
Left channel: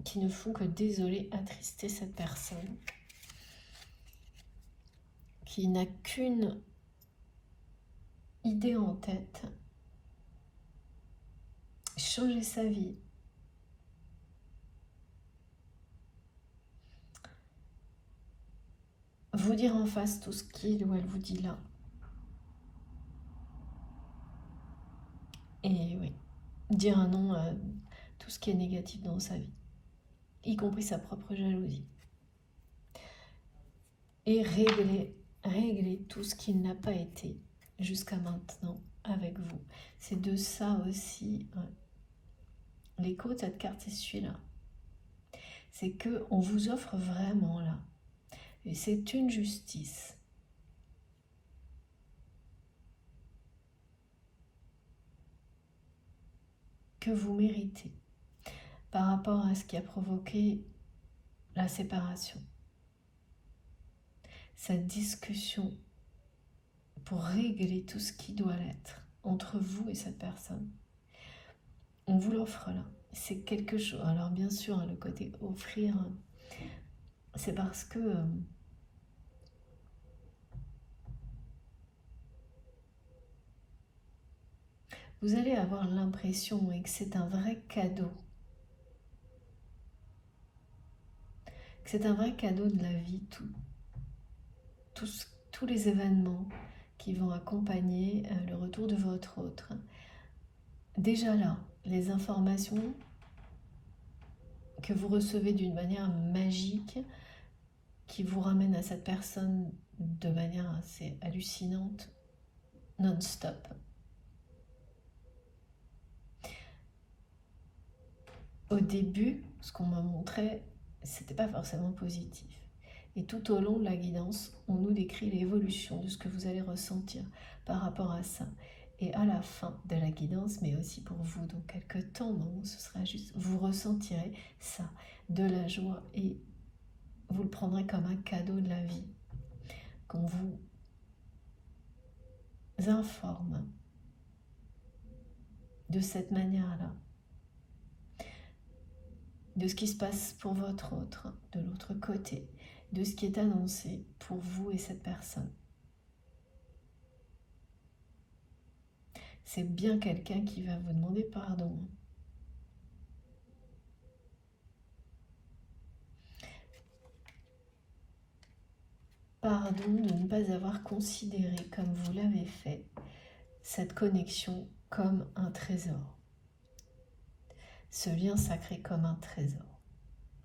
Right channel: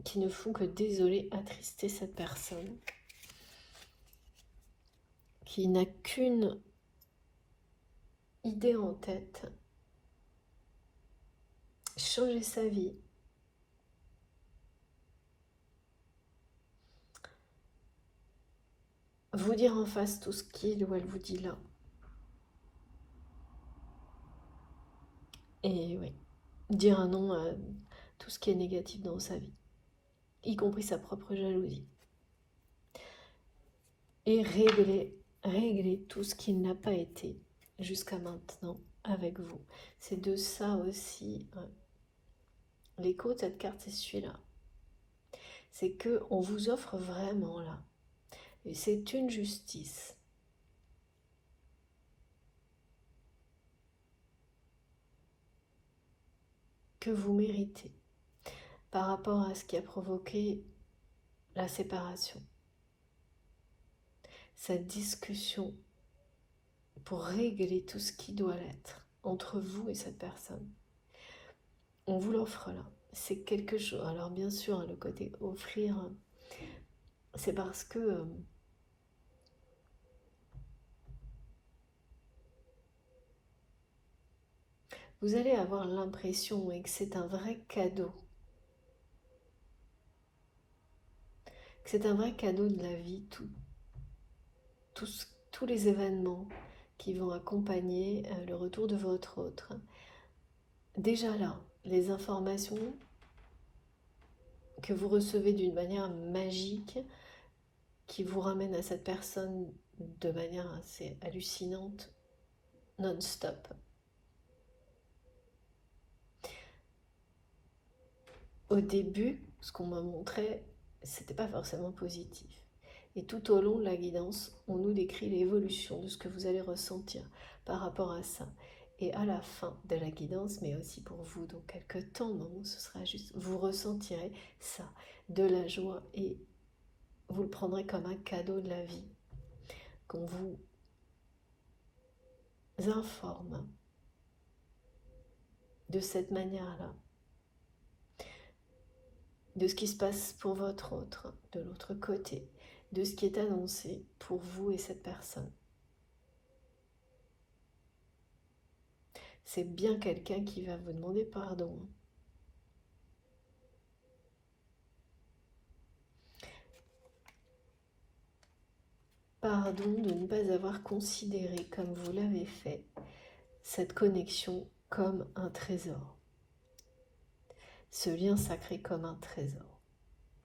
qui ne font que désoler, attrister cette personne, qui n'a qu'une idée en tête, changer sa vie. Vous dire en face tout ce qu'il ou elle vous dit là. Et oui, dire un non à tout ce qui est négatif dans sa vie, y compris sa propre jalousie. Et régler tout ce qui n'a pas été jusqu'à maintenant avec vous. C'est de ça aussi. Ouais. L'écho de cette carte, c'est celui-là. C'est qu'on vous offre vraiment là. Et c'est une justice. Que vous méritez par rapport à ce qui a provoqué la séparation. Cette discussion pour régler tout ce qui doit l'être entre vous et cette personne. On vous l'offre là. C'est quelque chose. Alors bien sûr, le côté offrir, c'est parce que vous allez avoir l'impression que c'est un vrai cadeau. Que c'est un vrai cadeau de la vie, tous les événements qui vont accompagner le retour de votre autre. Déjà là, les informations que vous recevez d'une manière magique, qui vous ramène à cette personne de manière assez hallucinante, non-stop. Au début, ce qu'on m'a montré, c'était pas forcément positif. Et tout au long de la guidance, on nous décrit l'évolution de ce que vous allez ressentir par rapport à ça. Et à la fin de la guidance, mais aussi pour vous, dans quelques temps, non, ce sera juste, vous ressentirez ça, de la joie, et vous le prendrez comme un cadeau de la vie, qu'on vous informe de cette manière-là, de ce qui se passe pour votre autre, de l'autre côté, de ce qui est annoncé pour vous et cette personne. C'est bien quelqu'un qui va vous demander pardon. Pardon de ne pas avoir considéré, comme vous l'avez fait, cette connexion comme un trésor. Ce lien sacré comme un trésor.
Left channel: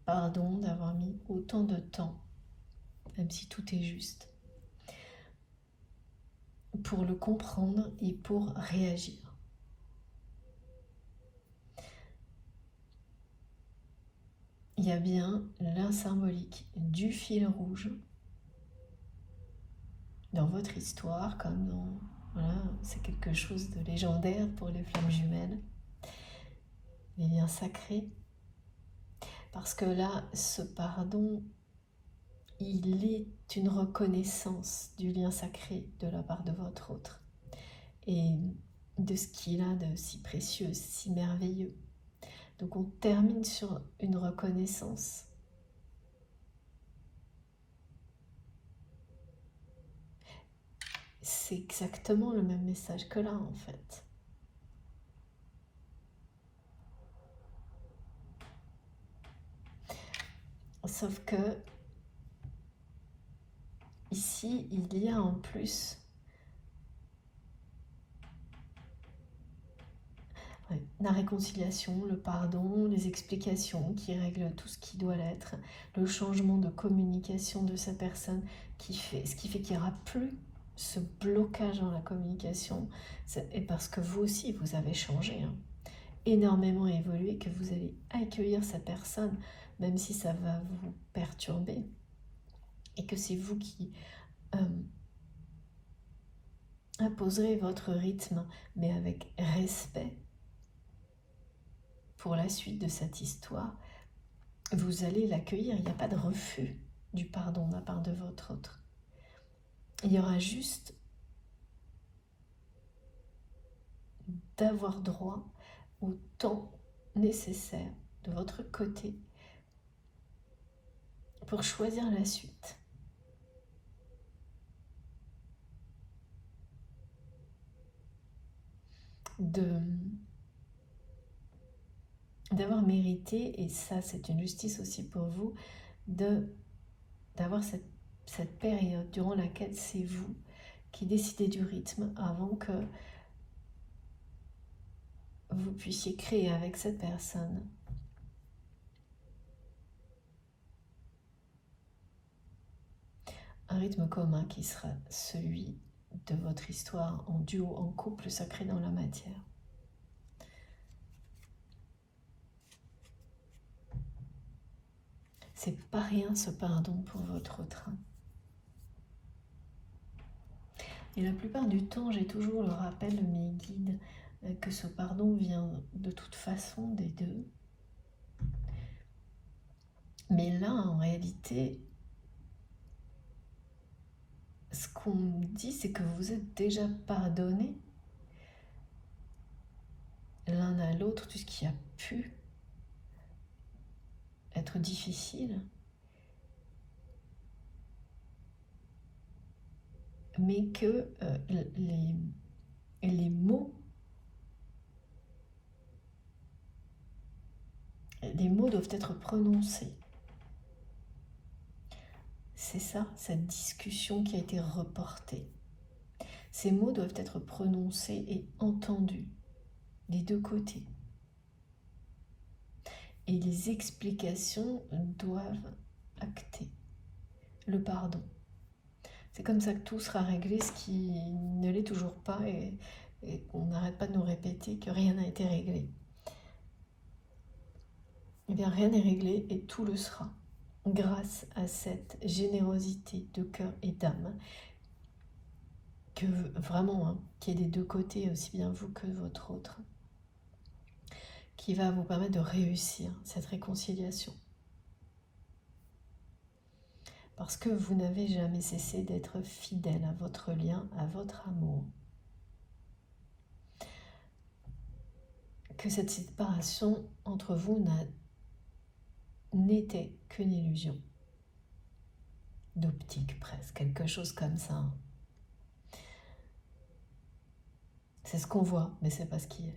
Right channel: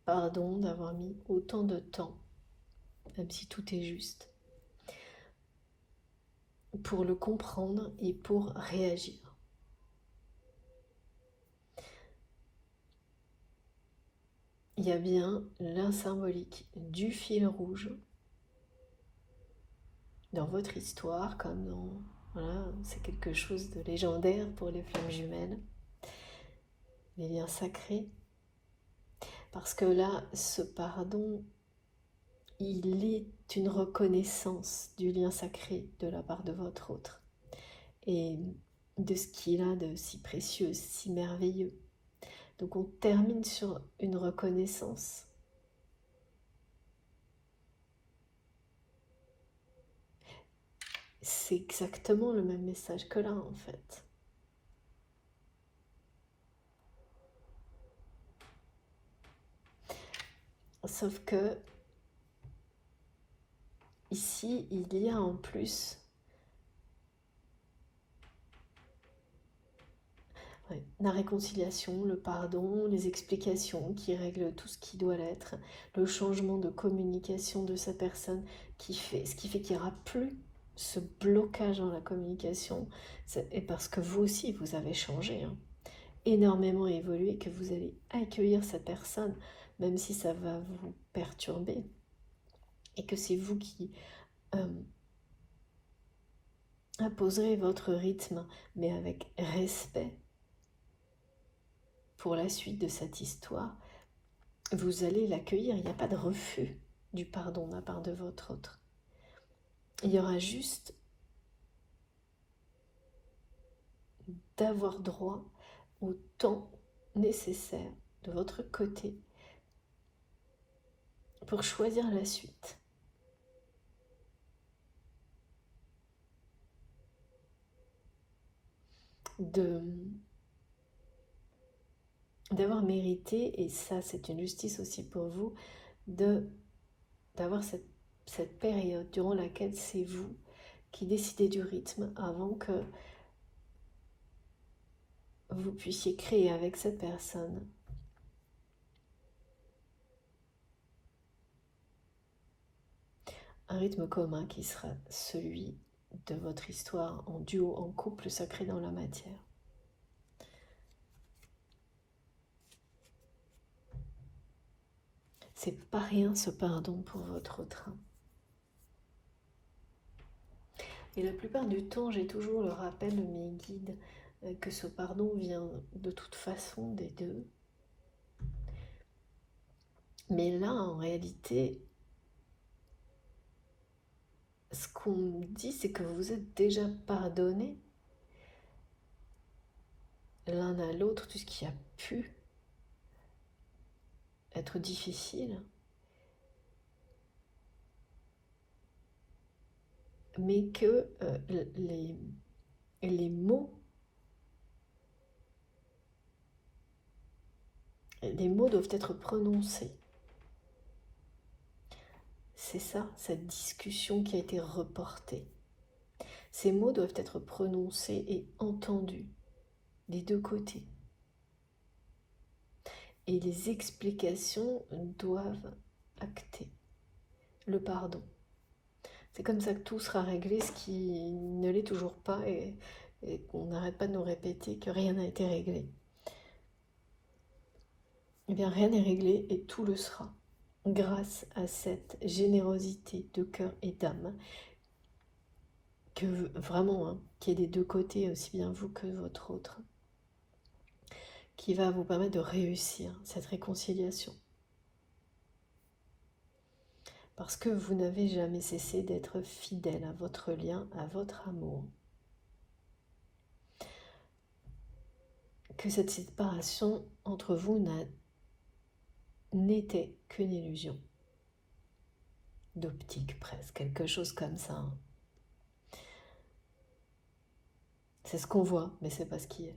Pardon d'avoir mis autant de temps, même si tout est juste, pour le comprendre et pour réagir. Il y a bien l'un symbolique du fil rouge dans votre histoire, comme dans... Voilà, c'est quelque chose de légendaire pour les flammes jumelles. les liens sacrés. Parce que là, ce pardon, il est une reconnaissance du lien sacré de la part de votre autre. Et de ce qu'il a de si précieux, si merveilleux. Donc on termine sur une reconnaissance. C'est exactement le même message que là en fait. Sauf que ici, il y a en plus la réconciliation, le pardon, les explications qui règlent tout ce qui doit l'être, le changement de communication de sa personne ce qui fait qu'il n'y aura plus ce blocage dans la communication. Et parce que vous aussi, vous avez changé, hein, énormément évolué, que vous allez accueillir cette personne, même si ça va vous perturber, et que c'est vous qui imposerez votre rythme, mais avec respect. Pour la suite de cette histoire, vous allez l'accueillir. Il n'y a pas de refus du pardon de la part de votre autre. Il y aura juste d'avoir droit au temps nécessaire de votre côté pour choisir la suite. D'avoir mérité, et ça c'est une justice aussi pour vous, d'avoir cette période durant laquelle c'est vous qui décidez du rythme avant que vous puissiez créer avec cette personne un rythme commun qui sera celui de votre histoire en duo, en couple sacré dans la matière. C'est pas rien ce pardon pour votre autre. Et la plupart du temps, j'ai toujours le rappel de mes guides que ce pardon vient de toute façon des deux. Mais là, en réalité, ce qu'on me dit, c'est que vous êtes déjà pardonnés l'un à l'autre tout ce qui a pu être difficile, mais que les mots doivent être prononcés. C'est ça, cette discussion qui a été reportée. Ces mots doivent être prononcés et entendus des deux côtés. Et les explications doivent acter le pardon. C'est comme ça que tout sera réglé, ce qui ne l'est toujours pas, et on n'arrête pas de nous répéter que rien n'a été réglé. Eh bien, rien n'est réglé et tout le sera, grâce à cette générosité de cœur et d'âme, que vraiment, hein, qui est des deux côtés, aussi bien vous que votre autre, qui va vous permettre de réussir cette réconciliation. Parce que vous n'avez jamais cessé d'être fidèle à votre lien, à votre amour. Que cette séparation entre vous n'était qu'une illusion. D'optique presque, quelque chose comme ça. C'est ce qu'on voit, mais c'est pas ce qui est.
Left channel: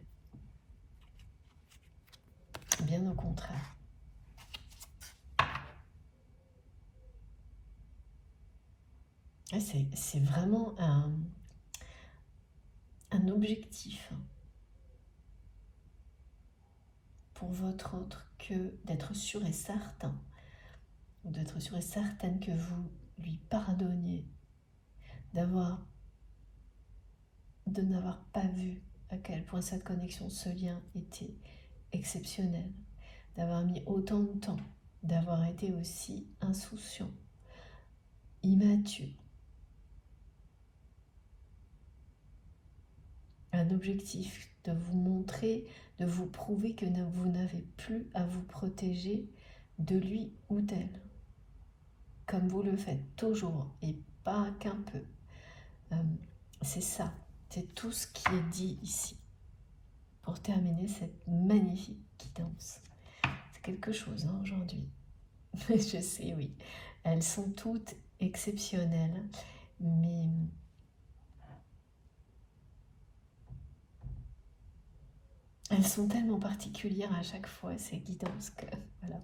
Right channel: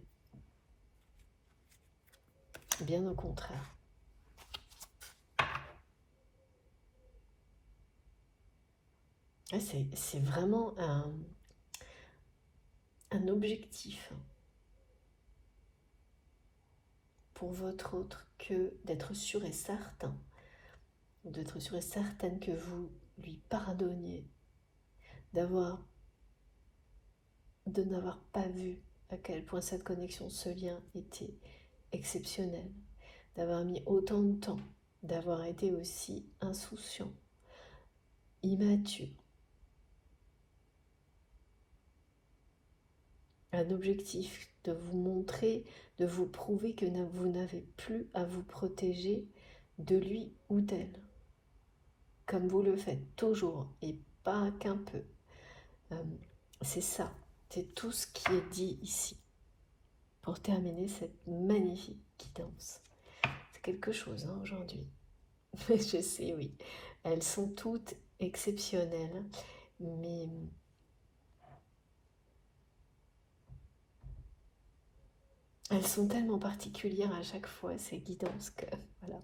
Bien au contraire. C'est vraiment un objectif pour votre autre que d'être sûr et certain, d'être sûr et certaine que vous lui pardonniez, de n'avoir pas vu à quel point cette connexion, ce lien était exceptionnel, d'avoir mis autant de temps, d'avoir été aussi insouciant, immature. Un objectif de vous montrer, de vous prouver que vous n'avez plus à vous protéger de lui ou d'elle, comme vous le faites toujours et pas qu'un peu. C'est ça, c'est tout ce qui est dit ici pour terminer cette magnifique guidance. C'est quelque chose hein, aujourd'hui. Je sais, oui. Elles sont toutes exceptionnelles, mais elles sont tellement particulières à chaque fois, ces guidances, que voilà.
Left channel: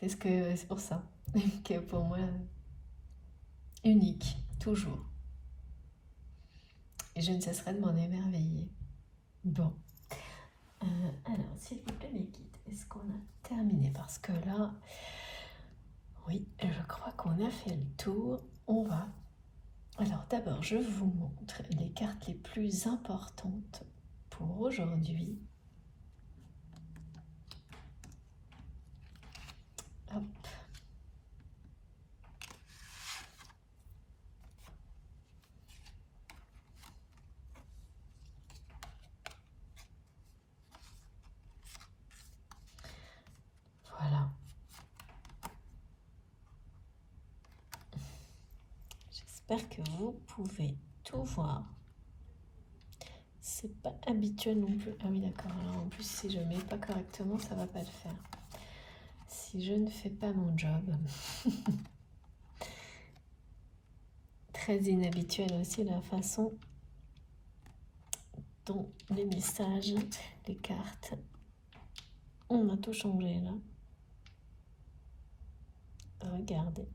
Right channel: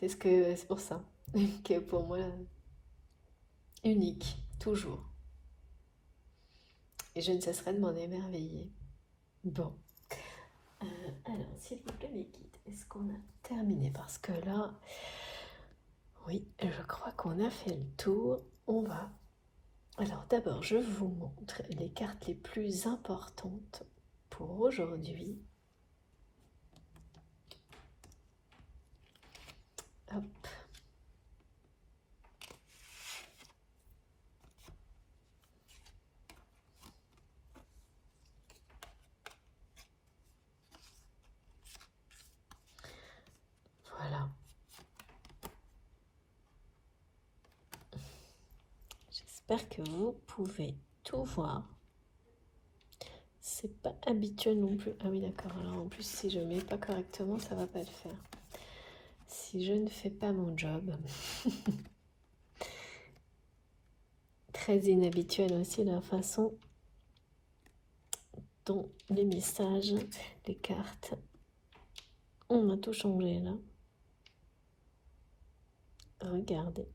C'est pour ça que pour moi, unique, toujours. Et je ne cesserai de m'en émerveiller. Bon. Alors, s'il vous plaît, mes guides, est-ce qu'on a terminé? Parce que là, oui, je crois qu'on a fait le tour. On va. Alors, d'abord, je vous montre les cartes les plus importantes pour aujourd'hui. Hop. Voilà. J'espère que vous pouvez tout voir. C'est pas habituel non plus. Ah oui, d'accord. Alors en plus, si je mets pas correctement, ça va pas le faire. Si je ne fais pas mon job. Très inhabituel aussi la façon dont les messages, les cartes, on a tout changé là. Regardez.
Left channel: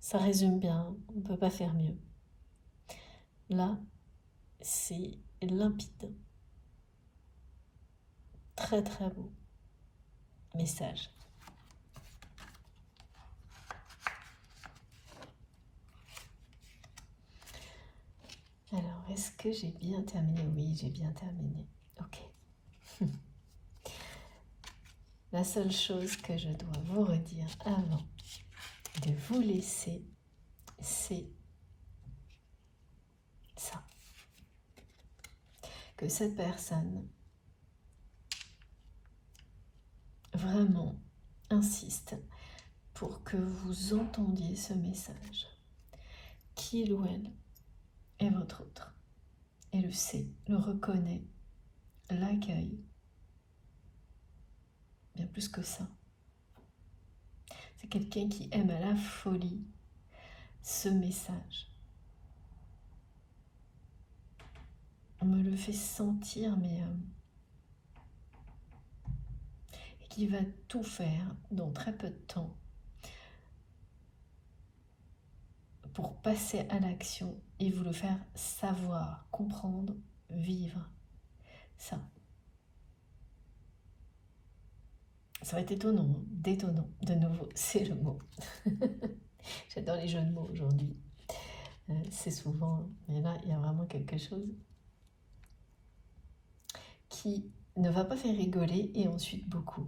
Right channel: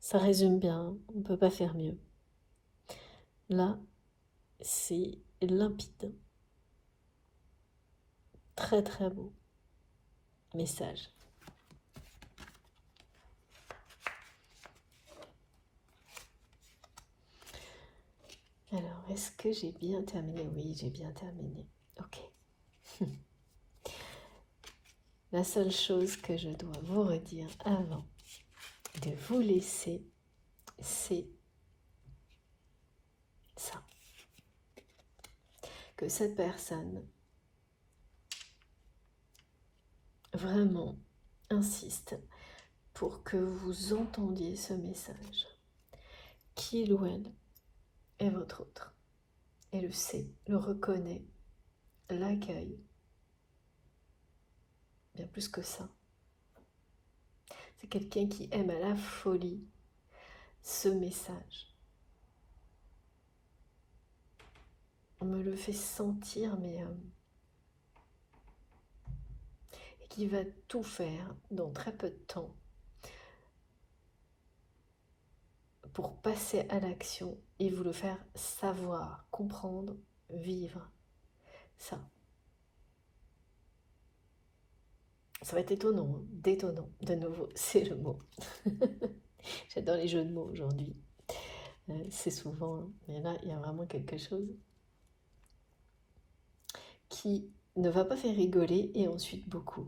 Ça résume bien, on ne peut pas faire mieux. Là, c'est limpide. Très très beau message. Alors, est-ce que j'ai bien terminé? Oui, j'ai bien terminé. Ok. La seule chose que je dois vous redire avant de vous laisser, c'est ça. Que cette personne vraiment insiste pour que vous entendiez ce message. Qu'il ou elle est votre autre. Et le sait, le reconnaît, l'accueille. Bien plus que ça. C'est quelqu'un qui aime à la folie ce message. On me le fait sentir, mais et qui va tout faire dans très peu de temps pour passer à l'action et vous le faire savoir, comprendre, vivre. Ça. Ça va être étonnant, détonnant. De nouveau, c'est le mot. J'adore les jeux de mots aujourd'hui. C'est souvent, mais là, il y a vraiment quelque chose qui ne va pas faire rigoler et ensuite beaucoup.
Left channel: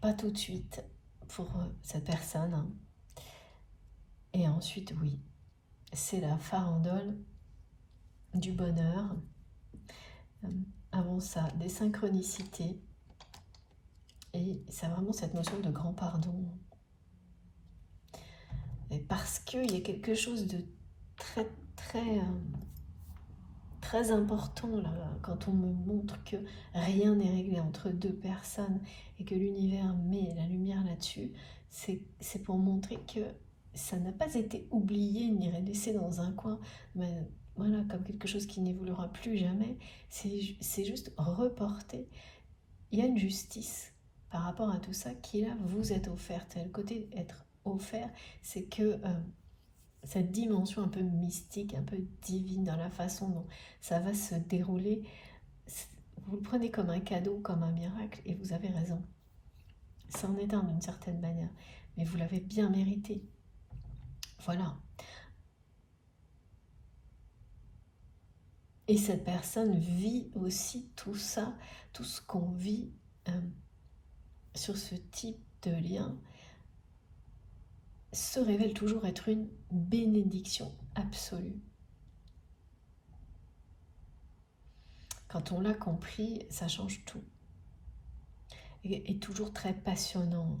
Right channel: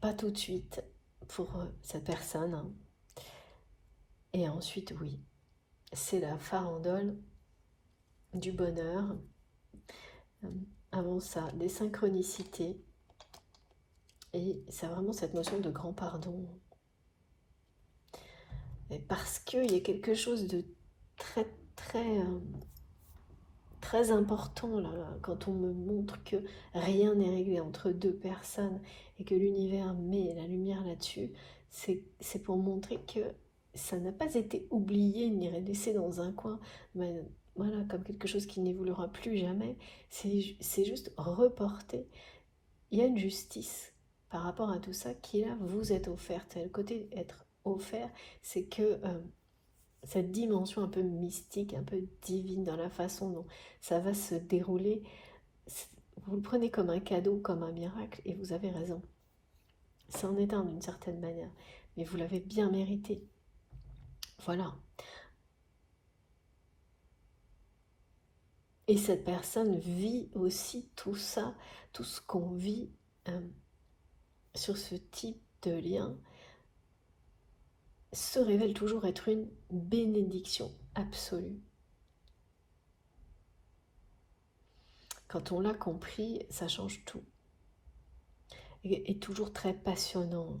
Pas tout de suite pour cette personne. Hein. Et ensuite, oui, c'est la farandole du bonheur. Avant ça, des synchronicités. Et c'est vraiment cette notion de grand pardon. Et parce qu'il y a quelque chose de très, très, très important là, quand on me montre que rien n'est réglé entre deux personnes et que l'univers met la lumière là-dessus, c'est pour montrer que ça n'a pas été oublié ni laissé dans un coin, mais voilà, comme quelque chose qui n'évoluera plus jamais. C'est juste reporté. Il y a une justice par rapport à tout ça qui là vous est offerte. Et le côté être offert, c'est que cette dimension un peu mystique, un peu divine dans la façon dont ça va se dérouler, vous le prenez comme un cadeau, comme un miracle, et vous avez raison. C'en est un d'une certaine manière, mais vous l'avez bien mérité. Voilà. Et cette personne vit aussi tout ça, tout ce qu'on vit sur ce type de lien. se révèle toujours être une bénédiction absolue. Quand on l'a compris, ça change tout. Et toujours très passionnant.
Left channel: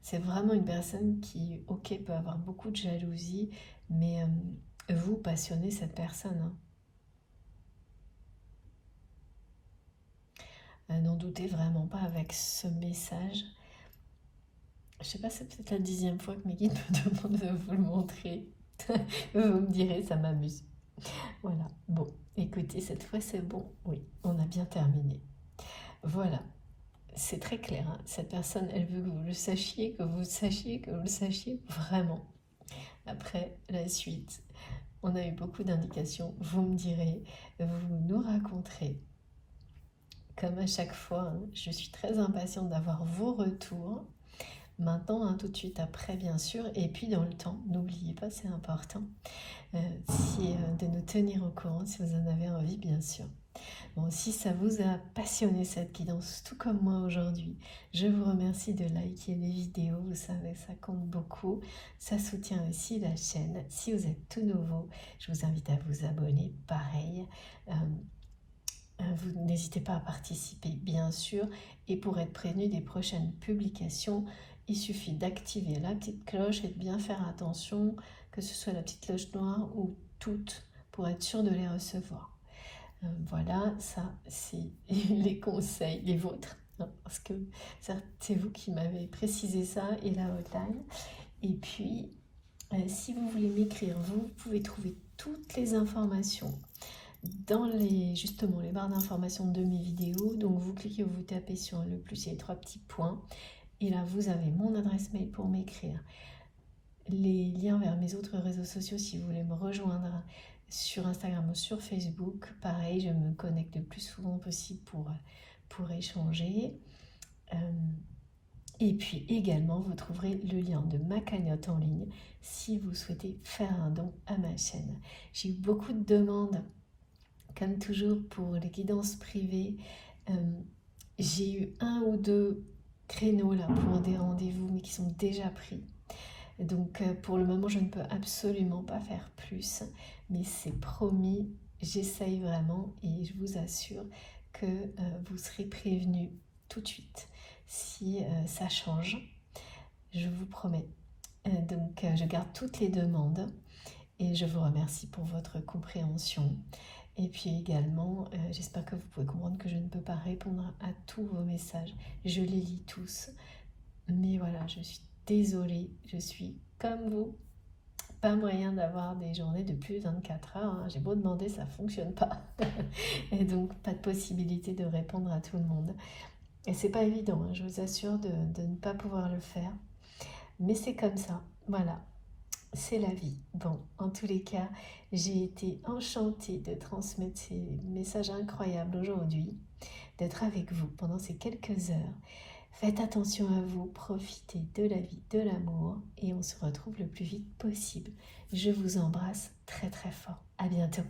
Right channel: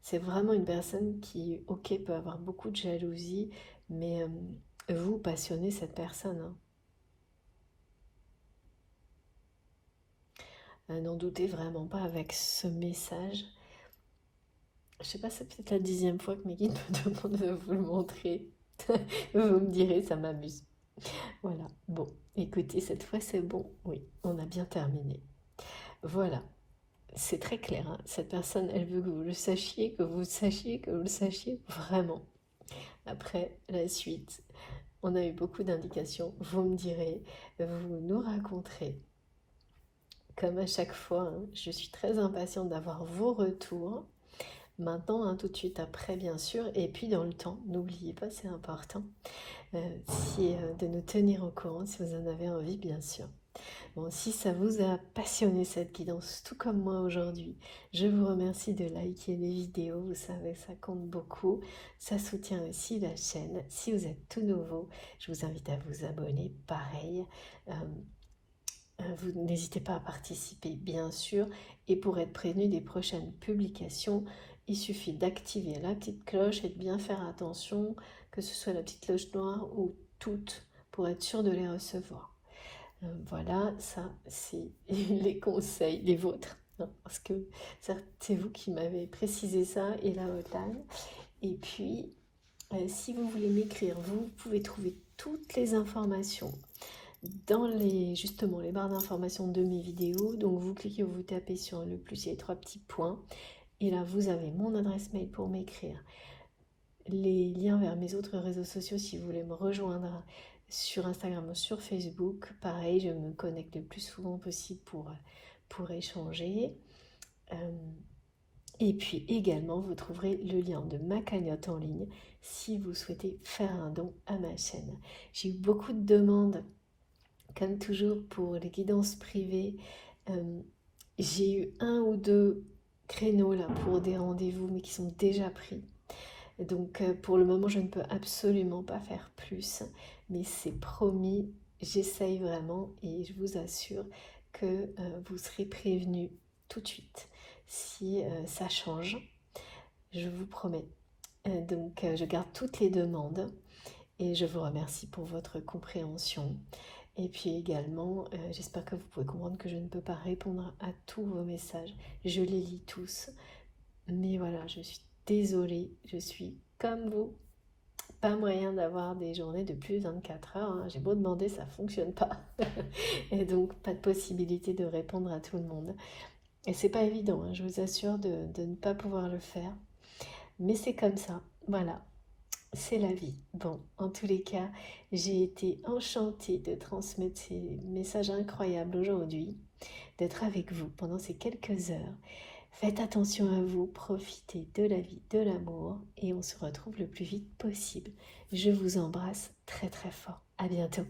C'est vraiment une personne qui, ok, peut avoir beaucoup de jalousie, mais vous passionnez cette personne, hein. N'en doutez vraiment pas avec ce message. Je sais pas, c'est peut-être la 10e fois que mes guides me demandent de vous le montrer. Vous me direz, ça m'amuse. Voilà. Bon, écoutez, cette fois c'est bon. Oui, on a bien terminé. Voilà. C'est très clair, hein. Cette personne, elle veut que vous le sachiez, que vous le sachiez, que vous le sachiez vraiment. Après, la suite, on a eu beaucoup d'indications. Vous me direz, vous nous raconterez. Comme à chaque fois, hein, je suis très impatiente d'avoir vos retours. Maintenant, hein, tout de suite après, bien sûr. Et puis dans le temps, n'oubliez pas, c'est important, de nous tenir au courant si vous en avez envie, bien sûr. Bon, si ça vous a passionné cette guidance, tout comme moi aujourd'hui, je vous remercie de liker les vidéos, vous savez, ça compte beaucoup. Ça soutient aussi la chaîne. Si vous êtes tout nouveau, je vous invite à vous abonner, pareil. Vous n'hésitez pas à participer, bien sûr. Et pour être prévenu des prochaines publications, il suffit d'activer la petite cloche et de bien faire attention, que ce soit la petite cloche noire ou toutes, pour être sûr de les recevoir. Voilà, ça c'est les conseils, les vôtres, hein, parce que c'est vous qui m'avez précisé ça et la hotline. Et puis, si vous voulez m'écrire, vous pouvez trouver toutes les informations dans justement les barres d'informations de mes vidéos. Donc vous cliquez ou vous tapez sur le plus, il y a les 3 petits points. Et là, vous avez mon adresse mail pour m'écrire, les liens vers mes autres réseaux sociaux si vous voulez me rejoindre sur Instagram ou sur Facebook. Pareil, je me connecte le plus souvent possible pour échanger. Et puis également, vous trouverez le lien de ma cagnotte en ligne si vous souhaitez faire un don à ma chaîne. J'ai eu beaucoup de demandes, comme toujours, pour les guidances privées. J'ai eu 1 ou 2 créneaux là pour des rendez-vous, mais qui sont déjà pris. Donc pour le moment, je ne peux absolument pas faire plus, mais c'est promis, j'essaye vraiment et je vous assure que vous serez prévenus tout de suite si ça change, je vous promets. Donc je garde toutes les demandes et je vous remercie pour votre compréhension. Et puis également, j'espère que vous pouvez comprendre que je ne peux pas répondre à tous vos messages, je les lis tous, mais voilà, je suis désolée, je suis comme vous, pas moyen d'avoir des journées de plus de 24 heures, hein. J'ai beau demander, ça fonctionne pas. Et donc pas de possibilité de répondre à tout le monde. Et c'est pas évident, hein, je vous assure de ne pas pouvoir le faire. Mais c'est comme ça, voilà, c'est la vie. Bon, en tous les cas, j'ai été enchantée de transmettre ces messages incroyables aujourd'hui, d'être avec vous pendant ces quelques heures. Faites attention à vous, profitez de la vie, de l'amour et on se retrouve le plus vite possible. Je vous embrasse très très fort. À bientôt.